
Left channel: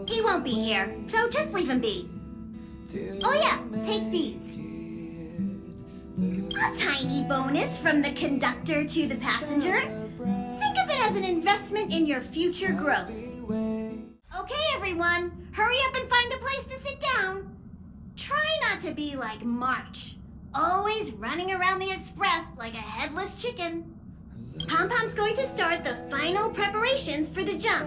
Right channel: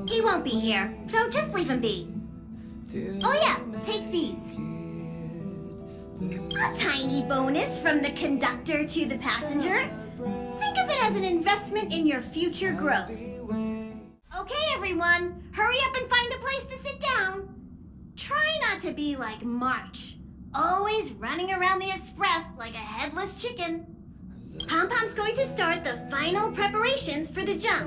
He won't be here, so just leave him be. Oh yeah, take these. A tiny bonus from the conductor to the passenger. Think of it as an investment in your future growth. Okay, everyone, hurry up and find a place to sit down. Try not to be like March, always running around the express like a headless chicken. Pom-Pom's going to start the final preparations for the jump.